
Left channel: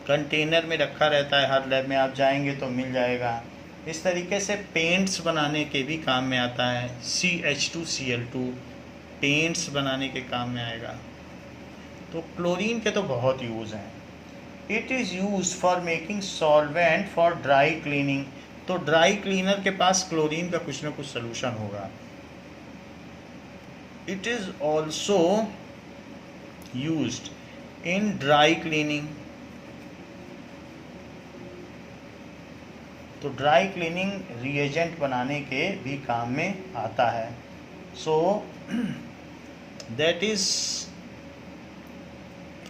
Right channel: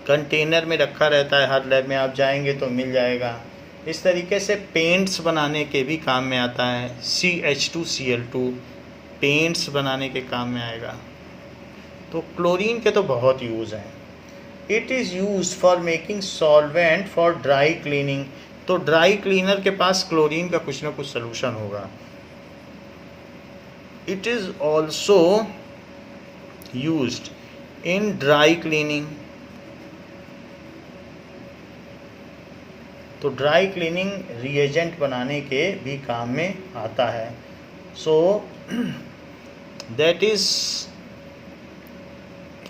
कंटेनर में रखा रहता है, हर लैब में आप जाएंगे तो मिल जाएगा। इस तरीके से पेंट्स बनाने के भी काम में आता है। CH2Cl2, पेंट्स बनाने के काम में आएगा। तो क्लोरीन के तो बहुत यूज़ हैं। It is use for making solvent for dry cleaning. तो ड्राई क्लीनर के पास क्लोरीन का कुछ ना कुछ सलूशन होगा। It is also used in dry cleaning. तो ड्राई क्लीनिंग रिएजेंट बनाने के भी काम में आता है। So that is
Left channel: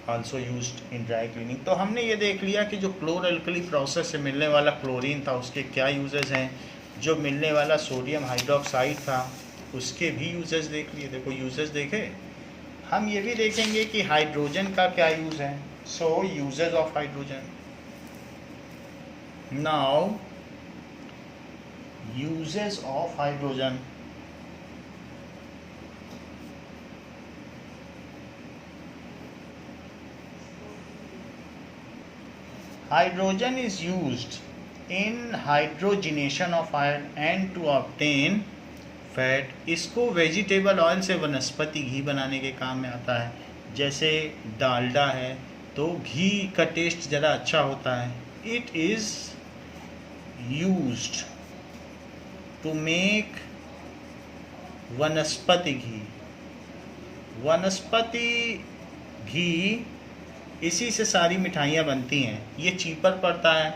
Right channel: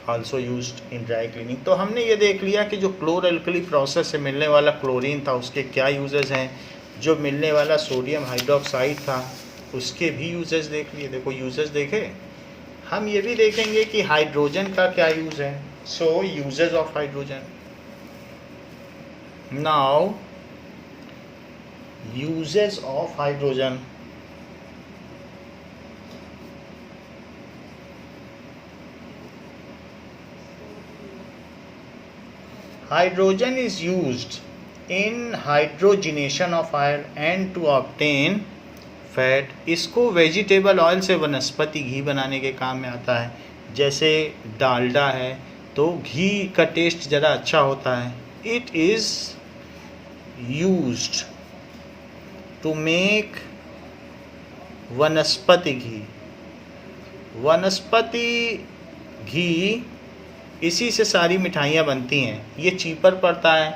also used in dry cleaning. तो हमने ये देख लिया कि जो क्लोर अल्कली प्रोसेस से मिलने वाला क्लोरीन था उसके क्या यूजेज हैं, जो मिलने वाला सोडियम हाइड्रोक्साइड था उसके भी यूजेज देख लिए। देखो यूजेज देखे, हम ये भी देखेंगे कि हाइड्रोजन का क्या यूज़ है। So uses of hydrogen. Now uses of hydrogen. Hydrogen is used in hydrogenation of oil and to obtain fat। इसको वेजिटेबल ऑयल से वनस्पति घी बनाने के काम में आता है। जैसे डालडा है तो घी का टेस्ट ज़रा अच्छा होता है। It is used to make vanaspati ghee. वनस्पति घी, इसी से सारी मिठाइयाँ बनती हैं। ये चीपर पड़ता है,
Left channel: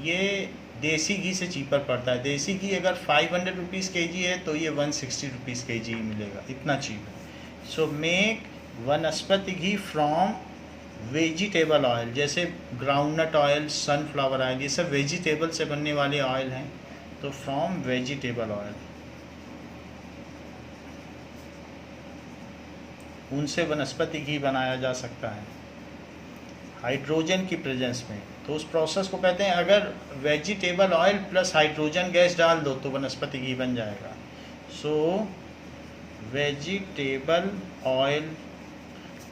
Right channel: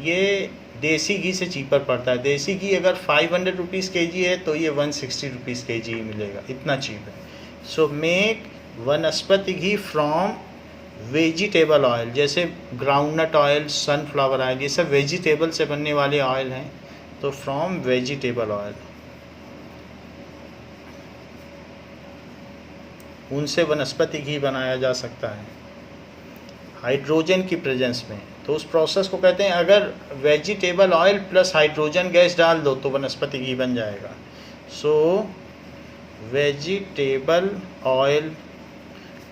ये देसी घी से चीपर पड़ता है। देसी घी अगर 500 रुपीज़ kg है तो ये 160 रुपीज़ kg ही मिलेगा, इतना चीप है। So make vanaspati ghee from vegetable oil. जैसे ग्राउंडनट ऑयल, सनफ्लावर ऑयल, ये सब वेजिटेबल से बनने वाले ऑयल हैं। तो फ्रॉम वेजिटेबल ऑयल, उनसे वनस्पति घी बनाया जा सकता है हाइड्रोजन की प्रेजेंस में। तो उस प्रोसेस को कहते हैं, अगर vegetable oil plus hydrogen gas डाल दो तो वनस्पति घी बन जाएगा। सो वेजिटेबल ऑयल,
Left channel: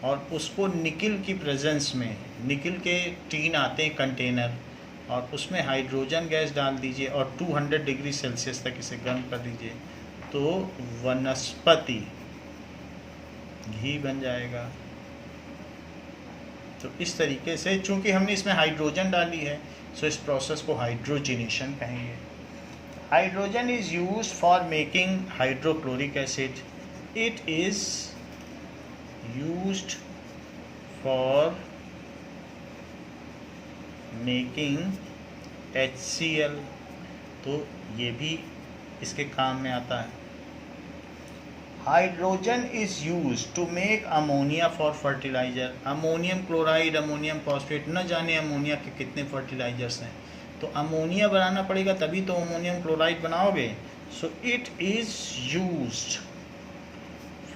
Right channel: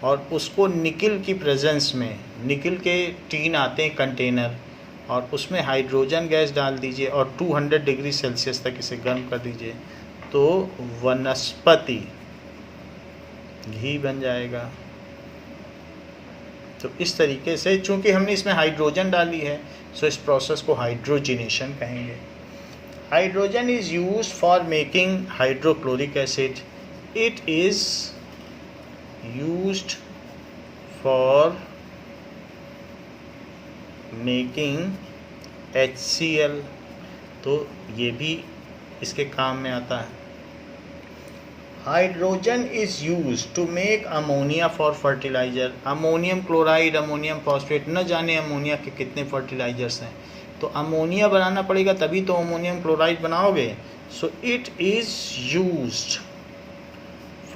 और उसको निकिल की प्रेजेंस में, निकिल के टीन आते हैं कंटेनर, और उसमें हाइड्रोजन गैस डाल दीजिए और 200 डिग्री सेल्सियस तक इसे गर्म कर दीजिए तो वनस्पति घी बन जाएगा। तो इस तरीके से, चूंकि हमने इसमें हाइड्रोजन डाली है, सो इस प्रोसेस को हाइड्रोजिनेशन कहेंगे। Hydrogen is used for making hydrochloric acid. It is used for making HCl। तो ये भी इसके काम में आता है। Hydrogen is use to make ammonia for fertilizer. Ammonium chloride, ammonium phosphate, न जाने अमोनिया के कितने फर्टिलाइजर्स हैं। तो अमोनिया बनाना पड़ेगा तभी तो अमोनियम क्लोराइड बनाओगे। सो it is used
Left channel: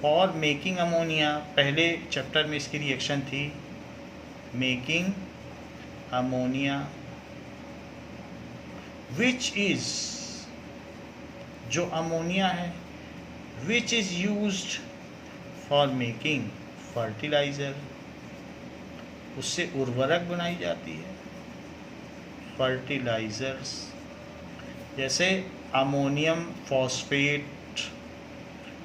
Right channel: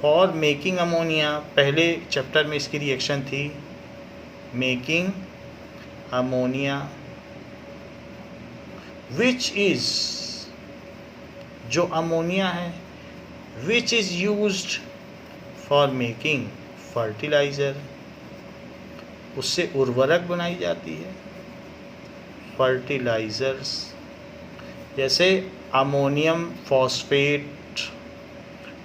for making ammonia. पहले चैप्टर में इसकी रिएक्शन थी मेकिंग अमोनिया, विच इज़, जो अमोनिया है, which is used for making fertilizer। उससे उर्वरक बनाई जाती है, फर्टिलाइजर्स, जैसे अमोनियम फॉस्फेट,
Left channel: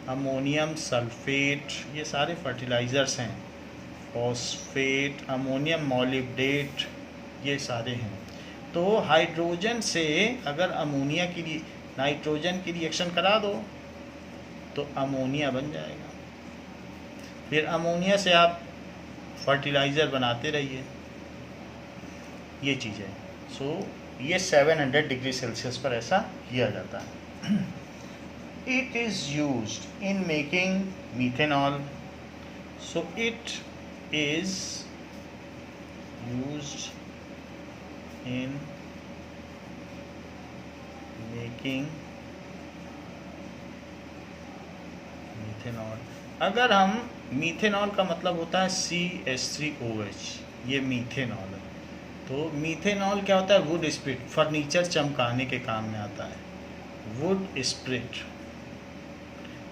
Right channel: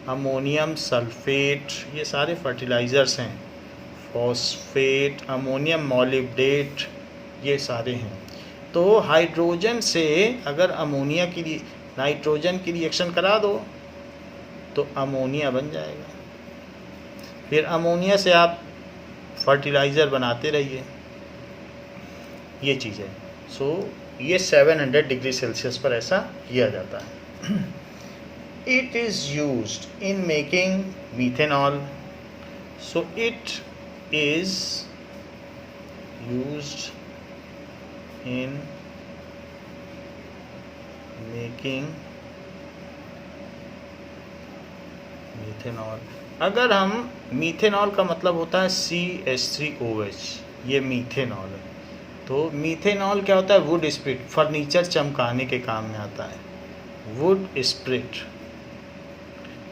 अमोनियम सल्फेट, ये सारे फर्टिलाइजर्स हैं। फॉस्फेट, अमोनियम मॉलिब्डेट, ये सारे हैं। तो हाइड्रोजन से अगर अमोनिया की, नाइट्रोजन की रिएक्शन करा दो तो अमोनिया बन जाएगा। फिर अमोनिया से आप फर्टिलाइज़र बनाते रहिए, ये चीज़ है। सो ये 700 डिग्री सेल्सियस पर ऐसा किया जाता है। It is used in making methanol. So it is used in making methanol. अगर हम, मीथेनॉल का मतलब होता है CH3OH, ये मीथेनॉल है। तो मीथेनॉल क्या होता है? वुड स्प्रिट, फर्नीचर चमकाने के काम में आता है, वुड स्प्रिट।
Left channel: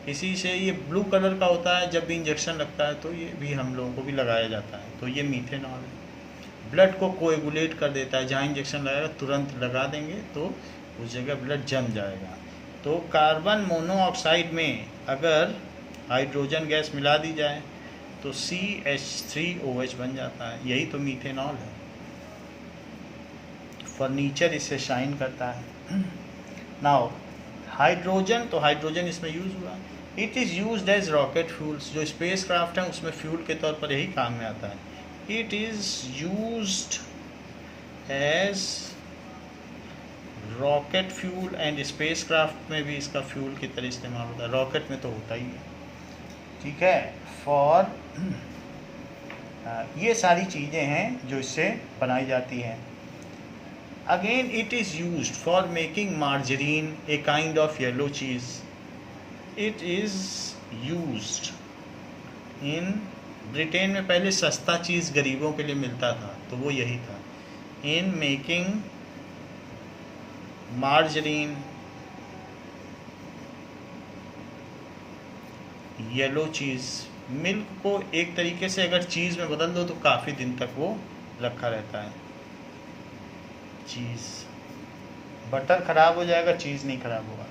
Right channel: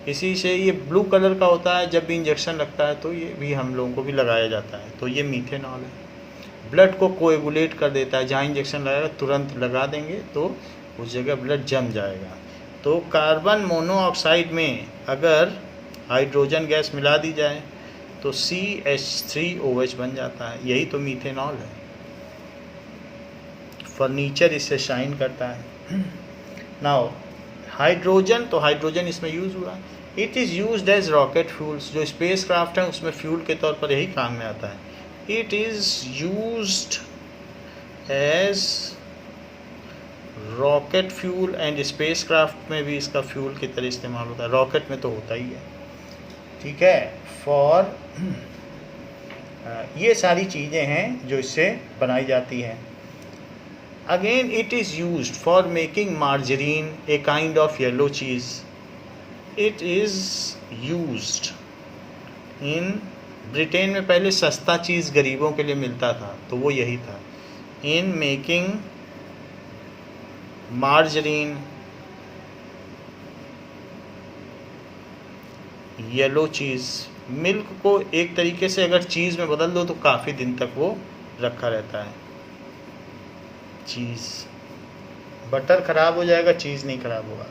इसी से ये ब्लू कलर का होता है, जब भी इंजेक्शन लगता है तो ये भी हम लोगों को भी लगाया जाता है। तो ये मीथेनॉल है। ब्लड को कोएगुलेट कर देता है, जहाँ इंजेक्शन लगाएगा तुरंत लगा देंगे तो उस जगह ब्लड जम जाएगा। तो कार्बन मोनोऑक्साइड में अगर हाइड्रोजन गैस मिला दी जाए तो CH3OH बन जाता है, यही तो मीथेनॉल है। फर्नीचर इससे शाइन करता है। नाउ हाइड्रोजन, तो हाइड्रोजन इसमें यूज़ हुआ। It is used as rocket fuels, जो स्पेस क्राफ्ट है उसमें फ्यूल के तौर पर यही काम में आता है। It is used as rocket fuel and spacecraft में भी इसका फ्यूल की तरह इस्तेमाल होता है। रॉकेट में तो होता ही है, ठीक है। फॉर ये सारी चीज़ें हैं जो इससे बनाई जाती हैं। Again it is used for making margarine, a kind of yellow cheese. It is used in, Britain में पहले सस्ता चीज़ गरीबों के लिए मिलता था तो वो यही था। In making margarine, yellow cheese. Milk को एक तरीके से अगर चीज़ में बदल दो तो काफ़ी दिन तक वो रखा रहता है। चीज़, बटर ख़राब हो जाएगा, चीज़ नहीं ख़राब होगा।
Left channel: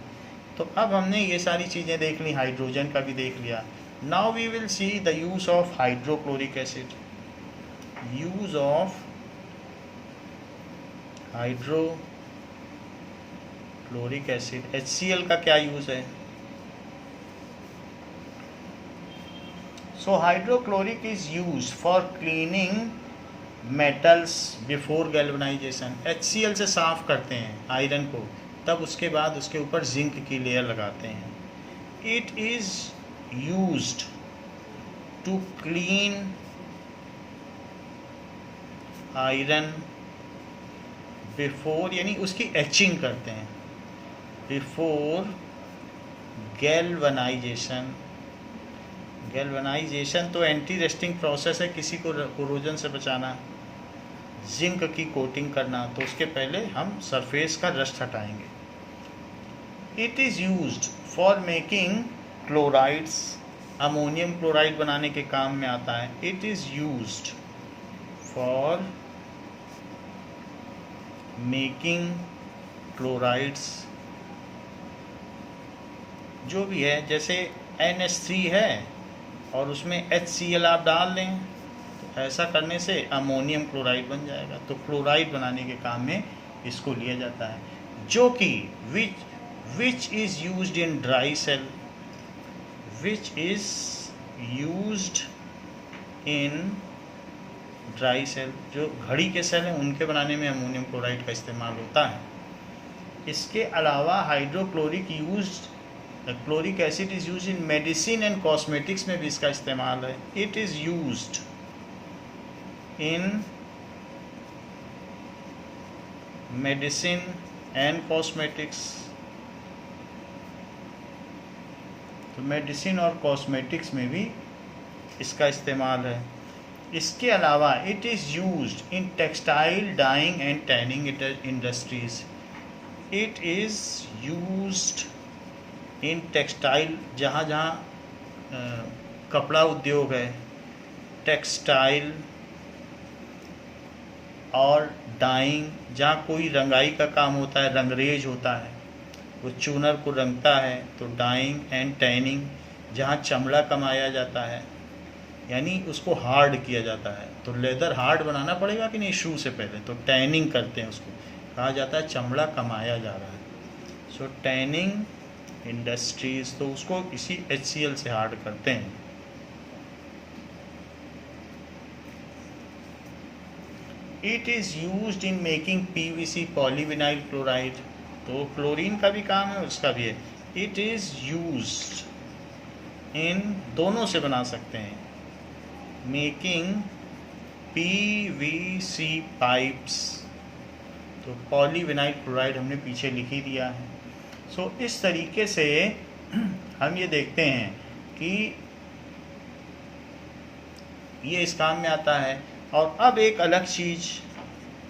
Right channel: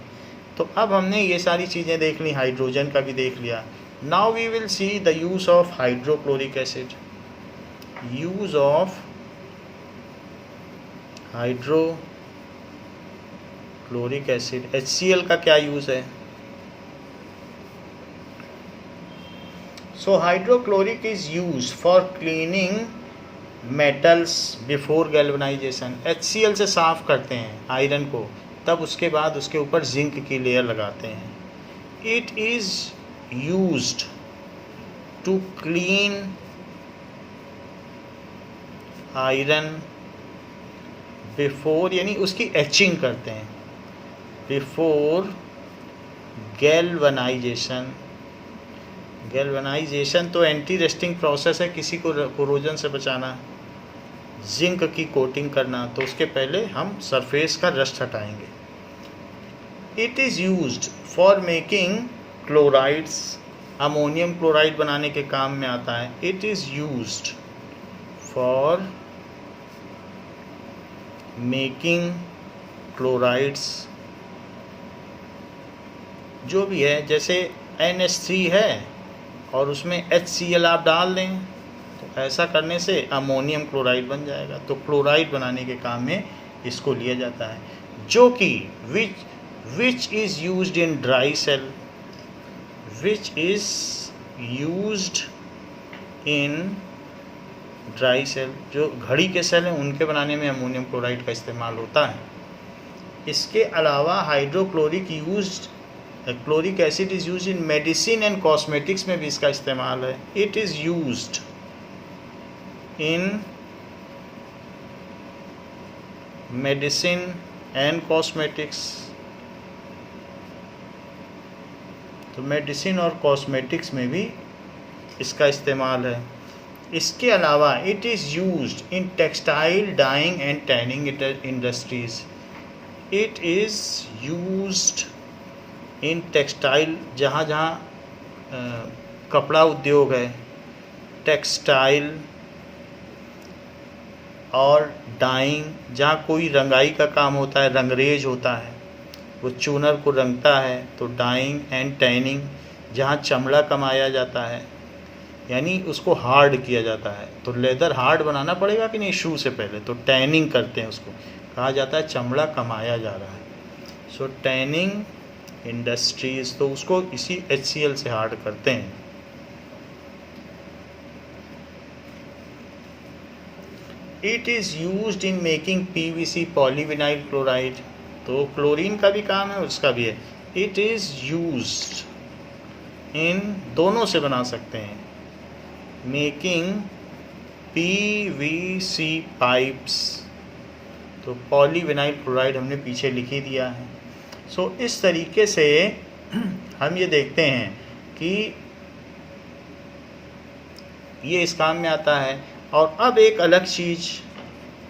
तो अब हमने ये सारी चीज़ें देख ली, हाइड्रोजन का भी देख लिया। Now we will see the use of hydrochloric acid. Use of hydrochloric acid, HCl का क्या यूज़ है? So hydrochloric is used for cleaning metals before galvanization। HCl से साफ़ करते हैं आयरन को, तब उसके बाद उसके ऊपर जिंक की लेयर लगाते हैं। It is used to clean iron before, यानी उसकी एचिंग करते हैं, before galvanization। गैल्वेनाइजेशन तो एंटी रस्टिंग प्रोसेस है, किसी को कोरोजन से बचाना। जिंक की कोटिंग करना, तो उसके पहले हम सरफेस का रस्ट हटाएंगे। It is used for making chlorides, ammonium chloride बनाने के काम में आता है। It is used for making chlorides, जो भी है, जैसे NH3 है और उसमें HCl आप डाल दें तो ऐसा करने से अमोनियम क्लोराइड बन जाएगा। तो क्लोराइड बनाने के काम में इसको लिया जाता है, जो कि which is used in dry cell, which is used in dry cell, जो घड़ी के सेल हैं उनके बनाने में अमोनियम क्लोराइड का इस्तेमाल होता है। इसके अलावा hydrochloric used, chloric acid is use in medicine and cosmetics में भी इसका इस्तेमाल है। It is used in medicine and cosmetics, तो मेडिसिन और कॉस्मेटिक्स में भी इसका इस्तेमाल है। इसके अलावा it is used in textile dyeing and tanning industries. It is used in textile, जहाँ जहाँ कपड़ा उद्योग है, टेक्सटाइल और डाइंग, जहाँ कोई रंगाई का काम होता है, रंगरेज होता है, वो चूनर को रंगता है, तो डाइंग एंड टैनिंग, जहाँ चमड़ा कमाया जाता है, यानी उसको हार्ड किया जाता है। तो लेदर हार्ड बनाना पड़ेगा कि नहीं शू से पहले, तो टैनिंग करते हैं, उसको कहा जाता है चमड़ा कमाया जा रहा है। सो टैनिंग इंडस्ट्रीज़, तो उसको इसी HCl से हार्ड करते हैं। It is used in making PVC, polyvinyl chloride, तो क्लोरीन का भी काम है, उसका भी है। इट इज़ यूज्ड इन, दोनों से बना सकते हैं, मेकिंग PVC पाइप्स, तो पॉलीविनाइल क्लोराइड हमने पीछे लिख ही दिया है। सो इस तरीके से हम ये देखते हैं कि ये इस काम में आता है। और अब एक अलग चीज़,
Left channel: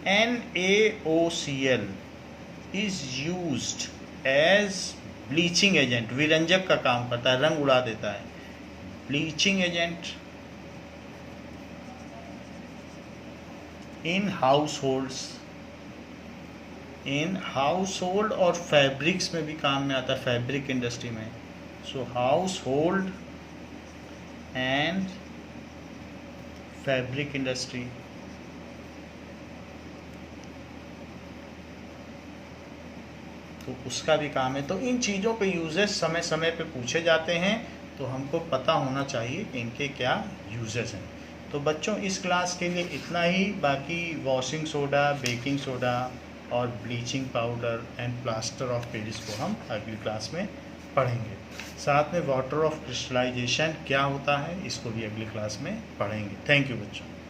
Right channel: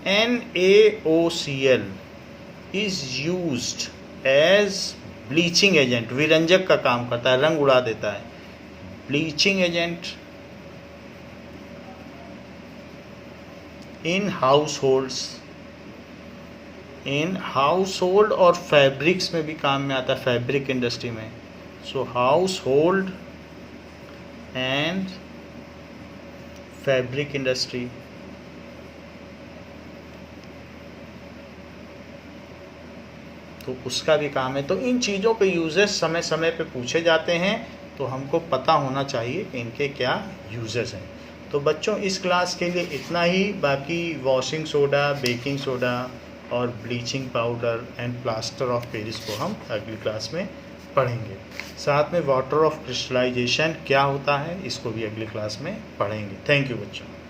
NaOCl is used as bleaching agent, विरंजक का काम करता है, रंग उड़ा देता है। Bleaching agent in households, in household और फैब्रिक्स में भी काम में आता है, फैब्रिक इंडस्ट्री में। So household and fabric industry. तो उसका भी काम है। तो इन चीज़ों के यूजेस समय समय पे पूछे जाते हैं, तो हमको पता होना चाहिए कि इनके क्या यूजेस हैं। तो बच्चों इस क्लास के लिए इतना ही। बाकी वॉशिंग सोडा, बेकिंग सोडा और bleaching powder and plaster of Paris को हम अगली क्लास में पढ़ेंगे। साथ में वाटर ऑफ क्रिस्टलाइजेशन क्या होता है, इसको भी अगली क्लास में पढ़ेंगे। थैंक यू बच्चों।